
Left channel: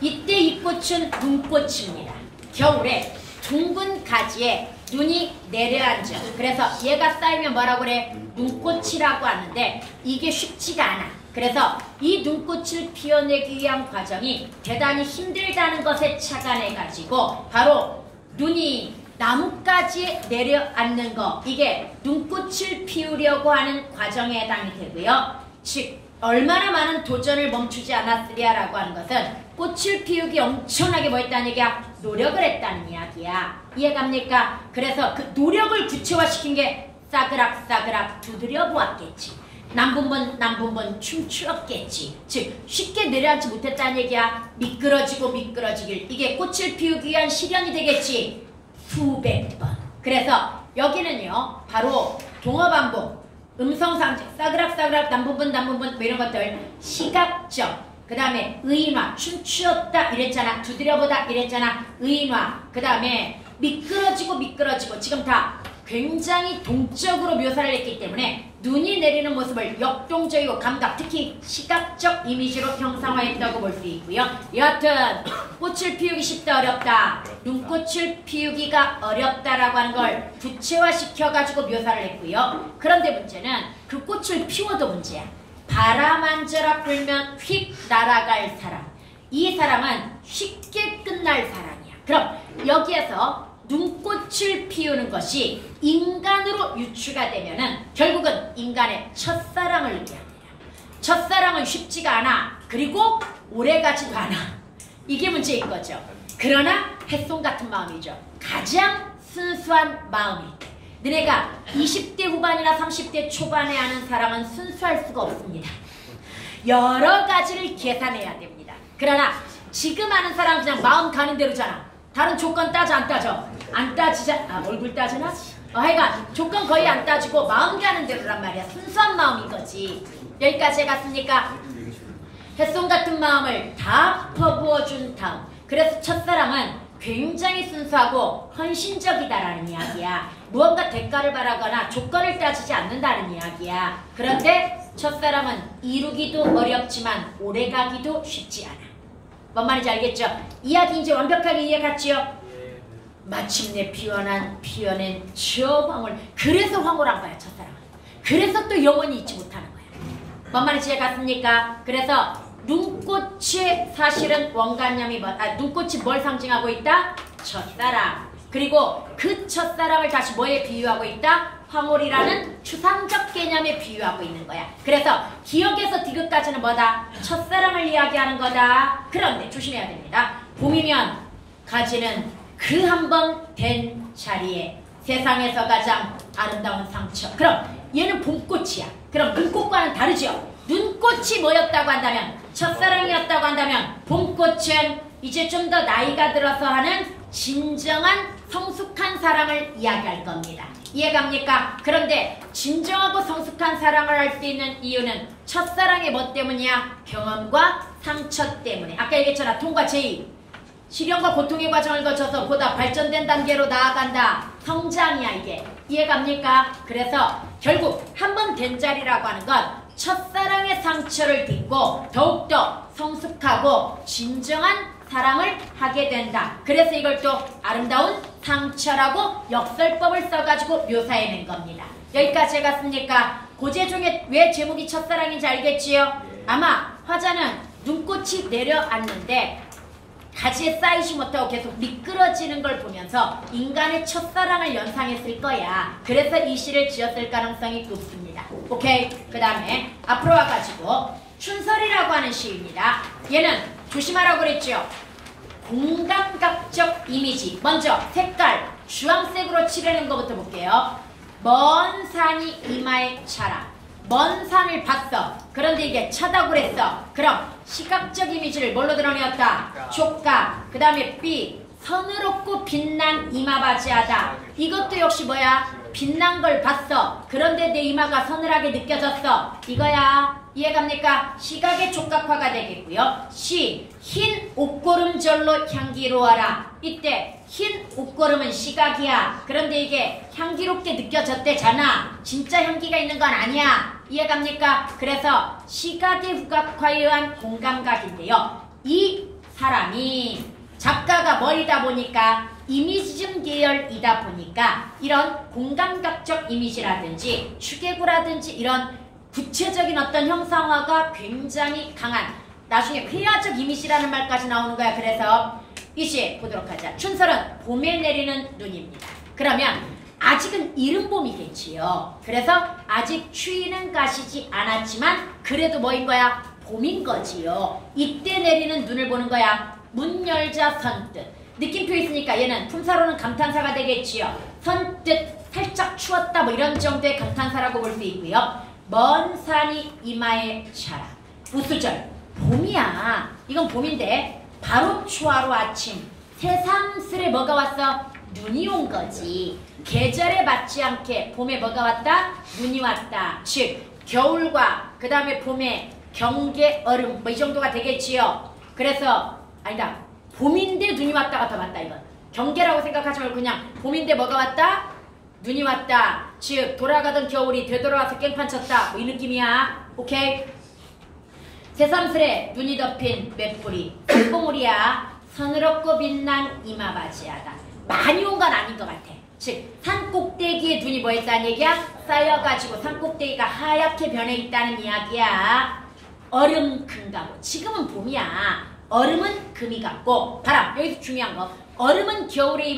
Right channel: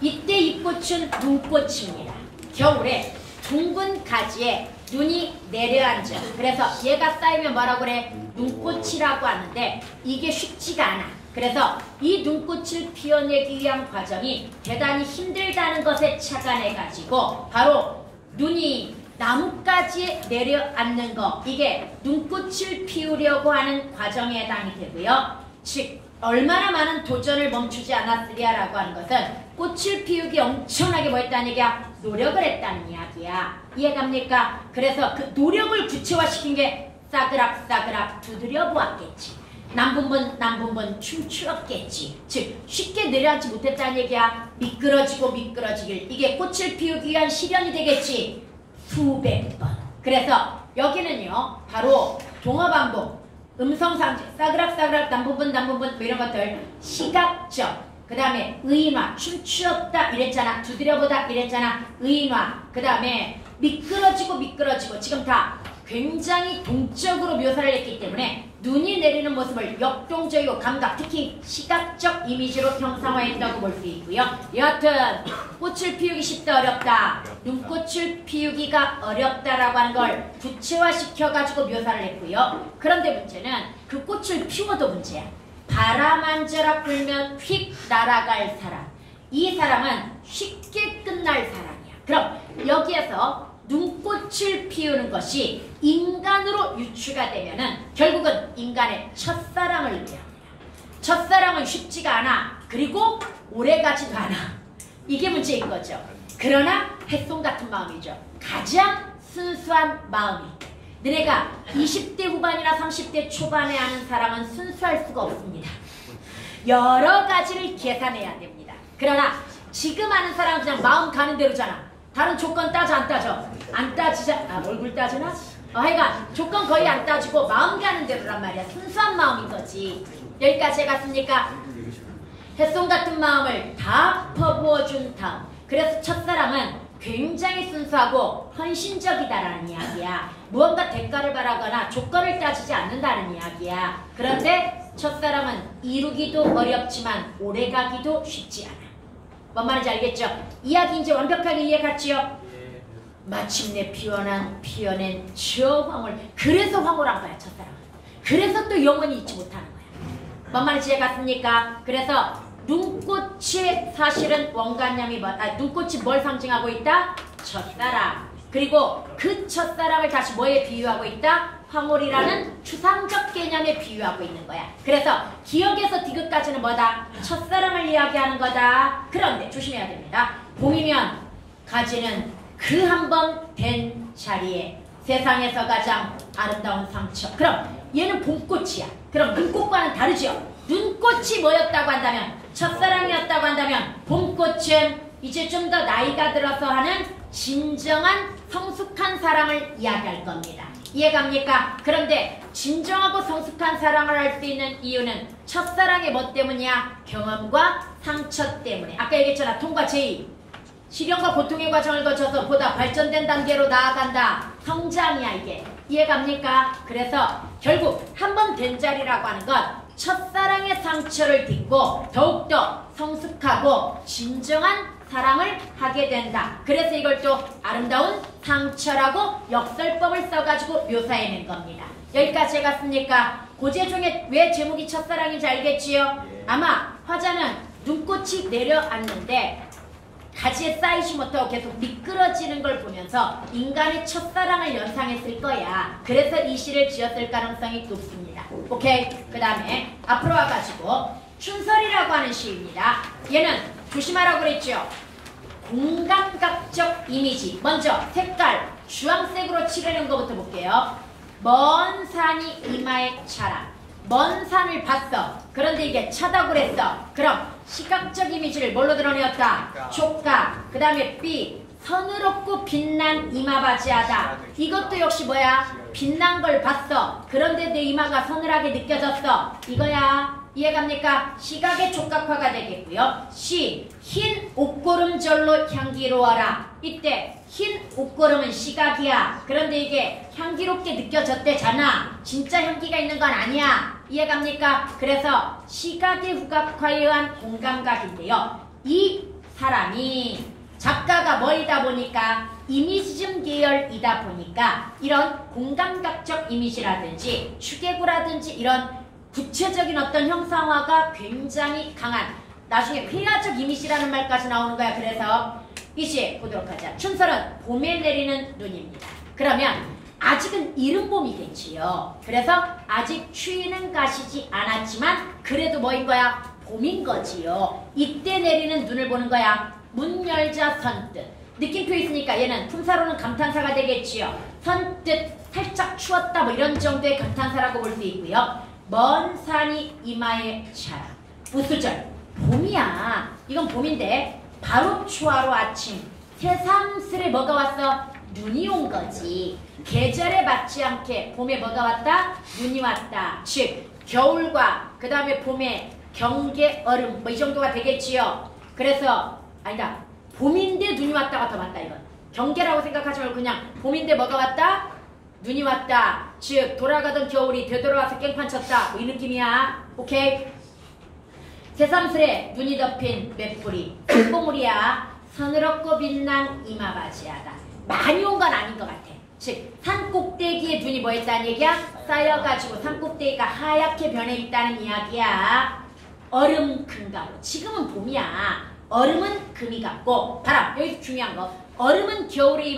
이 꽃은 눈꽃입니다. 겨울에 둥근 가지에 눈이 내려앉아. 그래서 얘가 쌓이면 뭐라고 그래? 눈꽃이라고 하는데 이게 쉽지가 않아. 그래서 이 눈꽃을 피워내기 위한 과정이 대단히 힘들다는 것에 착안해가지고 바로 눈이 나뭇가지에 내려앉는 거, 이게 눈꽃을 피우려고 하는 과정에 해당이 되고요. 즉 얼마나 많은 도전을 멈추지 않았으랴라고 하는 것은 꽃을 피우기 엄청나게 뭐 했다는 얘기야? 노력을 했다는 이야기야. 이해갑니까? 그래서 그 노력을 구체화시킨 게 싸그락싸그락 두드려 보았겠지. 남분번 춤추었겠지. 즉 쉽게 내려앉지 못했다는 얘기야. 미끄러지길 이게 꽃을 피우기 위한 시련이 되겠지. 수백 번. 그래서 여기는요 바로 동어반복, 음성상제, 싸그락싸그락, 남분분 뭐 이런 것들 시각적, 그 다음에 의인화, 춤추었다 이랬잖아. 두드려보다 이랬잖아. 의인화, 그 다음에 미끄러지고 지금 다 굉장히 동적으로 묘사를 했기 때문에 눈이 내리는 모습을 역동적이고 감각, 특히 시각적 이미지로 형상화했다고 볼 수 있고요. 여하튼 꽃을 피우기 쉽다 어렵다, 눈꽃을 피우기가 어렵다라고 하는 걸 구체화시켜가지고 묘사를 했고요. 그런데 문제는 그 꽃을 피워도 문제야. 바람 한 자락 불면 휙 날아갈 사람. 이 사람은 쉽게 끝날 사람이야. 그럼 여기에서 눈꽃을 피우는 것이 인간으로 유추가 되면은 결국은 인간의 첫사랑을 얘기합니다. 첫사랑은 쉽지가 않아. 그리고 오래가지도 않아. 이게 문제인 거죠. 그러나 햇솜 같은 마음이죠. 가장 순수한 마음이. 너네가 20대 후반이나 30대 초반에 하는 사랑은 순수할 수가 없습니다. 여러 가지를 계산해야 됩니다. 그러나 지금 하는 사람은 그냥 마음 가는 대로잖아. 다른 조건 따져 안 따져? 안 따지자. 얼굴 따지나? 하여간 조건 거의 안 따지고 마음 가는 대로란 말이야. 순수한 마음인 거지. 여기까지 해갔습니까? 햇솜 같은 마음을 다 퍼부어준 다음, 그래서 첫사랑은 굉장히 순수하고 헌신적이다라는 이야기야. 무언가 대가를 바라거나 조건을 따지지 않는다는 이야기야. 그런데 첫사랑은 이루기도 어렵지만 오래가기도 쉽지 않아. 뭔 말인지 알겠죠? 이야기 이제 완벽하게 이해갔지요? 마침내 피어낸 저 황홀. 그래서 황홀한 거야, 첫사랑은. 그래서 또 영원히 잊지 못하는 거야. 뭔 말인지 이해갔습니까? 그래서 눈꽃이 사실은 원관념이 눈꽃이 뭘 상징하고 있다? 첫사랑. 그리고 그 첫사랑을 다시 뭐에 비유하고 있다? 황홀이라는 추상적 개념에 비유하고 있는 거야. 그래서 기억에서 디귿까지는 뭐다? 첫사랑을 이야기하는 거다. 그런데 조심해야 됩니다. 봄이면 가지는 그 한 번 된 자리에 세상에서 가장 아름다운 상처. 그럼 얘는 봄꽃이야. 그럼 눈꽃과는 다르죠? 눈꽃이 뭐였다고 한다면, 첫사랑이었다고 한다면 봄꽃은 이제 좀 더 나이가 들어서 하는 진정한 성숙한 사랑을 이야기할 겁니다. 이해갑니까? 그런데 진정하고 성숙한 사랑을 할 수 있는 이유는 첫사랑의 뭐 때문이야? 경험과 상처 때문에. 아까 얘기했잖아. 통과 제2. 시련과 고통의 과정을 거쳐서 보다 발전된 단계로 나아간다. 성장이야 이게. 이해갑니까? 그래서 결국 한 번 된 자리라고 하는 건 첫사랑의 상처를 딛고 더욱더 성숙하고 진정한 사랑을 하게 된다. 그래서 이걸 또 아름다운 상처라고 역설법을 써가지고 묘사해낸 겁니다. 여기까지 해갔습니까? 고제 중에 왜 제목이 첫사랑인지 알겠지요? 아마 화자는 눈꽃이 내려앉는데 가지에 쌓이지 못하고 계속 미끄러지는 걸 보면서 인간의 첫사랑을 연상했을 거야. 그래서 이 시를 지었을 가능성이 높습니다. 오케이? 그 다음에 앞으로 와가지고 춘설이라고 하는 시입니다. 얘는 조심하라고 그랬죠? 공감각적 이미지. 먼저 색깔 주황색으로 칠해낸 것부터 볼게요. 먼 산이 이마에 차라. 먼 산을 봤어. 그런데 이게 차다고 그랬어. 그럼 시각적 이미지를 뭘로 드러내었다? 촉각. 그 다음에 B. 서늘없고 빛난 이마바지하다. 이것도 역시 뭐야? 빛난 걸 봤어. 그런데 내 이마가 서늘하게 느껴졌어. 이거야. 이해갑니까? 시각의 촉각화가 되겠고요. C. 흰 옷고름절로 향기로워라. 이때 흰 옷고름은 시각이야. 그런데 이게 향기롭게 느껴졌대잖아. 진짜 향기가 있는 건 아니야. 이해갑니까? 그래서 시각의 후각화에 의한 공감각인데요. 이 사람이 작가가 뭐이다 보니까 이미지즘 계열이다 보니까 이런 공감각적 이미지라든지 추계구라든지 이런 구체적인 어떤 형상화가 굉장히 강한, 나중에 회화적 이미지라는 말까지 나오는 거야. 그래서 이제 보도록 하자. 춘설은 봄에 내리는 눈입니다. 그러면 아직은 이른 봄이겠지요. 그래서 아직 추위는 가시지 않았지만 그래도 뭐인 거야? 봄인 거지요. 이때 내리는 눈을 보는 거야. 문 열자 선뜻. 느낌표 있으니까 얘는 품사로는 감탄사가 되겠지요. 선뜻 살짝 추웠다 뭐 이런 정도의 감탄사라고 볼 수 있고요. 먼 산이 이마에 차라. 우수절. 봄이야. 이건 봄인데 바로 초하루 아침. 새삼스레 뭐가 왔어? 눈이 온 거지. 계절에 맞지 않게 봄에 뭐가 왔다? 눈이 왔다. 즉 겨울과 그 다음에 봄에 경계, 얼음 뭐 이 정도가 되겠지요. 그래서 아니다. 봄인데 눈이 왔다가 더 맞다 이건. 경계라고 생각하지 말고 그냥 봄인데 뭐가 왔다? 눈이 왔다. 즉 돌아가던 겨울이 되돌아와서 깽판 쳤다. 뭐 이 느낌이야. 오케이? 새삼스레 눈이 덮인 맷뿌리 꽃봉우리야 서늘없고 빛난 이마바지하다. 많이 온 건 아닌 것 같아. 즉 산 꼭대기에 눈이 뭐 있다는 얘기야? 쌓여가지고 산 꼭대기가 하얗게 변해 있다는 이야기야. 얼음 금가루. 지금은 봄이야. 얼음은 금이 같고 바람. 여기서 중요한 거. 얼음은 겨울의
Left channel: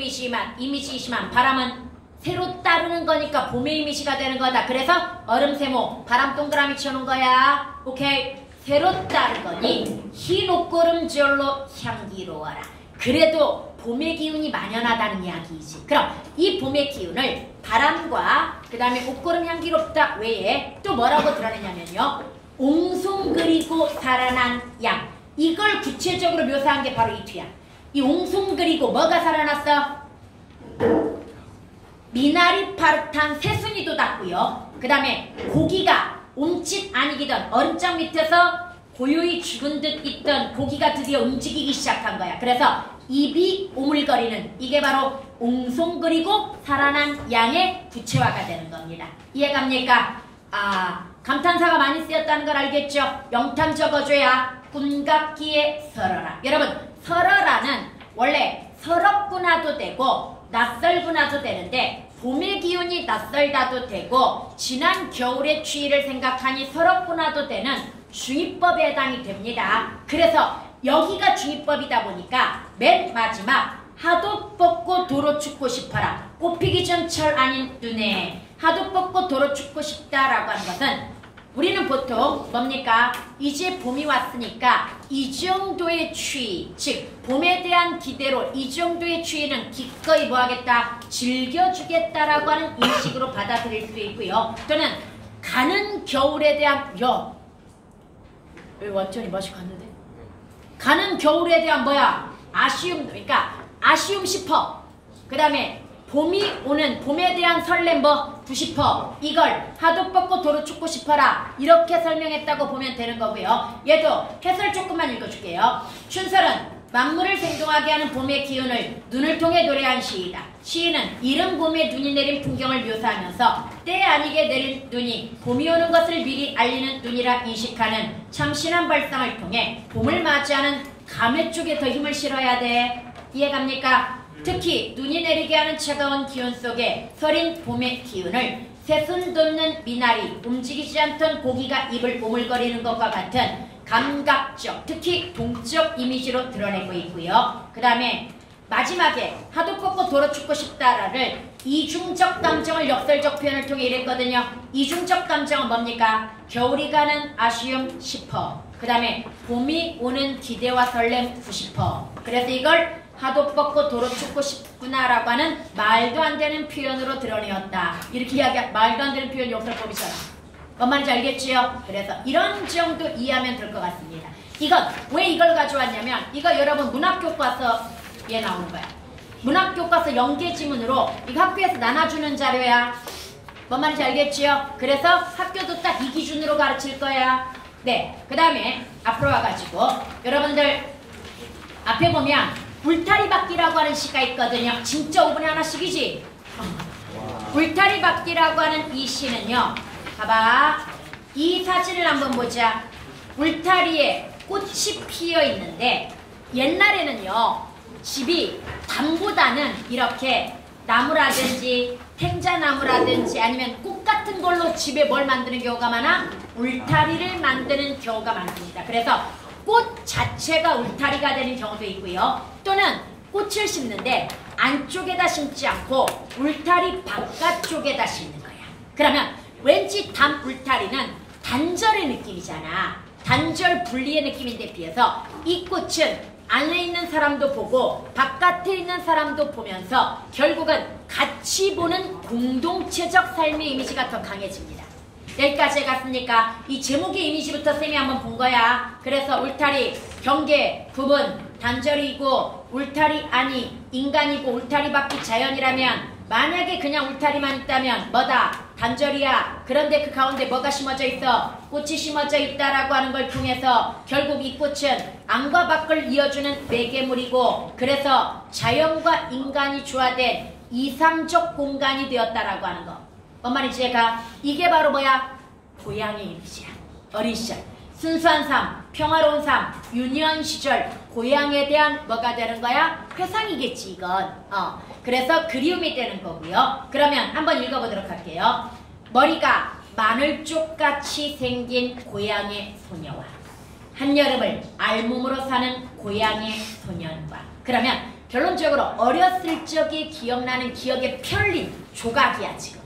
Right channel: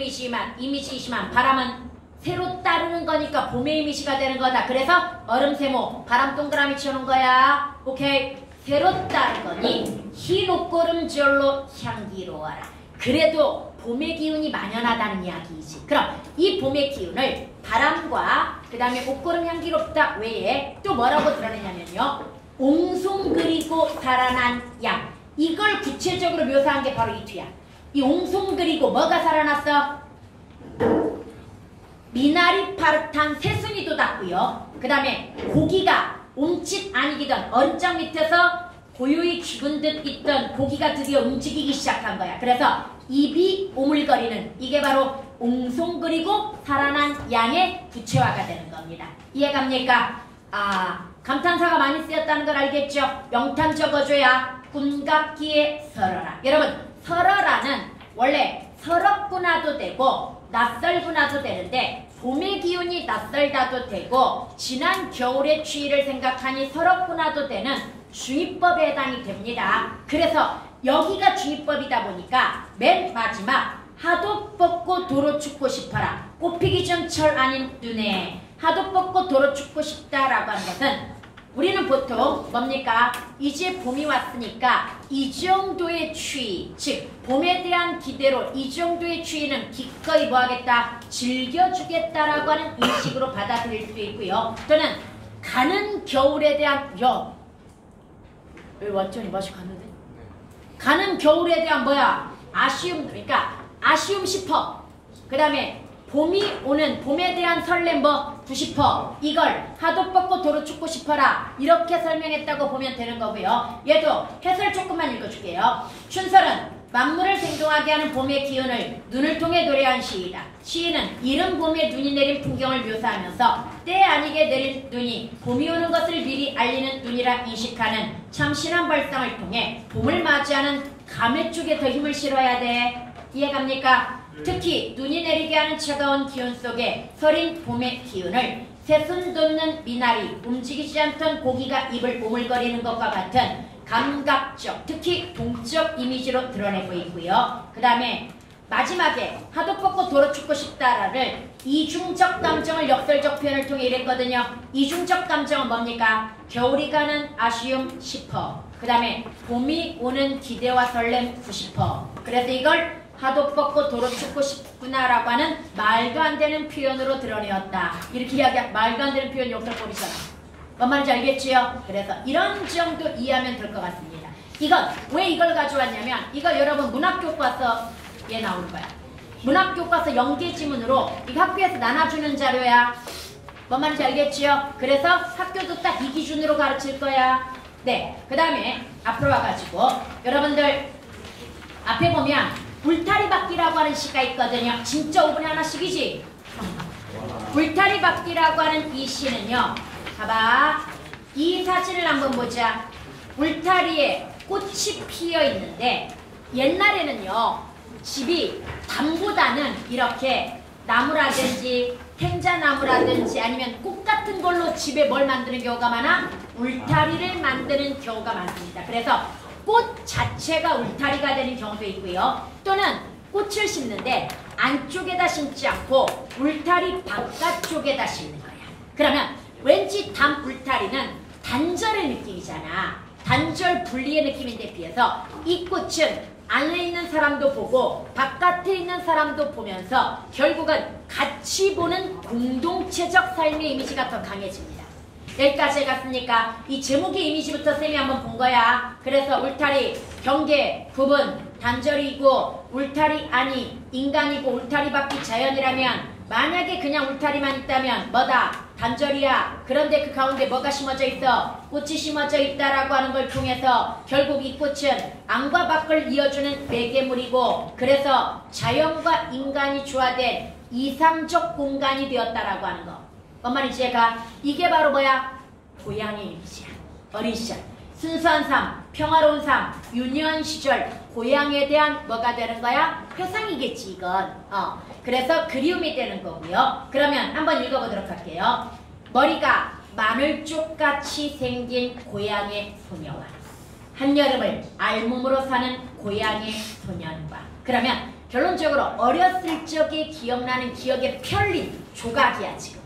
이미지이지만 바람은 새로 따르는 거니까 봄의 이미지가 되는 거다. 그래서 얼음 세모 바람 동그라미 쳐놓은 거야. 오케이. 새로 따른 거니 흰 옷고름 절로 향기로워라. 그래도 봄의 기운이 만연하다는 이야기이지. 그럼 이 봄의 기운을 바람과 그 다음에 옷고름 향기롭다 외에 또 뭐라고 드러내냐면요. 옹송그리고 살아난 양. 이걸 구체적으로 묘사한 게 바로 이 뒤야. 이 옹송그리고 뭐가 살아났어? 미나리 파릇한 새순이 돋았고요. 그 다음에 고기가 옴짓 아니기던 얼음장 밑에서 고요히 죽은 듯 있던 고기가 드디어 움직이기 시작한 거야. 그래서 입이 오물거리는 이게 바로 옹송그리고 살아난 양의 부채화가 되는 겁니다. 이해갑니까? 감탄사가 많이 쓰였다는 걸 알겠죠? 영탄 적어줘야 꿈같기에 설어라. 여러분 설어라는 원래 서럽구나도 되고 낯설구나도 되는데 봄의 기운이 낯설다도 되고 지난 겨울의 추위를 생각하니 서럽구나도 되는 중의법에 해당이 됩니다. 그래서 여기가 중의법이다 보니까 맨 마지막 하도 뻗고 도로 춥고 싶어라. 꽃피기 전 철 아닌 눈에 하도 뻗고 도로 춥고 싶다라고 하는 것은 우리는 보통 뭡니까? 이제 봄이 왔으니까 이 정도의 추위, 즉 봄에 대한 기대로 이 정도의 추위는 기꺼이 뭐하겠다? 즐겨주겠다라고 하는 인식으로 받아들일 수 있고요. 또는 가는 겨울에 대한 여기 완전히 맛이 갔는데? 가는 겨울에 대한 뭐야? 아쉬움, 그러니까 아쉬움 싶어. 그 다음에 봄이 오는 봄에 대한 설렘 부시퍼 이걸 하도 뻗고 도로 춥고 싶어라 이렇게 설명했다고 보면 되는 거고요. 얘도 해설 조금만 읽어줄게요. 춘설은 만물을 생동하게 하는 봄의 기운을 눈을 통해 노래한 시이다. 시인은 이른 봄에 눈이 내린 풍경을 묘사하면서 때 아니게 내린 눈이 봄이 오는 것을 미리 알리는 눈이라 인식하는 참신한 발상을 통해 봄을 맞이하는 감회 쪽에 더 힘을 실어야 돼. 이해갑니까? 특히 눈이 내리게 하는 차가운 기운 속에 서린 봄의 기운을 새순 돋는 미나리, 움직이지 않던 고기가 입을 오물거리는 것과 같은 감각적, 특히 동적 이미지로 드러내고 있고요. 그 다음에 마지막에 하도 뻗고 도로 춥고 싶다를 이중적 감정을 역설적 표현을 통해 이랬거든요. 이중적 감정은 뭡니까? 겨울이 가는 아쉬움 싶어. 그 다음에 봄이 오는 기대와 설렘 90%. 그래서 이걸 하도 뻗고 도로 춥고 싶구나라고 하는 말도 안 되는 표현으로 드러내었다. 이렇게 이야기하 말도 안 되는 표현 역설법이잖아. 뭔 말인지 알겠지요? 그래서 이런 정도 이해하면 될 것 같습니다. 이건 왜 이걸 가져왔냐면 이거 여러분 문학교과서에 나오는 거야. 문학교과서 연계지문으로 이거 학교에서 나눠주는 자료야. 뭔 말인지 알겠지요? 그래서 학교도 딱 이 기준으로 가르칠 거야. 네, 그 다음에 앞으로 와가지고 여러분들 앞에 보면 울타리박기라고 하는 시가 있거든요. 진짜 5분에 하나씩이지? 울타리박기라고 하는 이 시는요. 봐봐. 이 사진을 한번 보자. 울타리에 꽃이 피어 있는데 옛날에는요. 집이 담보다는 이렇게 나무라든지 행자나무라든지 아니면 꽃 같은 걸로 집에 뭘 만드는 경우가 많아? 울타리를 만드는 경우가 많습니다. 그래서 꽃 자체가 울타리가 되는 경우도 있고요. 또는 꽃을 심는데 안쪽에다 심지 않고 울타리 바깥쪽에다 심는 거야. 그러면 왠지 울타리는 단절의 느낌이잖아. 단절 분리의 느낌인데 비해서 이 꽃은 안에 있는 사람도 보고 바깥에 있는 사람도 보면서 결국은 같이 보는 공동체적 삶의 이미지가 더 강해집니다. 여기까지 해갔습니까? 이 제목의 이미지부터 쌤이 한번 본 거야. 그래서 울타리, 경계, 구분, 단절이고 울타리 아니 인간이고 울타리 밖이 자연이라면 만약에 그냥 울타리만 있다면 뭐다? 단절이야. 그런데 그 가운데 뭐가 심어져 있어? 꽃이 심어져 있다라고 하는 걸 통해서 결국 이 꽃은 안과 밖을 이어주는 매개물이고 그래서 자연과 인간이 조화된 이상적 공간이 되었다라고 하는 거. 뭔 말인지 제가 이게 바로 뭐야? 고향의 이미지야. 어린 시절. 순수한 삶, 평화로운 삶, 유년 시절 고향에 대한 뭐가 되는 거야? 회상이겠지 이건. 그래서 그리움이 되는 거고요. 그러면 한번 읽어보도록 할게요. 머리가 마늘쪽같이 생긴 고향의 소녀와 한여름을 알몸으로 사는 고향의 소년과 그러면 결론적으로 어렸을 적에 기억나는 기억의 펼린 조각이야 지금.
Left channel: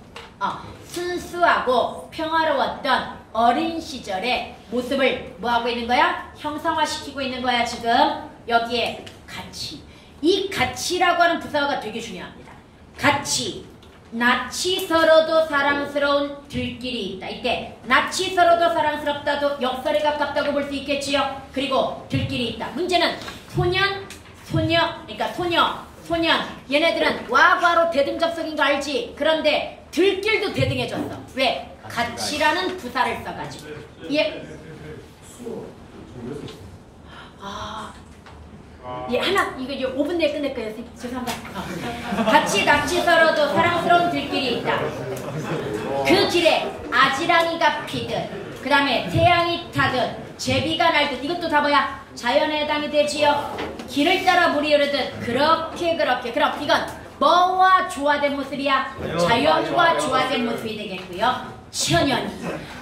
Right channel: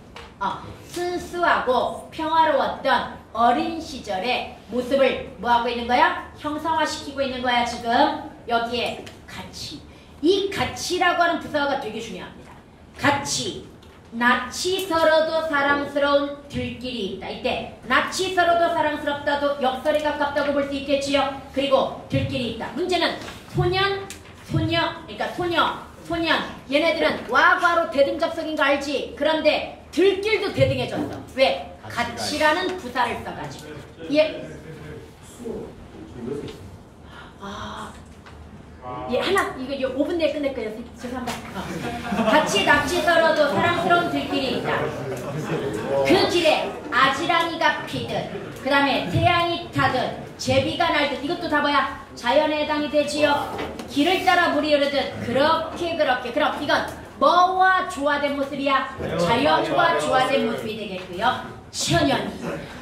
순수하고 평화로웠던 어린 시절의 모습을 뭐하고 있는 거야? 형상화시키고 있는 거야 지금. 여기에 가치. 이 가치라고 하는 부사가 되게 중요합니다. 가치. 낯이 서러도 사랑스러운 들길이 있다. 이때 낯이 서러도 사랑스럽다도 역설에 가깝다고 볼 수 있겠지요. 그리고 들길이 있다. 문제는 소년, 소녀, 그러니까 소녀, 소년 얘네들은 와과로 대등접속인 거 알지? 그런데 들길도 대등해졌어. 왜? 가치라는 부사를 써가지고. 하나 이거 이제 5분 내에 끝낼 거예요. 죄송합니다. 같이 낯이 서러도 사랑스러운 들길이 있다. 그 길에 아지랑이가 피듯 그 다음에 태양이 타듯 제비가 날듯 이것도 다 뭐야? 자연에 해당이 되지요. 길을 따라 물이 흐르듯 그렇게 그럼 이건 뭐와 조화된 모습이야? 자연과 조화된 모습이 되겠고요. 천연.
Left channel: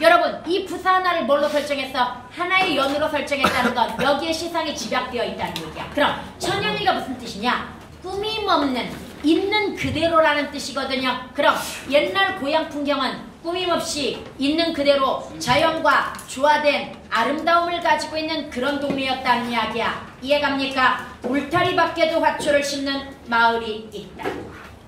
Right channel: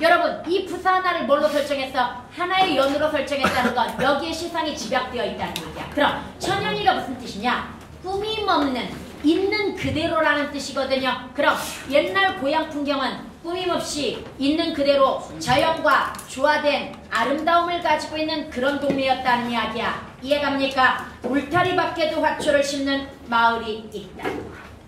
여러분 이 부사 하나를 뭘로 설정했어? 하나의 연으로 설정했다는 건 여기에 시상이 집약되어 있다는 얘기야. 그럼 천연이가 무슨 뜻이냐? 꾸밈없는 있는 그대로라는 뜻이거든요. 그럼 옛날 고향 풍경은 꾸밈없이 있는 그대로 자연과 조화된 아름다움을 가지고 있는 그런 동네였다는 이야기야. 이해갑니까? 울타리 밖에도 화초를 심는 마을이 있다.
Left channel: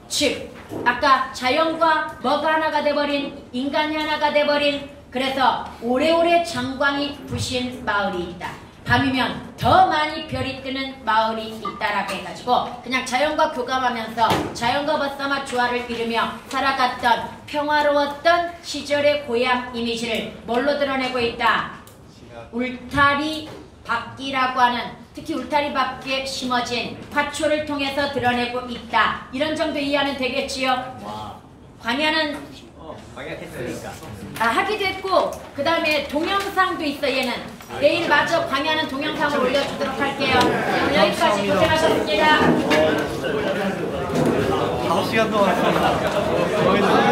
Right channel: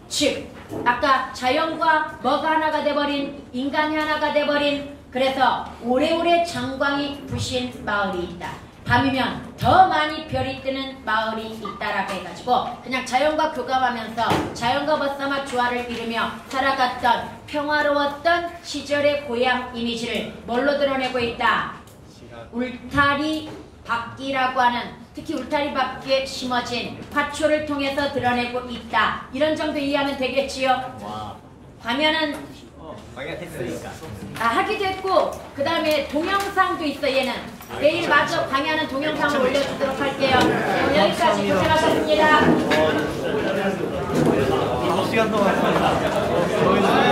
즉 아까 자연과 뭐가 하나가 돼버린 인간이 하나가 돼버린 그래서 오래오래 장광이 부신 마을이 있다. 밤이면 더 많이 별이 뜨는 마을이 있다라고 해가지고 그냥 자연과 교감하면서 자연과 벗삼아 조화를 이루며 살아갔던 평화로웠던 시절의 고향 이미지를 뭘로 드러내고 있다? 울타리 밖이라고 하는 특히 울타리 밖에 심어진 화초를 통해서 드러내고 있다. 이런 정도 이해하면 되겠지요? 광야는 광야 됐으니까. 하기도 했고 그 다음에 동영상도 있어 얘는. 내일 마저 광야는 동영상을 올려주도록 할게요. 여기까지 고생하셨습니다. 5시간 동안